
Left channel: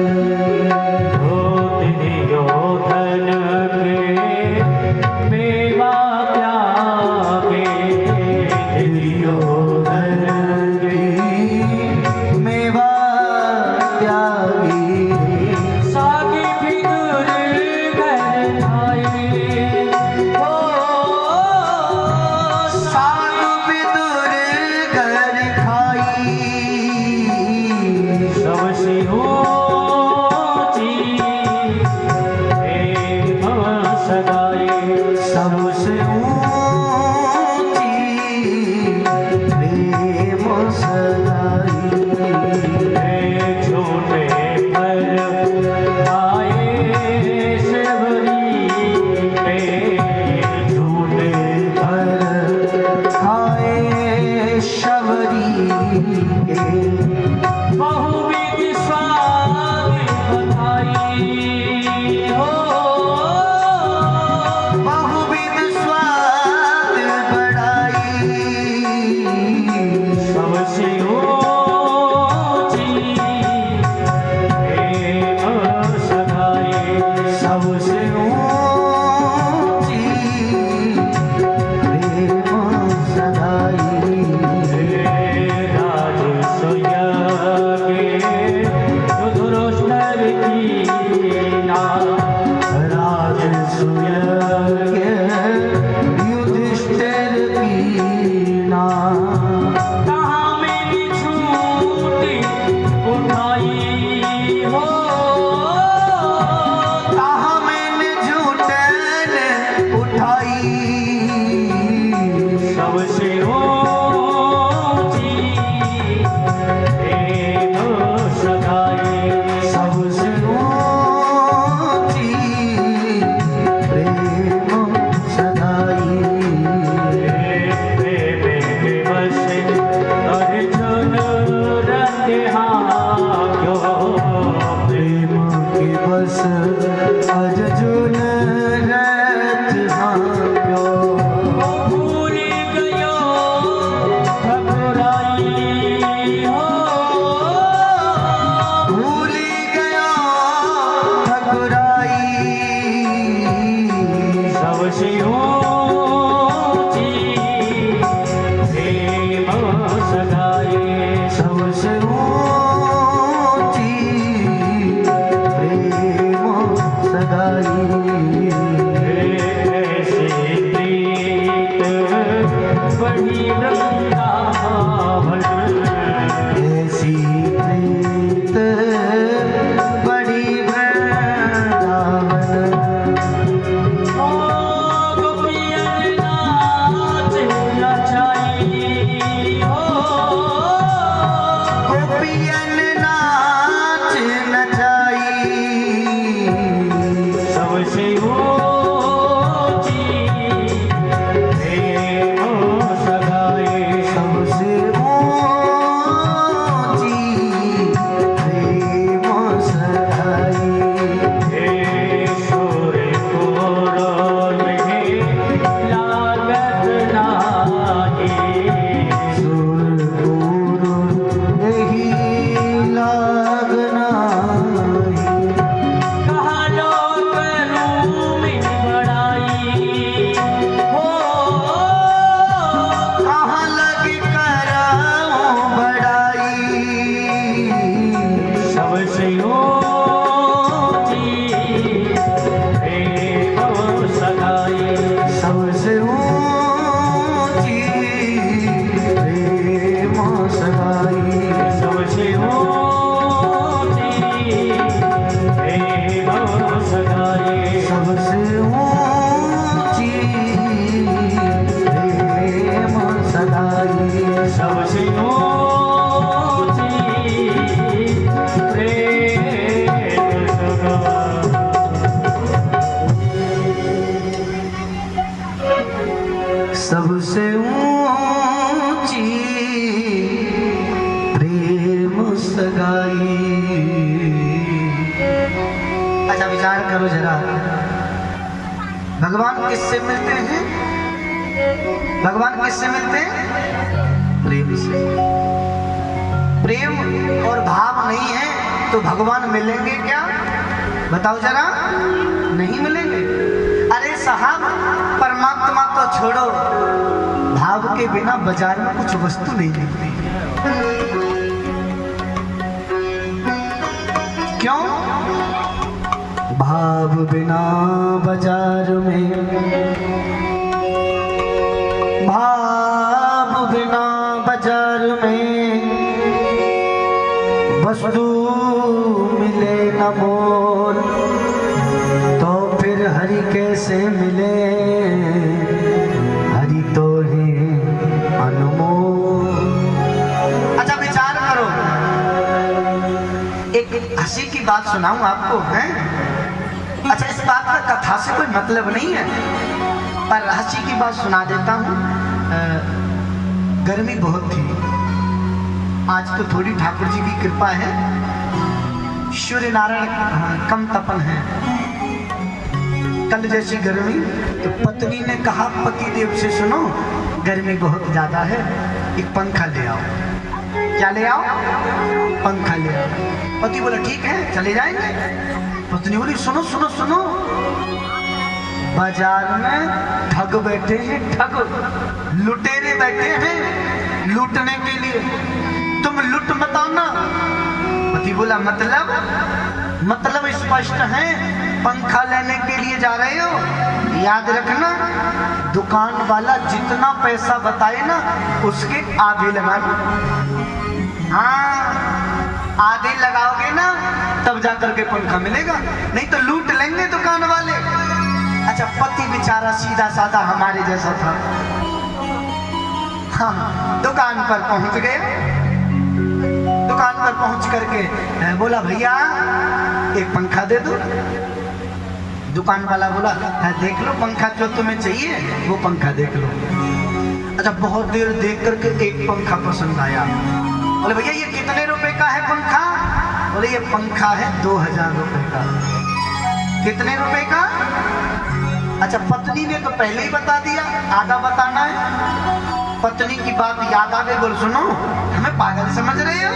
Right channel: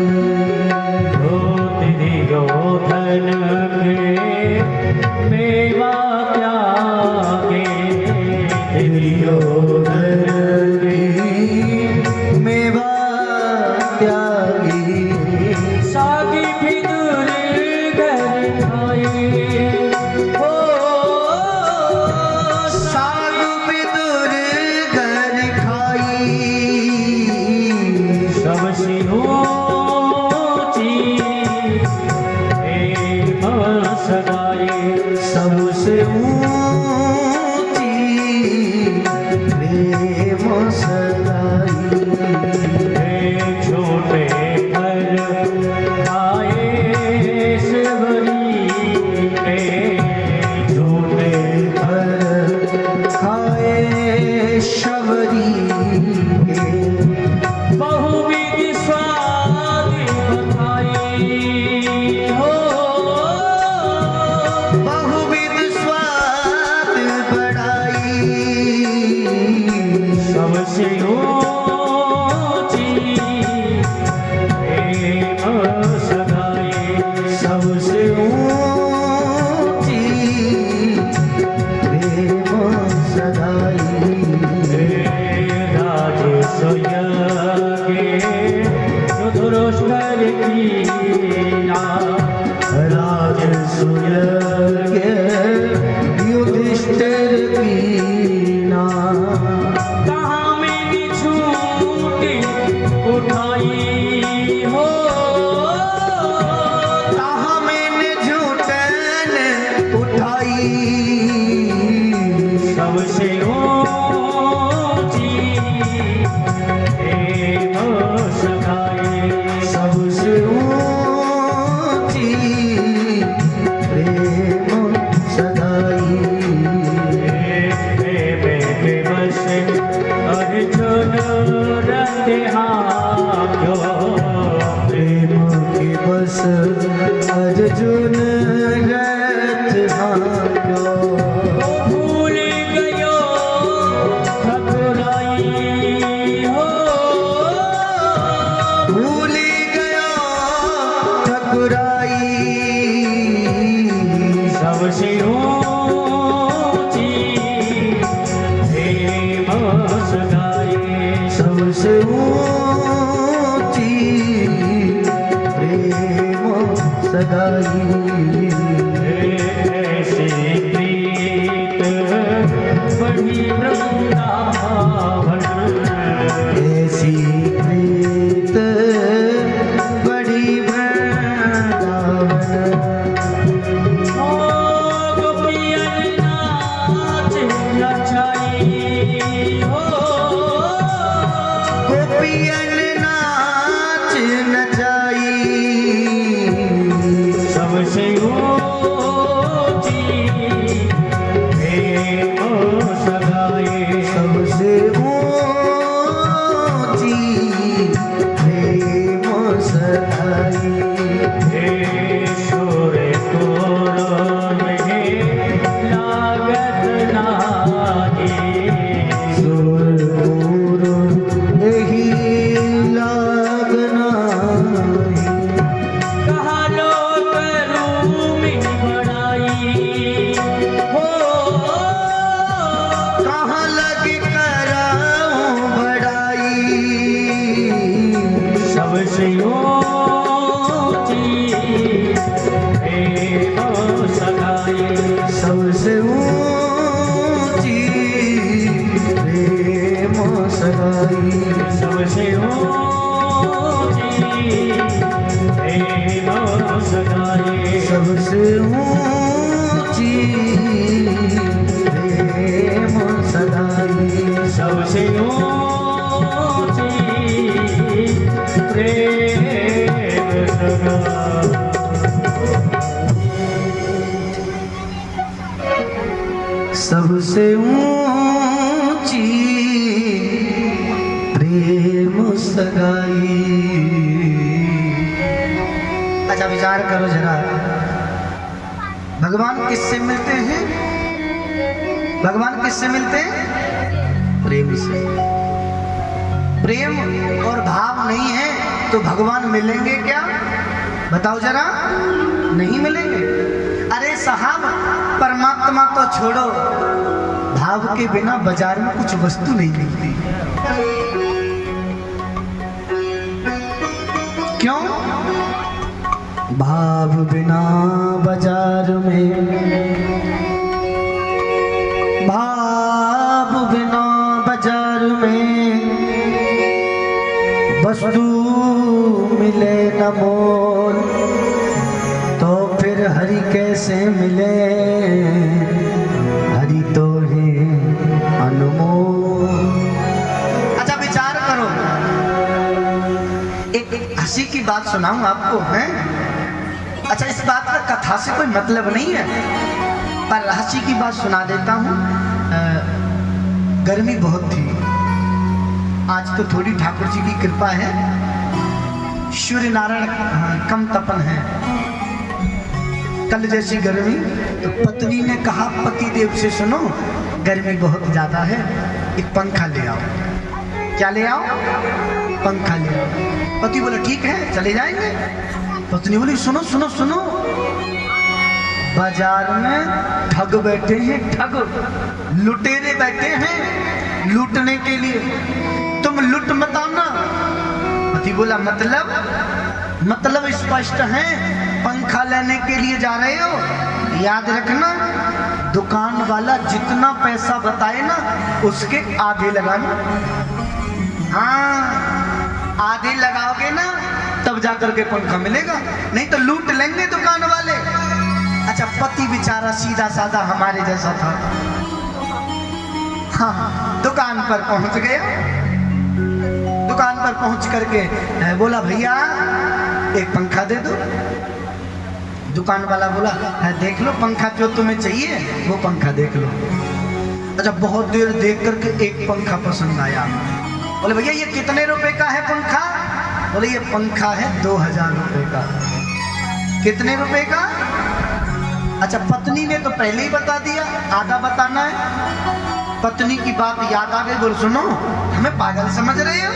सूर्य भगवान किससे मिलते हैं? भगवान किससे मिलते हैं? प्रेम से। प्रेम और भाव नहीं है तो भगवान मिलेंगे क्या? बताओ जरा, नहीं मिलेंगे। अरे साहब, परमात्मा तो छोड़ो, भाव के बिना बाजार में कुछ वस्तु नहीं मिलती। क्यों? भाव बिना बाजार में, भाव बिना बाजार में वस्तु मिले न मोल, तो फिर हरि कैसे मिले? हरि तो है अनमोल। अच्छा विचार करो, एक हंसी की बात सुनाऊं आपको, हैं? अच्छा, इस बात का कथा से कोई मतलब नहीं है, पर हंसी की बात सुना देता हूँ। गर्मी बहुत थी, आज तो थोड़ी ठाकुर जी की कृपा है, सूर्य नारायण कम तपन है। कल जैसी गर्मी, तो पत्नी ने कहा पति देव से, सुनो गर्मी बहुत ज्यादा है, एक पंखा ले आओ। क्या ले आओ? पंखा ले आओ। पति बोला ठीक है, चले जाएंगे। पत्नी बोली सुनो सुनो सुनो, बाजार में ठग बैठे हैं, ठग लुटेरे बैठे हैं लूटने के लिए, तुम लुट मत आना। पति बोला मतलब स्पष्ट है, पंखा लेने के लिए जा रहे हो। याद रखना, दुकान वाला जितना पैसा बताए ना उसके आधे लगाना। हाँ, आधे लगाओगे ना तब जाकर के पंखा मिलेगा, नहीं तो लूट लेंगे दुकान वाले। अच्छा, पति बेचारा सीधा साधा हमारे जैसा था। हाँ, दुकान पर पहुंच गए। दुकान पर पहुंच करके बोला भैया एक पंखा दे दो। दुकान वाला बोला देख लो पंखा जो तुम्हें चाहिए वो पंखा देख लो। अच्छा, बहुत देर देख करके एक पंखा पसंद आया। बोले भैया ये कितने रुपए का है पंखा? बोले ये पंखा है 2000 रुपए का। कितने रुपए का? अच्छा, पत्नी ने तो पहले ही बता दिया, आधा बताना है। पत्नी की बात याद आ गई, बोल सुनो हमें पागल समझ रहे हो?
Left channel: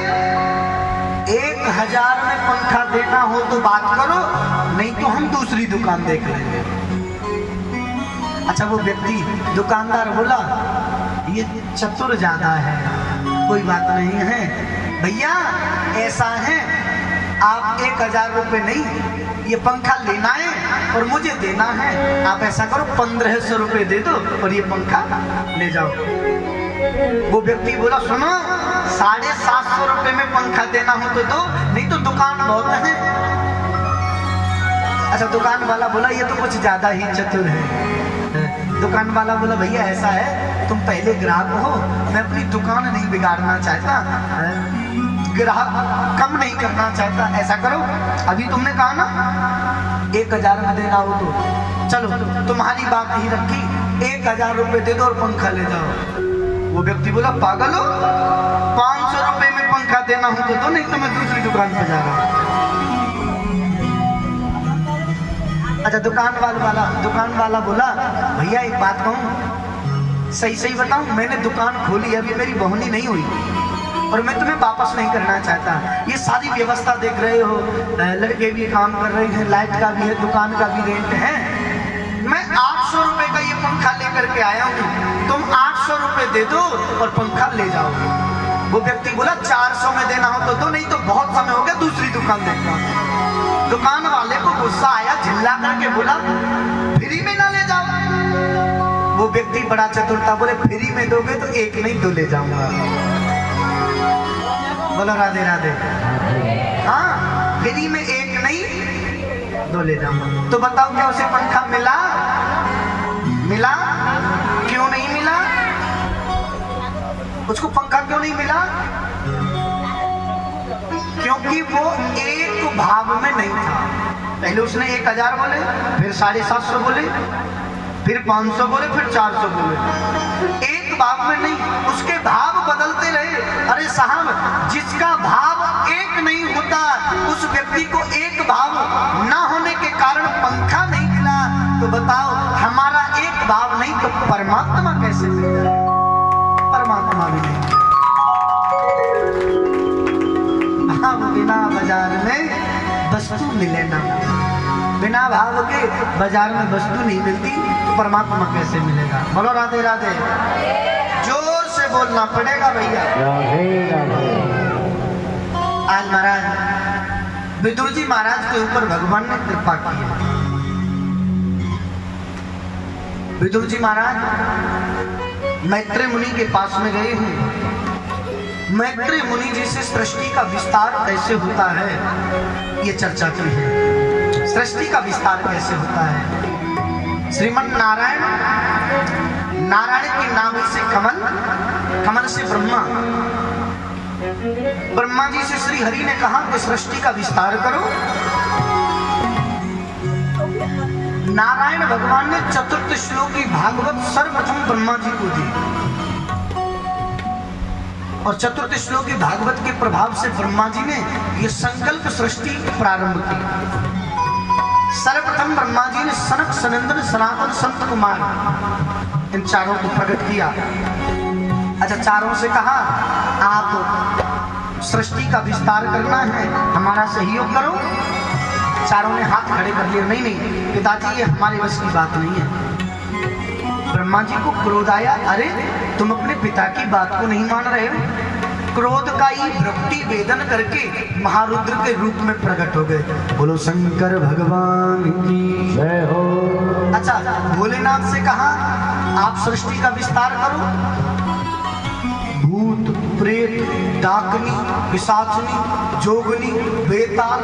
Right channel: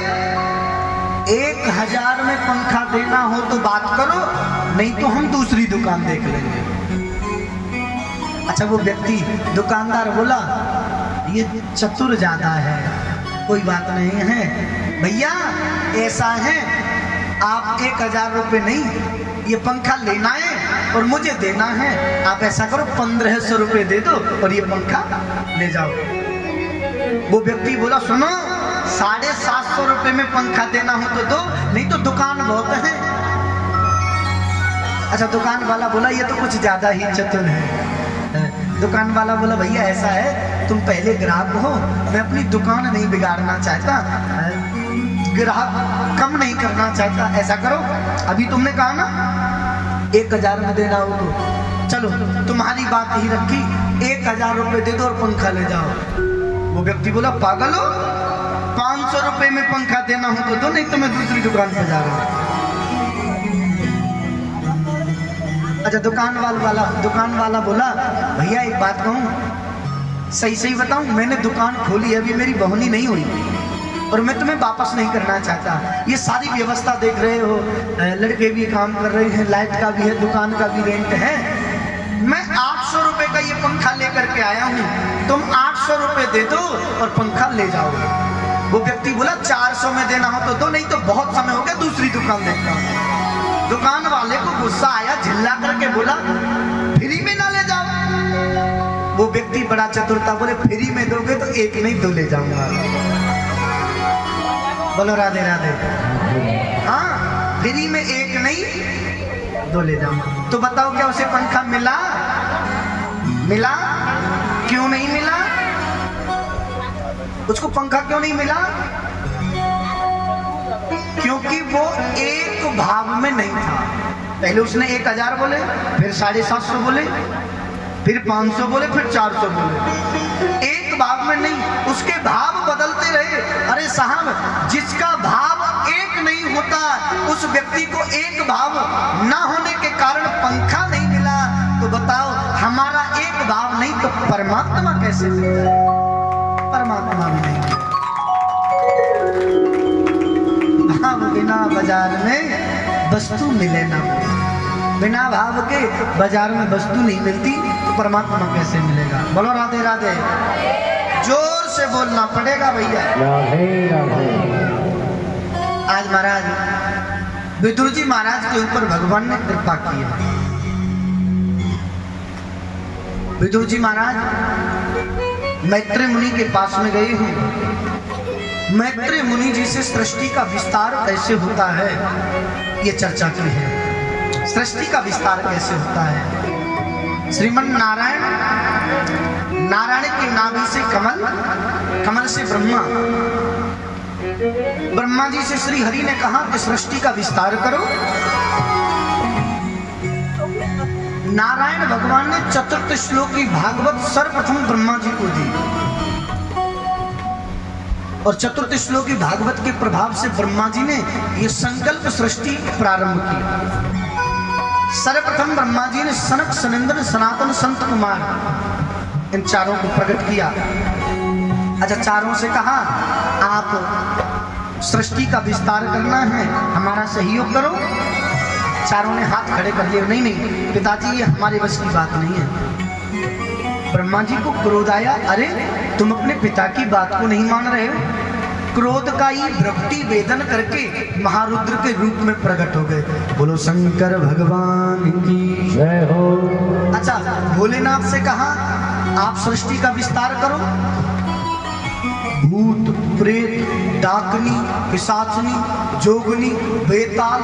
1000 में पंखा देना हो तो बात करो, नहीं तो हम दूसरी दुकान देख लेंगे। अच्छा, वो व्यक्ति दुकानदार बोला ये चतुर ज्यादा है, कोई बात नहीं है भैया, ऐसा है आप 1000 रुपये नहीं, ये पंखा लेना है और मुझे देना है। आप ऐसा करो 1500 रुपये दे दो और ये पंखा ले जाओ। वो व्यक्ति बोला सुनो 750 रुपये में पंखा देना हो तो दो, नहीं तो दुकान बहुत है। अच्छा, दुकान वाला बोला ये तो कुछ ज्यादा ही चतुर है। दुकान वाला बोला भैया ऐसा है, तुम पहले ग्राहक हो, मैं अपनी दुकान नहीं बिगाड़ना चाहता, ग्राहक कम नहीं करना चाहता। ऐसा करो अभी तुमने कहा ना 1000 में देना हो तो चलो तुम्हारी बात ही रखी, 1000 रुपये दे दो और पंखा ले जाओ। वो व्यक्ति बोला पागल हो, 500 रुपये में पंखा देना हो तो दो, नहीं तो मैं दूसरी दुकान पर जा रहा हूँ। अच्छा, दुकान वाला बोला भैया एक बात कहूँ, सही बताऊं, मैंने दुकान खोली अभी मेरी बहुनी नहीं हुई और मैं तुम्हें वापस नहीं करना चाहता। ये सारी व्यवस्था देख रहे हो, लड़के भी काम कर रहे हैं, लाइट का भी है, दुकान का भी रेंट है। मैं 800 रुपए का ये पंखा लेकर के आया हूँ, तुम 800 रुपए दे दो और पंखा ले जाओ। वो व्यक्ति बोला 400 में देना हो तो दो, नहीं तो बहुत समय हो गया दूसरी दुकान देखता हूँ। दुकान वाले को गुस्सा आया, झिल्ला करके बोला फ्री में ना ले जाओ। वो व्यक्ति बड़ा चतुर था, बोले फ्री में दोगे तो एक नहीं 2 ले जाऊंगा। बोलो राधे राधे। हाँ, फ्री में एक नहीं 2 ले जाऊंगा। तो बताओ क्या उसे पंखा मिला? क्यों नहीं मिला? उसको पंखा क्यों नहीं मिला? क्योंकि वो एक भाव में नहीं था। पहले उसने 1000 बोले, फिर 750 बोले, फिर 500 बोले, फिर 400 बोले, एक भाव में नहीं, उसके भाव बदलते रहे। अरे साहब, जिसका भाव एक नहीं होता उस व्यक्ति को एक भाव ना होने के कारण पंखा नहीं मिला। तो बताओ हमारा कैसे मिल जाए, परमात्मा भी नहीं। भाव बिना बाजार में वस्तु मिले ना, बिना भाव के बाजार में वस्तु नहीं मिलती तो परमात्मा कैसे मिलेगा। बोलो राधे राधे, जोर से बोलना पड़ेगा भैया। आज महाराज विदुर जी महाराज के ऊपर भगवान ने कृपा की है। विदुर जी महाराज मैत्री मुनि के पास में गए हैं। मैत्री मुनि जी से सृष्टि का विस्तार कैसे होता है ये चर्चा की है। सृष्टि का विस्तार कैसे होता है। श्रीमन नारायण, नारायण के नाम से कमल, कमल से ब्रह्मा, ब्रह्मा जी से श्री हरि ने कहा कि सृष्टि का विस्तार करो। नारायण भगवान ने चतुर्थ श्लोकी भागवत सर्वप्रथम ब्रह्मा जी को दी और चतुर्थ श्लोकी भागवत के प्रभाव से ब्रह्मा जी ने ये संकल्प सृष्टि प्रारंभ की। सर्वप्रथम ब्रह्मा जी ने सनक, सनंदन, सनातन, संत कुमार इन चारों को प्रकट किया। अच्छा, चारों से कहा आप सृष्टि का विस्तार करना है, हमारा सहयोग करो। चारों ने हाथ खड़े कर लिए, नहीं नहीं पिताजी ये हमारे बस की बात नहीं है। ब्रह्मा जी को क्रोध आया, अरे तुम अपने पिता की बात को नहीं मान रहे हो। क्रोध का ही भ्रक्ति वेदन करके महारुद्र के रूप में प्रकट हो गए। बोलो शंकर भगवान की जय हो। अच्छा, भोलेनाथ से कहा आप सृष्टि का विस्तार करो। भूत, प्रेत, डाकनी, पिशाचनी, जोगनी, बेताल,